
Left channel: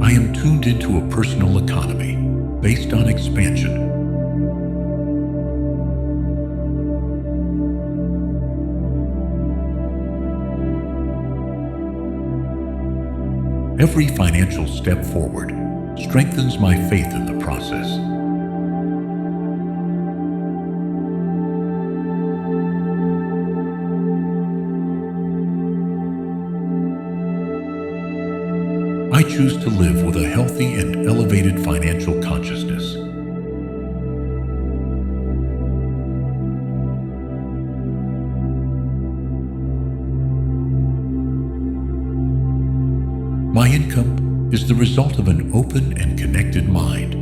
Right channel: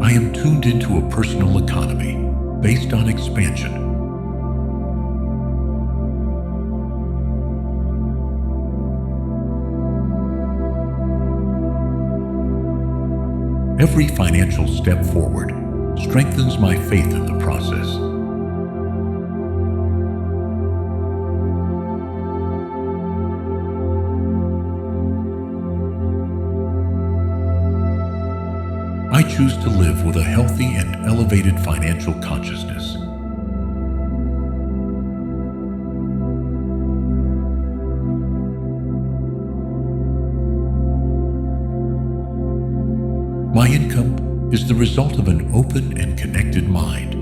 I am tuned into a personal economy based on expansion. Every financial step forward strengthens my faith in the process. I choose to live with a healthy and elevated financial consciousness. My income is the result of an open and connected mind.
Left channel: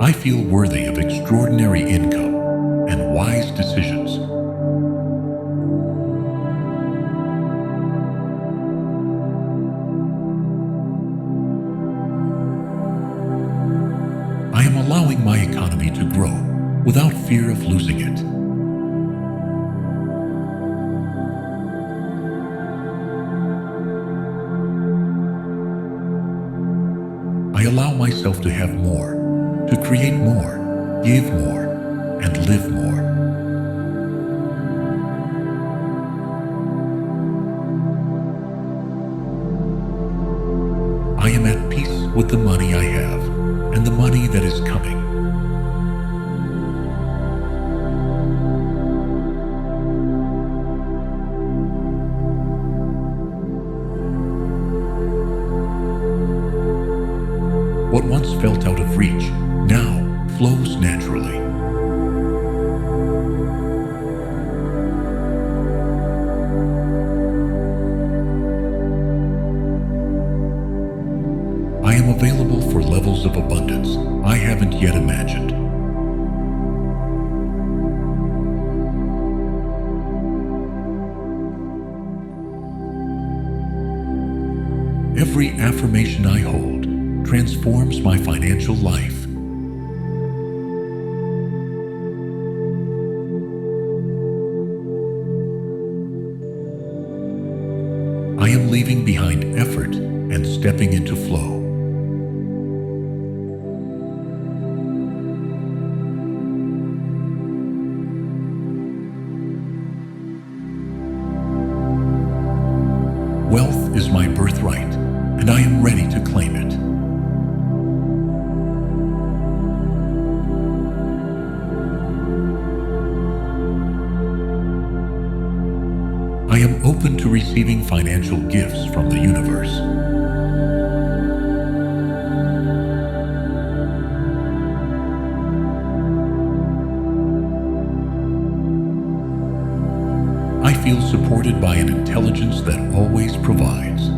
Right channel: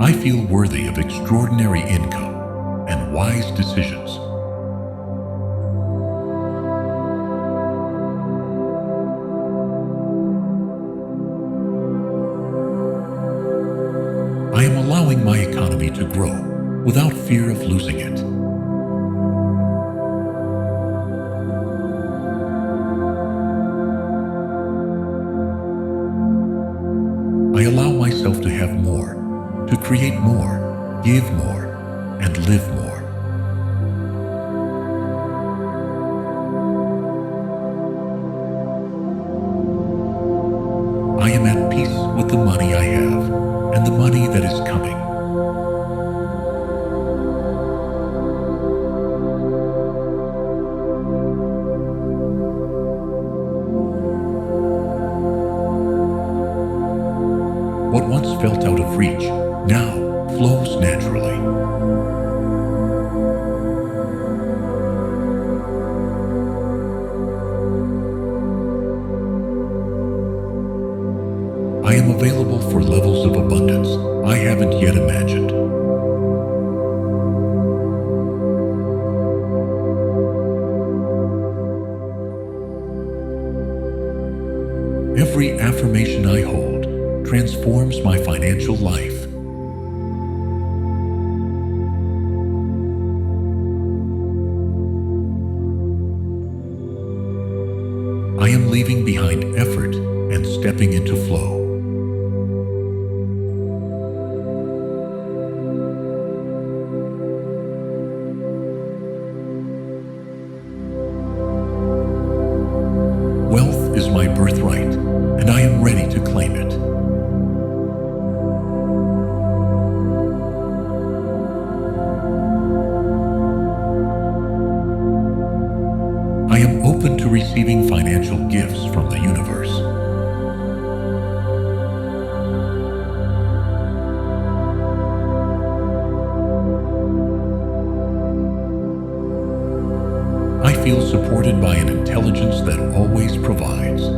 I feel worthy of extraordinary income and wise decisions. I am allowing my economy to grow without fear of losing it. I allow myself to have more, to create more, give more, and live more. I am at peace with the money I have and the money that is coming. What once felt out of reach now flows naturally. I am available for levels of abundance I haven't yet imagined. Every affirmation I hold transforms my financial life. I am leaving behind effort and stepping into flow. Wealth is my birthright, and I am ready to claim it. I am open to receiving financial gifts from the universe. I feel supported by an intelligence that always provides.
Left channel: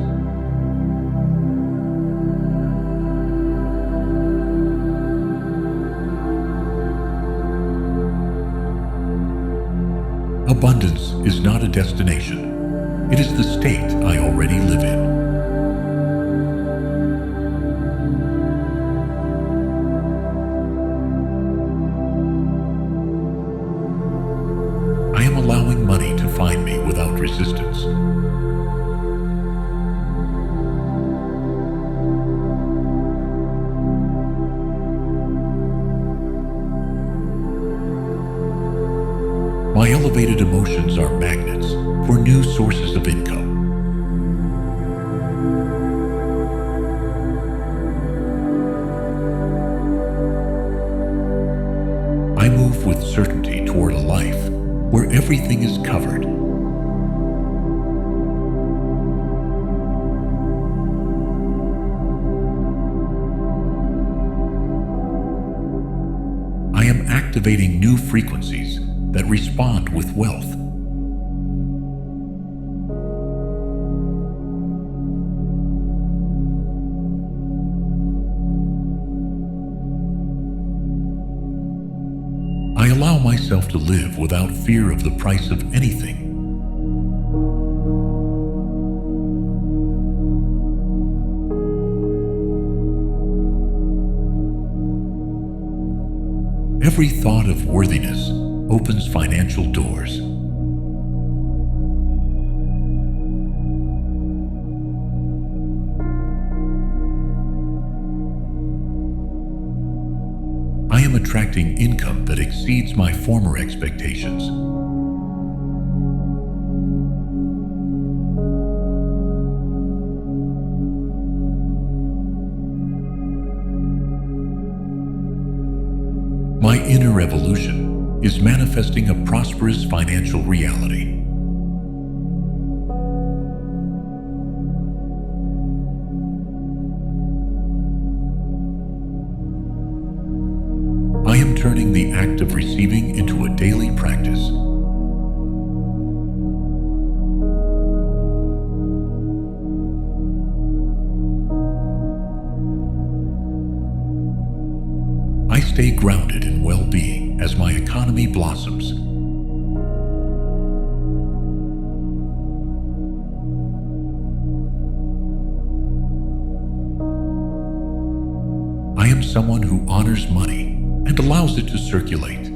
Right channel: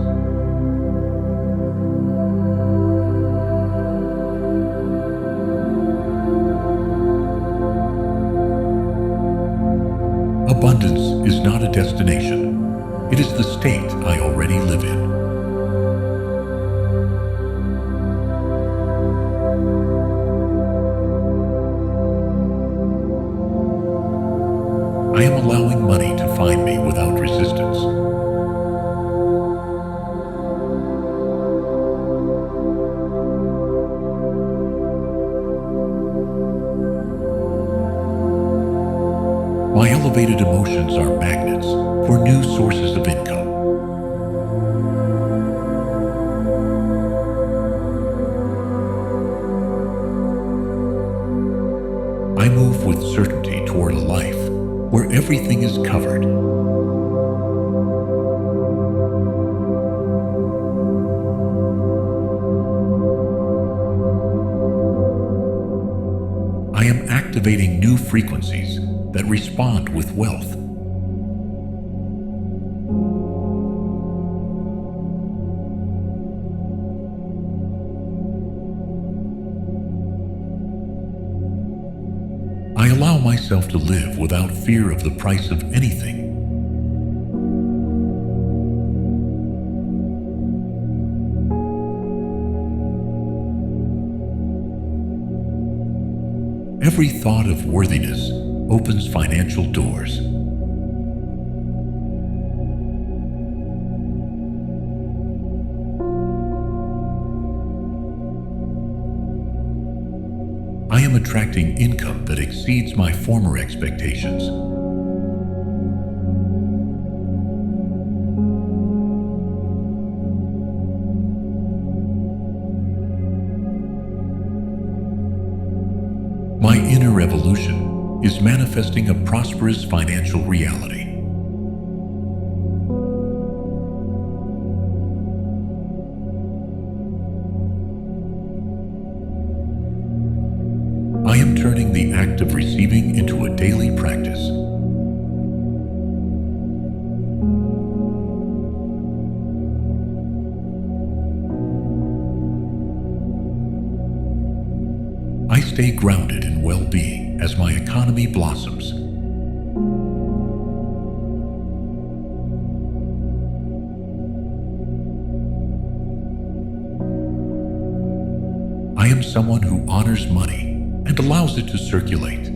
Abundance is not a destination. It is the state I already live in. I am allowing money to find me without resistance. My elevated emotions are magnets for new sources of income. I move with certainty toward a life where everything is covered. I am activating new frequencies that respond with wealth. I allow myself to live without fear of the price of anything. Every thought of worthiness opens financial doors. I am attracting income that exceeds my former expectations. My inner evolution is manifesting a prosperous financial reality. I am turning the act of receiving into a daily practice. I stay grounded in well-being as my economy blossoms. I am someone who honors money and allows it to circulate.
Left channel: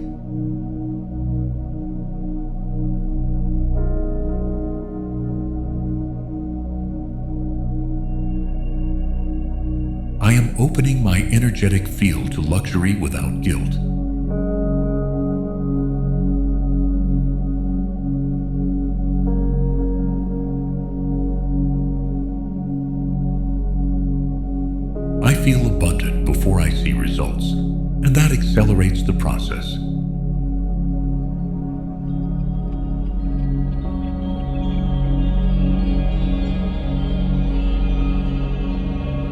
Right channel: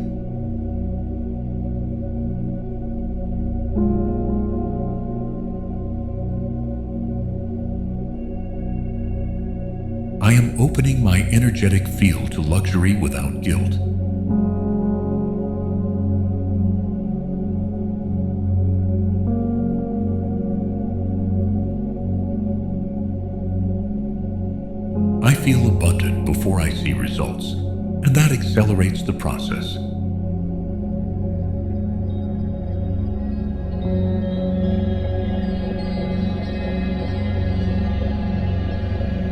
I am opening my energetic field to luxury without guilt. I feel abundant before I see results, and that accelerates the process.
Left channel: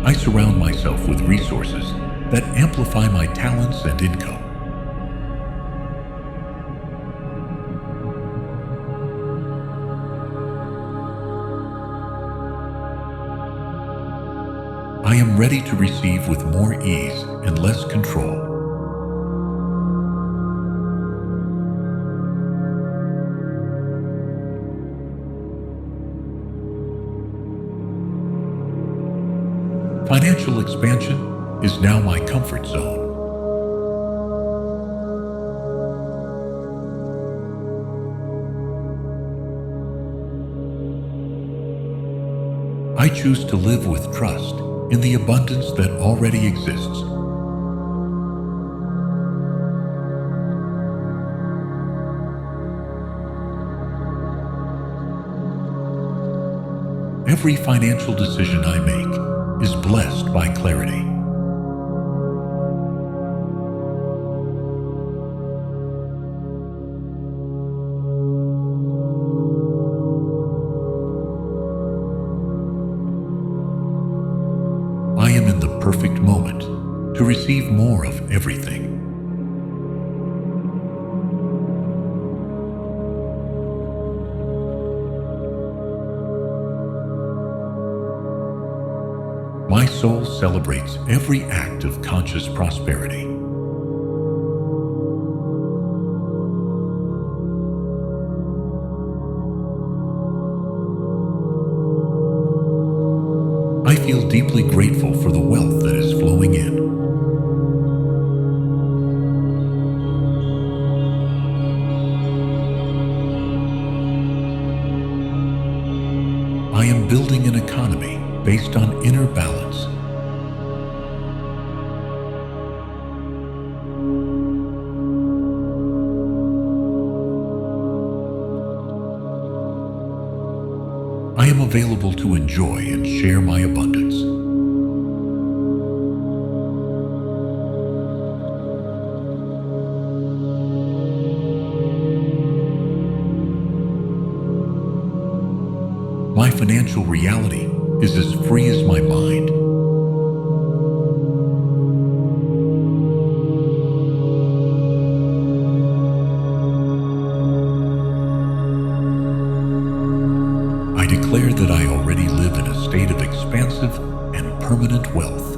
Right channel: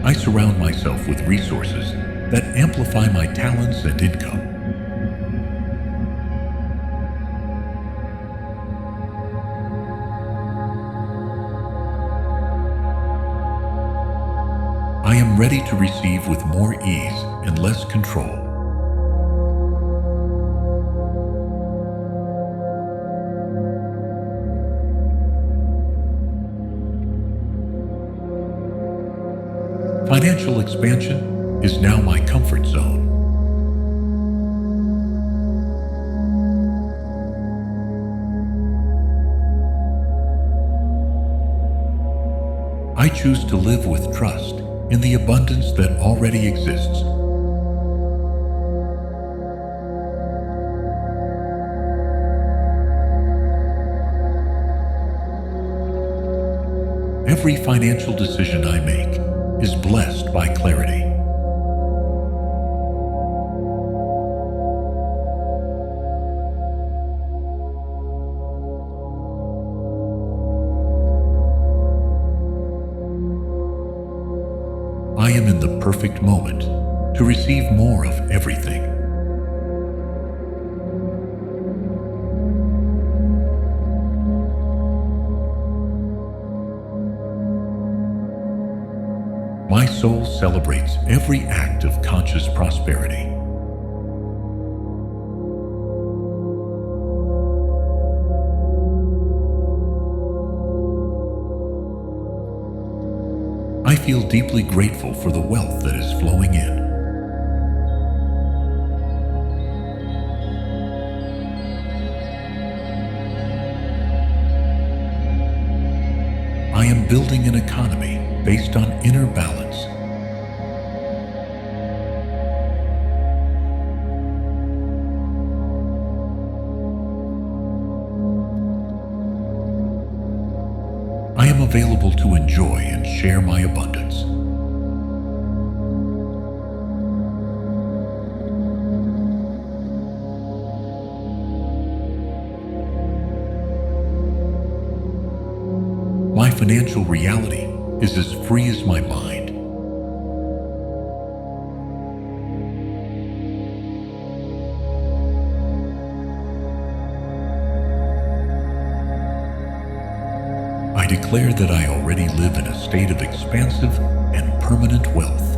I surround myself with resources that amplify my talents and income. I am ready to receive with more ease and less control. Financial expansion is now my comfort zone. I choose to live with trust in the abundance that already exists. Every financial decision I make is blessed by clarity. I am in the perfect moment to receive more of everything. My soul celebrates every act of conscious prosperity. I feel deeply grateful for the wealth that is flowing in. I am building an economy based on inner balance. I am available to enjoy and share my abundance. My financial reality is as free as my mind. I declare that I already live in a state of expansive and permanent wealth.